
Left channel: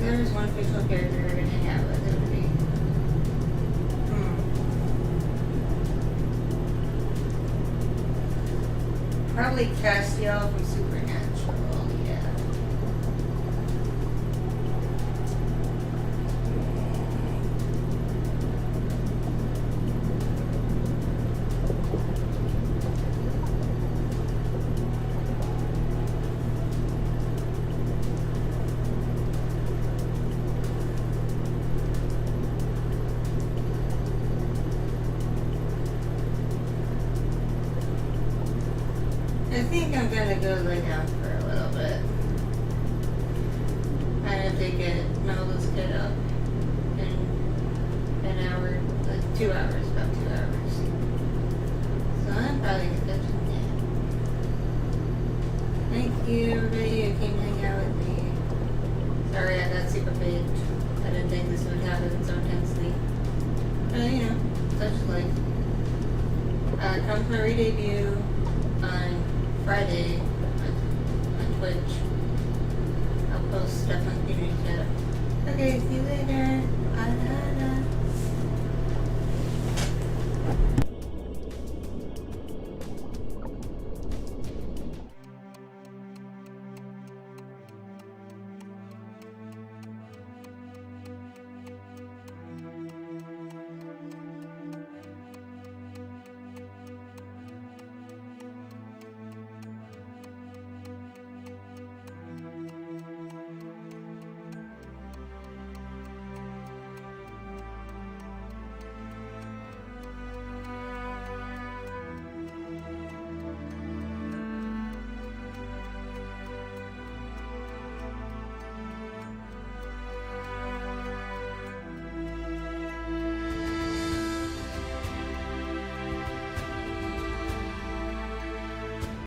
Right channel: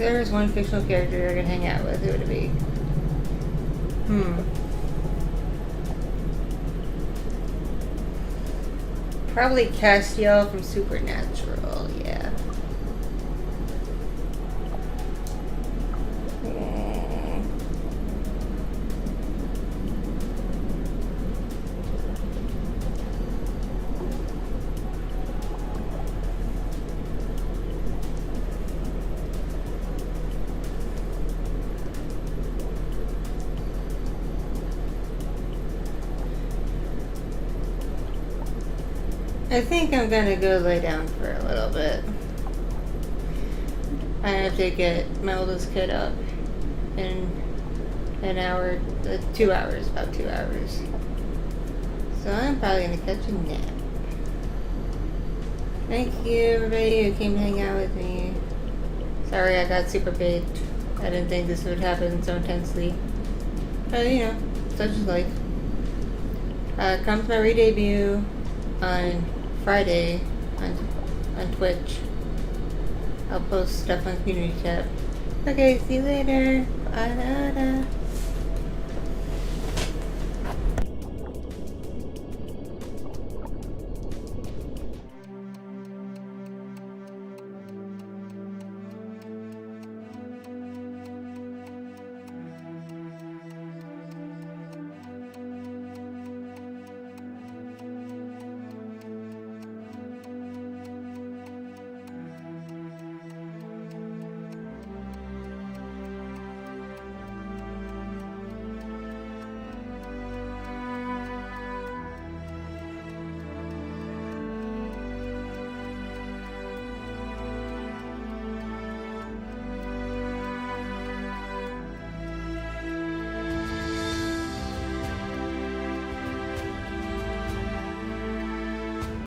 there was one fictional character you're gonna hang out with, who would it be? Probably Castiel from Supernatural, yeah. I think I'm gonna go lay down for a little bit. I have to get Melda's kid up in an hour, 2 hours, about 2 hours. So I'm probably gonna catch a nap. Thank you everybody who came to hang out with me. Sorry I got super paid. I didn't think this would happen so intensely. But you know, such is life. Come to my re-debut on Friday on Twitch. I'll post stuff on community chat. Okay, see you later. Bye.